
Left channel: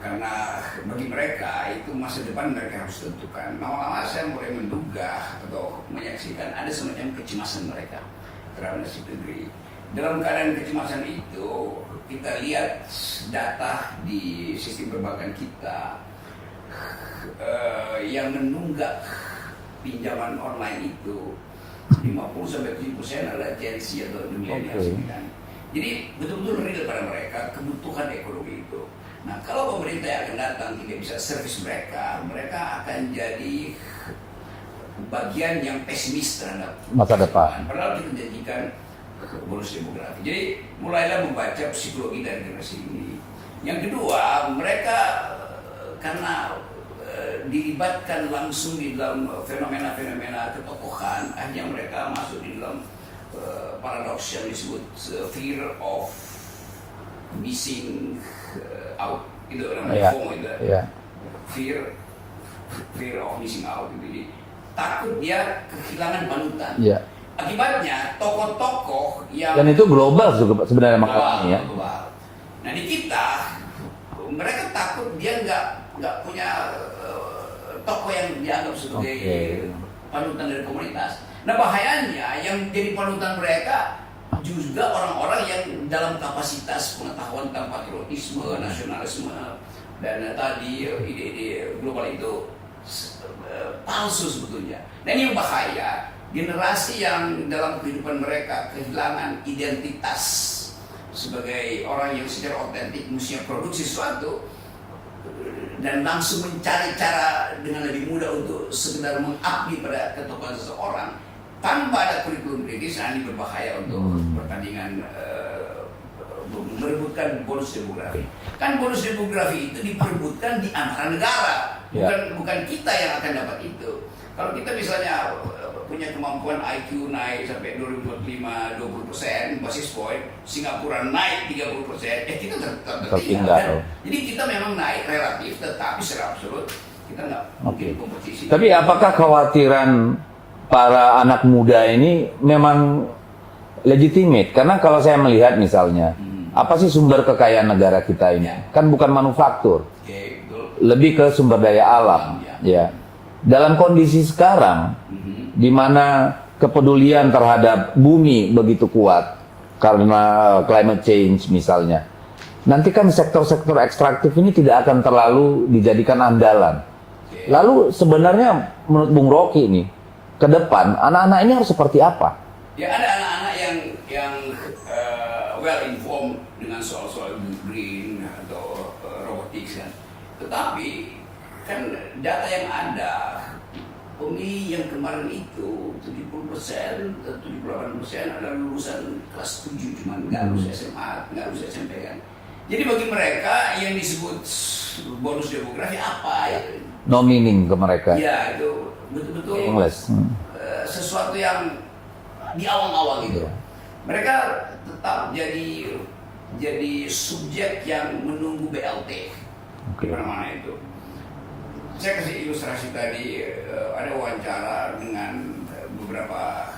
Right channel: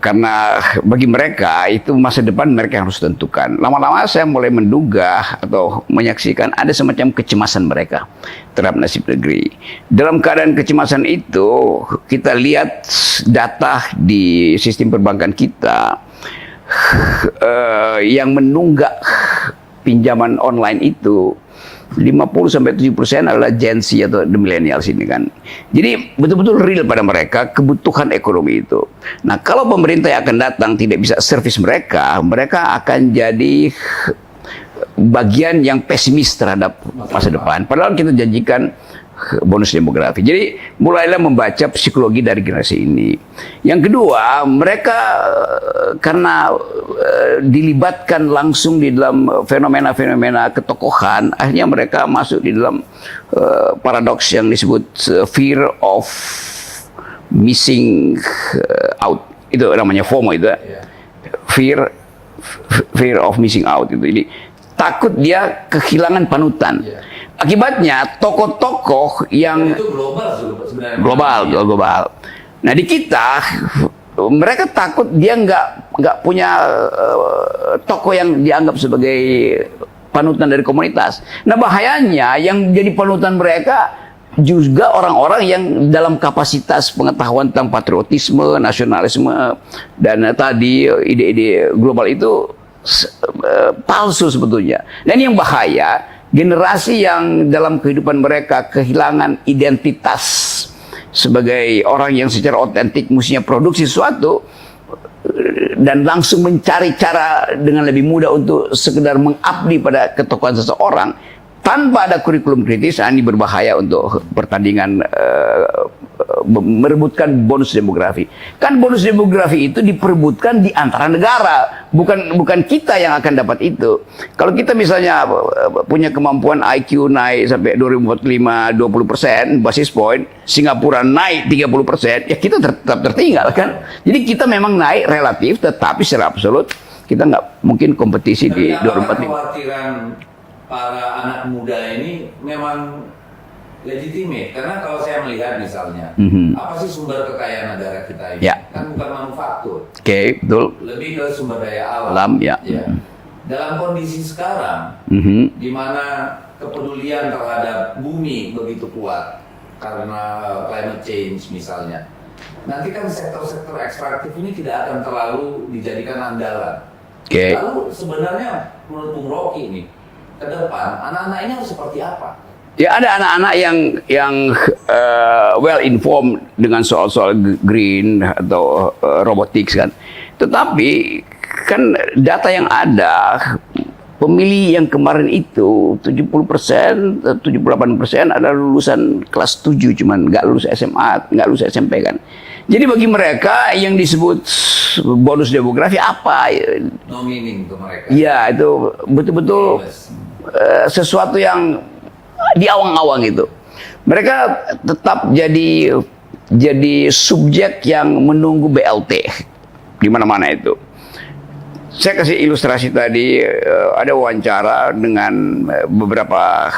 Karena bagi mereka itu masa depan mereka harus tentukan. Lama-lama saya mulai menduga atau menyaksikan ada semacam kecemasan mereka terhadap nasib negeri. Dalam keadaan kecemasan itu, kita lihat data di sistem perbankan kita yang menunggak pinjaman online itu 50-70% adalah Gen Z atau the millennials ini kan. Jadi betul-betul real pada mereka kebutuhan ekonomi itu. Nah, kalau pemerintah yang akan datang tidak bisa servis mereka, mereka akan jadi bagian yang pesimis terhadap masa depan. Padahal kita janjikan bonus demografi. Jadi mulailah membaca psikologi dari generasi ini. Yang kedua, mereka karena dilibatkan langsung di dalam fenomena-fenomena ketokohan, akhirnya mereka masuk di dalam paradoks yang disebut fear of missing out. Itu namanya FOMO itu. Fear of missing out itu. Jadi takut dia kehilangan panutan. Akibatnya tokoh-tokoh yang dan itu global sebenarnya. Global. Nah, di kita mereka takut dia nggak punya tokoh yang dianggap sebagai panutan dari komunitas. Nah, bahayanya yang jadi panutan mereka juga orang-orang yang dalam kapasitas pengetahuan tentang patriotisme, nasionalisme, dan tadi ide-ide global itu palsu sebetulnya. Dan yang bahaya, generasi yang dalam kehidupan mereka kehilangan identitas sebagai orang yang secara otentik mestinya produksi sesuatu dan langsung mencari cara dengan lebih mudah untuk sekedar mengabdi pada ketokohan seseorang tanpa ada kurikulum kritis, ini berbahaya untuk pertandingan merebutkan bonus demografi. Kan bonus demografi itu diperebutkan di antara negara, bukan kita yang akan dapat itu. Kalau kita misalnya punya kemampuan IQ naik sampai 2045 20% basis point, Singapura naik 30%, ya kita tetap tertinggal kan. Jadi kita memang naik relatif, tetapi secara absolut kita nggak mungkin kompetisi. Tapi apakah kekhawatiran para anak muda ini memang legitimate? Karena kalau saya melihat misalnya, apa sih sumber kekayaan negara kita ini? Kan bukan manufaktur. Betul. Lebih ke sumber daya alam. Dalam kondisi sekarang, di mana kepedulian terhadap bumi begitu kuat karena climate change misalnya, nanti kan sektor-sektor ekstraktif ini tidak akan terlalu dijadikan andalan. Lalu sebenarnya menurut Bung Rocky ini, ke depan anak-anak ini harus seperti apa? Ya, ada anak-anak yang well informed dengan soal-soal green atau robotics kan. Tetapi kan data yang ada, pemilih yang kemarin itu 70%, 78% adalah lulusan kelas 7, cuman nggak lulus SMA, nggak lulus SMP kan. Jadi bagi mereka yang disebut bonus demografi apa? No meaning ke mereka. Ya, itu betul-betul sesuatu yang di awang-awang itu. Mereka tetap jadi subjek yang menunggu BLT di mana-mana itu. Saya kasih ilustrasi tadi, ada wawancara dengan beberapa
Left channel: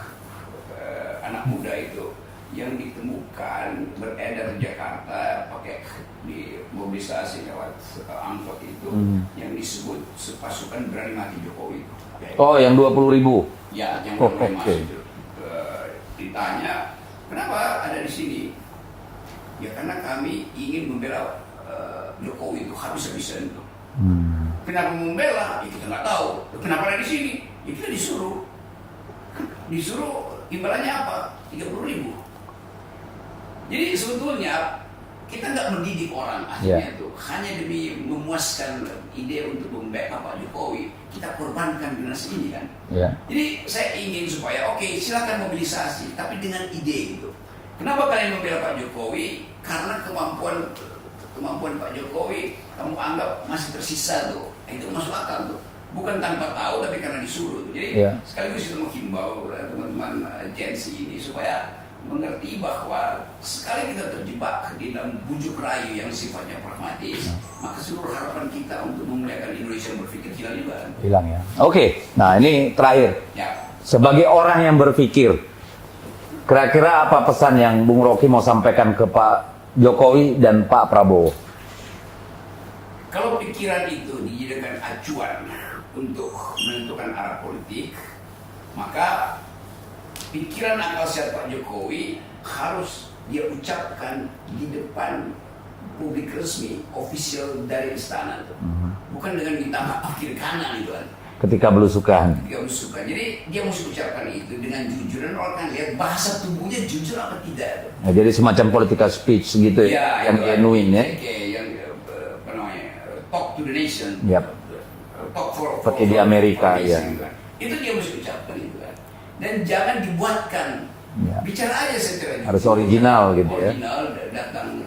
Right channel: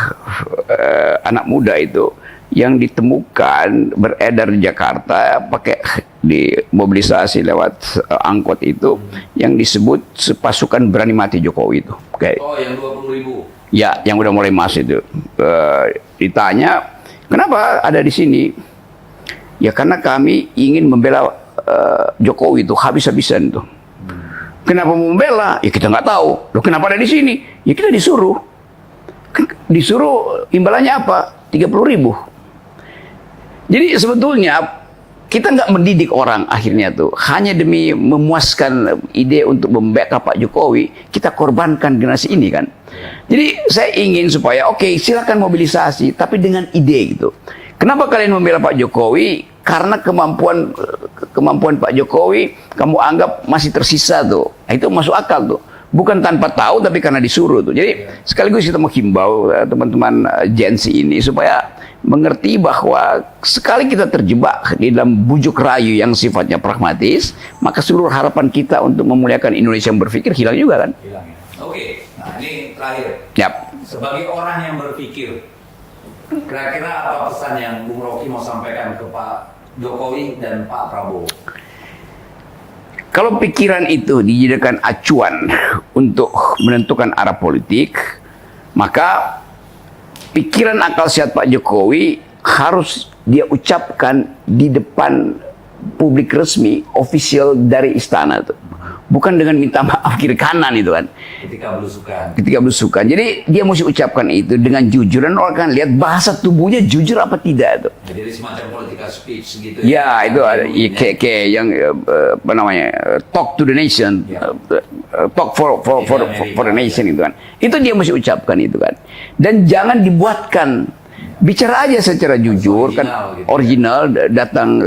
anak muda itu yang ditemukan beredar di Jakarta pakai dimobilisasi lewat angkot itu yang disebut pasukan berani mati Jokowi itu. Oh, yang 20.000. Ya, yang udah mulai masuk itu. Ditanya, kenapa ada di sini? Ya karena kami ingin membela Jokowi itu habis-habisan itu. Kenapa membela? Ya kita nggak tahu. Loh kenapa ada di sini? Ya kita disuruh. Disuruh imbalannya apa? 30.000. Jadi sebetulnya kita nggak mendidik orang akhirnya tuh. Hanya demi memuaskan ide untuk membackup Pak Jokowi, kita korbankan generasi ini kan. Jadi saya ingin supaya silakan mobilisasi, tapi dengan ide gitu. Kenapa kalian membela Pak Jokowi? Karena kemampuan Pak Jokowi kamu anggap masih tersisa tuh. Nah, itu masuk akal tuh. Bukan tanpa tahu tapi karena disuruh tuh. Jadi sekaligus kita menghimbau teman-teman Gen Z ini supaya mengerti bahwa sekali kita terjebak di dalam bujuk rayu yang sifatnya pragmatis, maka seluruh harapan kita untuk memuliakan Indonesia yang berpikir hilang juga kan? Hilang ya. Oke, nah ini terakhir. Yap. Sebagai orang yang berpikir, kira-kira apa pesan yang Bung Rocky mau sampaikan ke Pak Jokowi dan Pak Prabowo? Kalau pikiran itu dijadikan acuan untuk menentukan arah politik, maka pikiran akal sehat Pak Jokowi harus dia ucapkan di depan publik resmi, official dari istana tuh. Bukan dengan minta maaf kiri kanan itu kan. Ketika belusukan. Jadi dia mesti ucapkan itu dengan jujur dan orang kan lihat bahasa tubuhnya jujur apa tidak tuh. Nah, jadi semacam political speech gitu ya. Ya itu kayak yang apa namanya talk to the nation, talk for the nation itu kan. Itu dia mesti ucapkan itu kan. Dan jangan dibuatkan. Bicara aja secara jujur, original, datang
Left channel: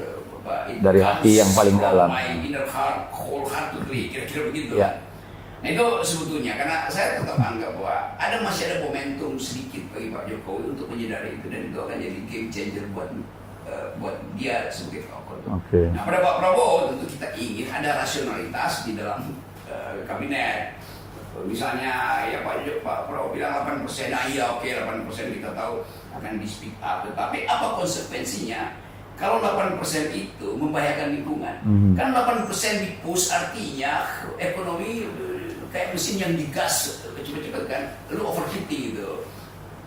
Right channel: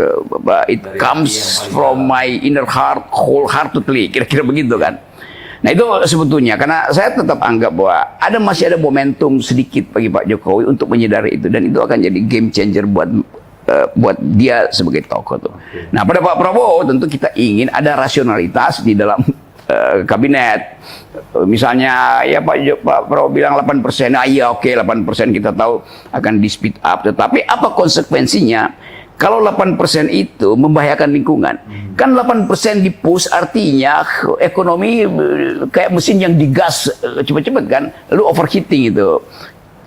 it comes from my inner heart, wholeheartedly, kira-kira begitu kan. Nah itu sebetulnya, karena saya tetap anggap bahwa masih ada momentum sedikit bagi Pak Jokowi untuk menyadari itu, dan itu akan jadi game changer buat dia sebagai tokoh tuh. Nah pada Pak Prabowo tentu kita ingin ada rasionalitas di dalam kabinet. Misalnya ya Pak Prabowo bilang 8%, nah iya 8% kita tahu akan di speed up, tetapi apa konsekuensinya kalau 8% itu membahayakan lingkungan? Kan 8% di push artinya ekonomi kayak mesin yang digas cepat-cepat kan, lalu overheating itu.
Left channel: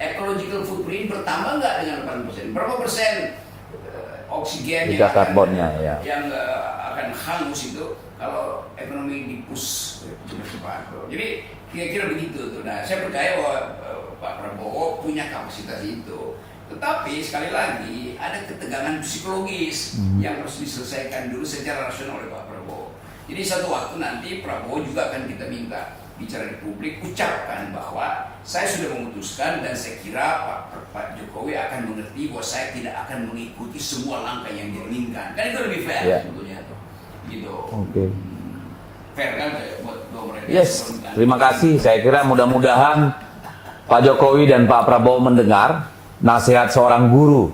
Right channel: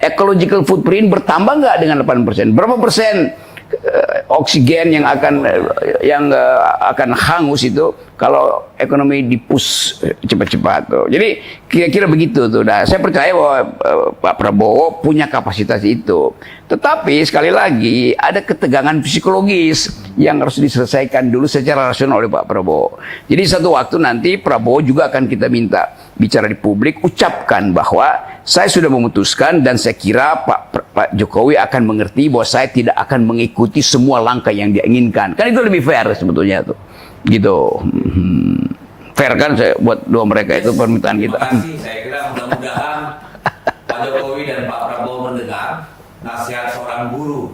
Ecological footprint bertambah nggak dengan 8%? Berapa persen oksigen yang akan hangus itu kalau ekonomi dipush cepat-cepat tuh. Jadi kira-kira begitu tuh. Nah, saya percaya bahwa Pak Prabowo punya kapasitas itu. Tetapi sekali lagi ada ketegangan psikologis yang harus diselesaikan dulu secara rasional oleh Pak Prabowo. Jadi satu waktu nanti Prabowo juga akan kita minta bicara di publik, ucapkan bahwa saya sudah memutuskan dan saya kira Pak Jokowi akan mengerti bahwa saya tidak akan mengikuti semua langkah yang dia inginkan. Kan itu lebih fair sebetulnya tuh. Gitu. Fair kan buat dua mereka itu permintaan kita. Terima kasih. Saya kira mudah-mudahan Pak Jokowi dan Pak Prabowo mendengar nasihat seorang guru.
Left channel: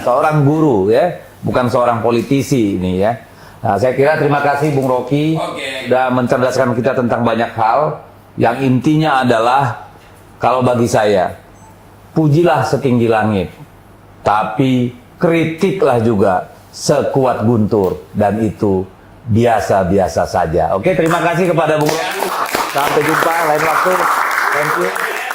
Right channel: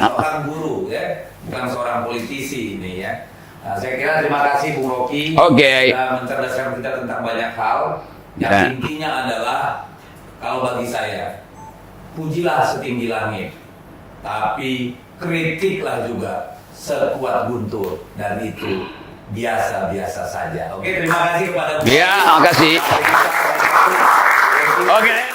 Seorang guru ya, bukan seorang politisi ini ya. Nah, saya kira terima kasih Bung Rocky sudah mencerdaskan kita tentang banyak hal. Yang intinya adalah kalau bagi saya, pujilah setinggi langit, tapi kritiklah juga sekuat guntur, dan itu biasa-biasa saja. Oke, terima kasih kepada Bung Rocky. Ya, terima kasih. Sampai jumpa lain waktu. Oke.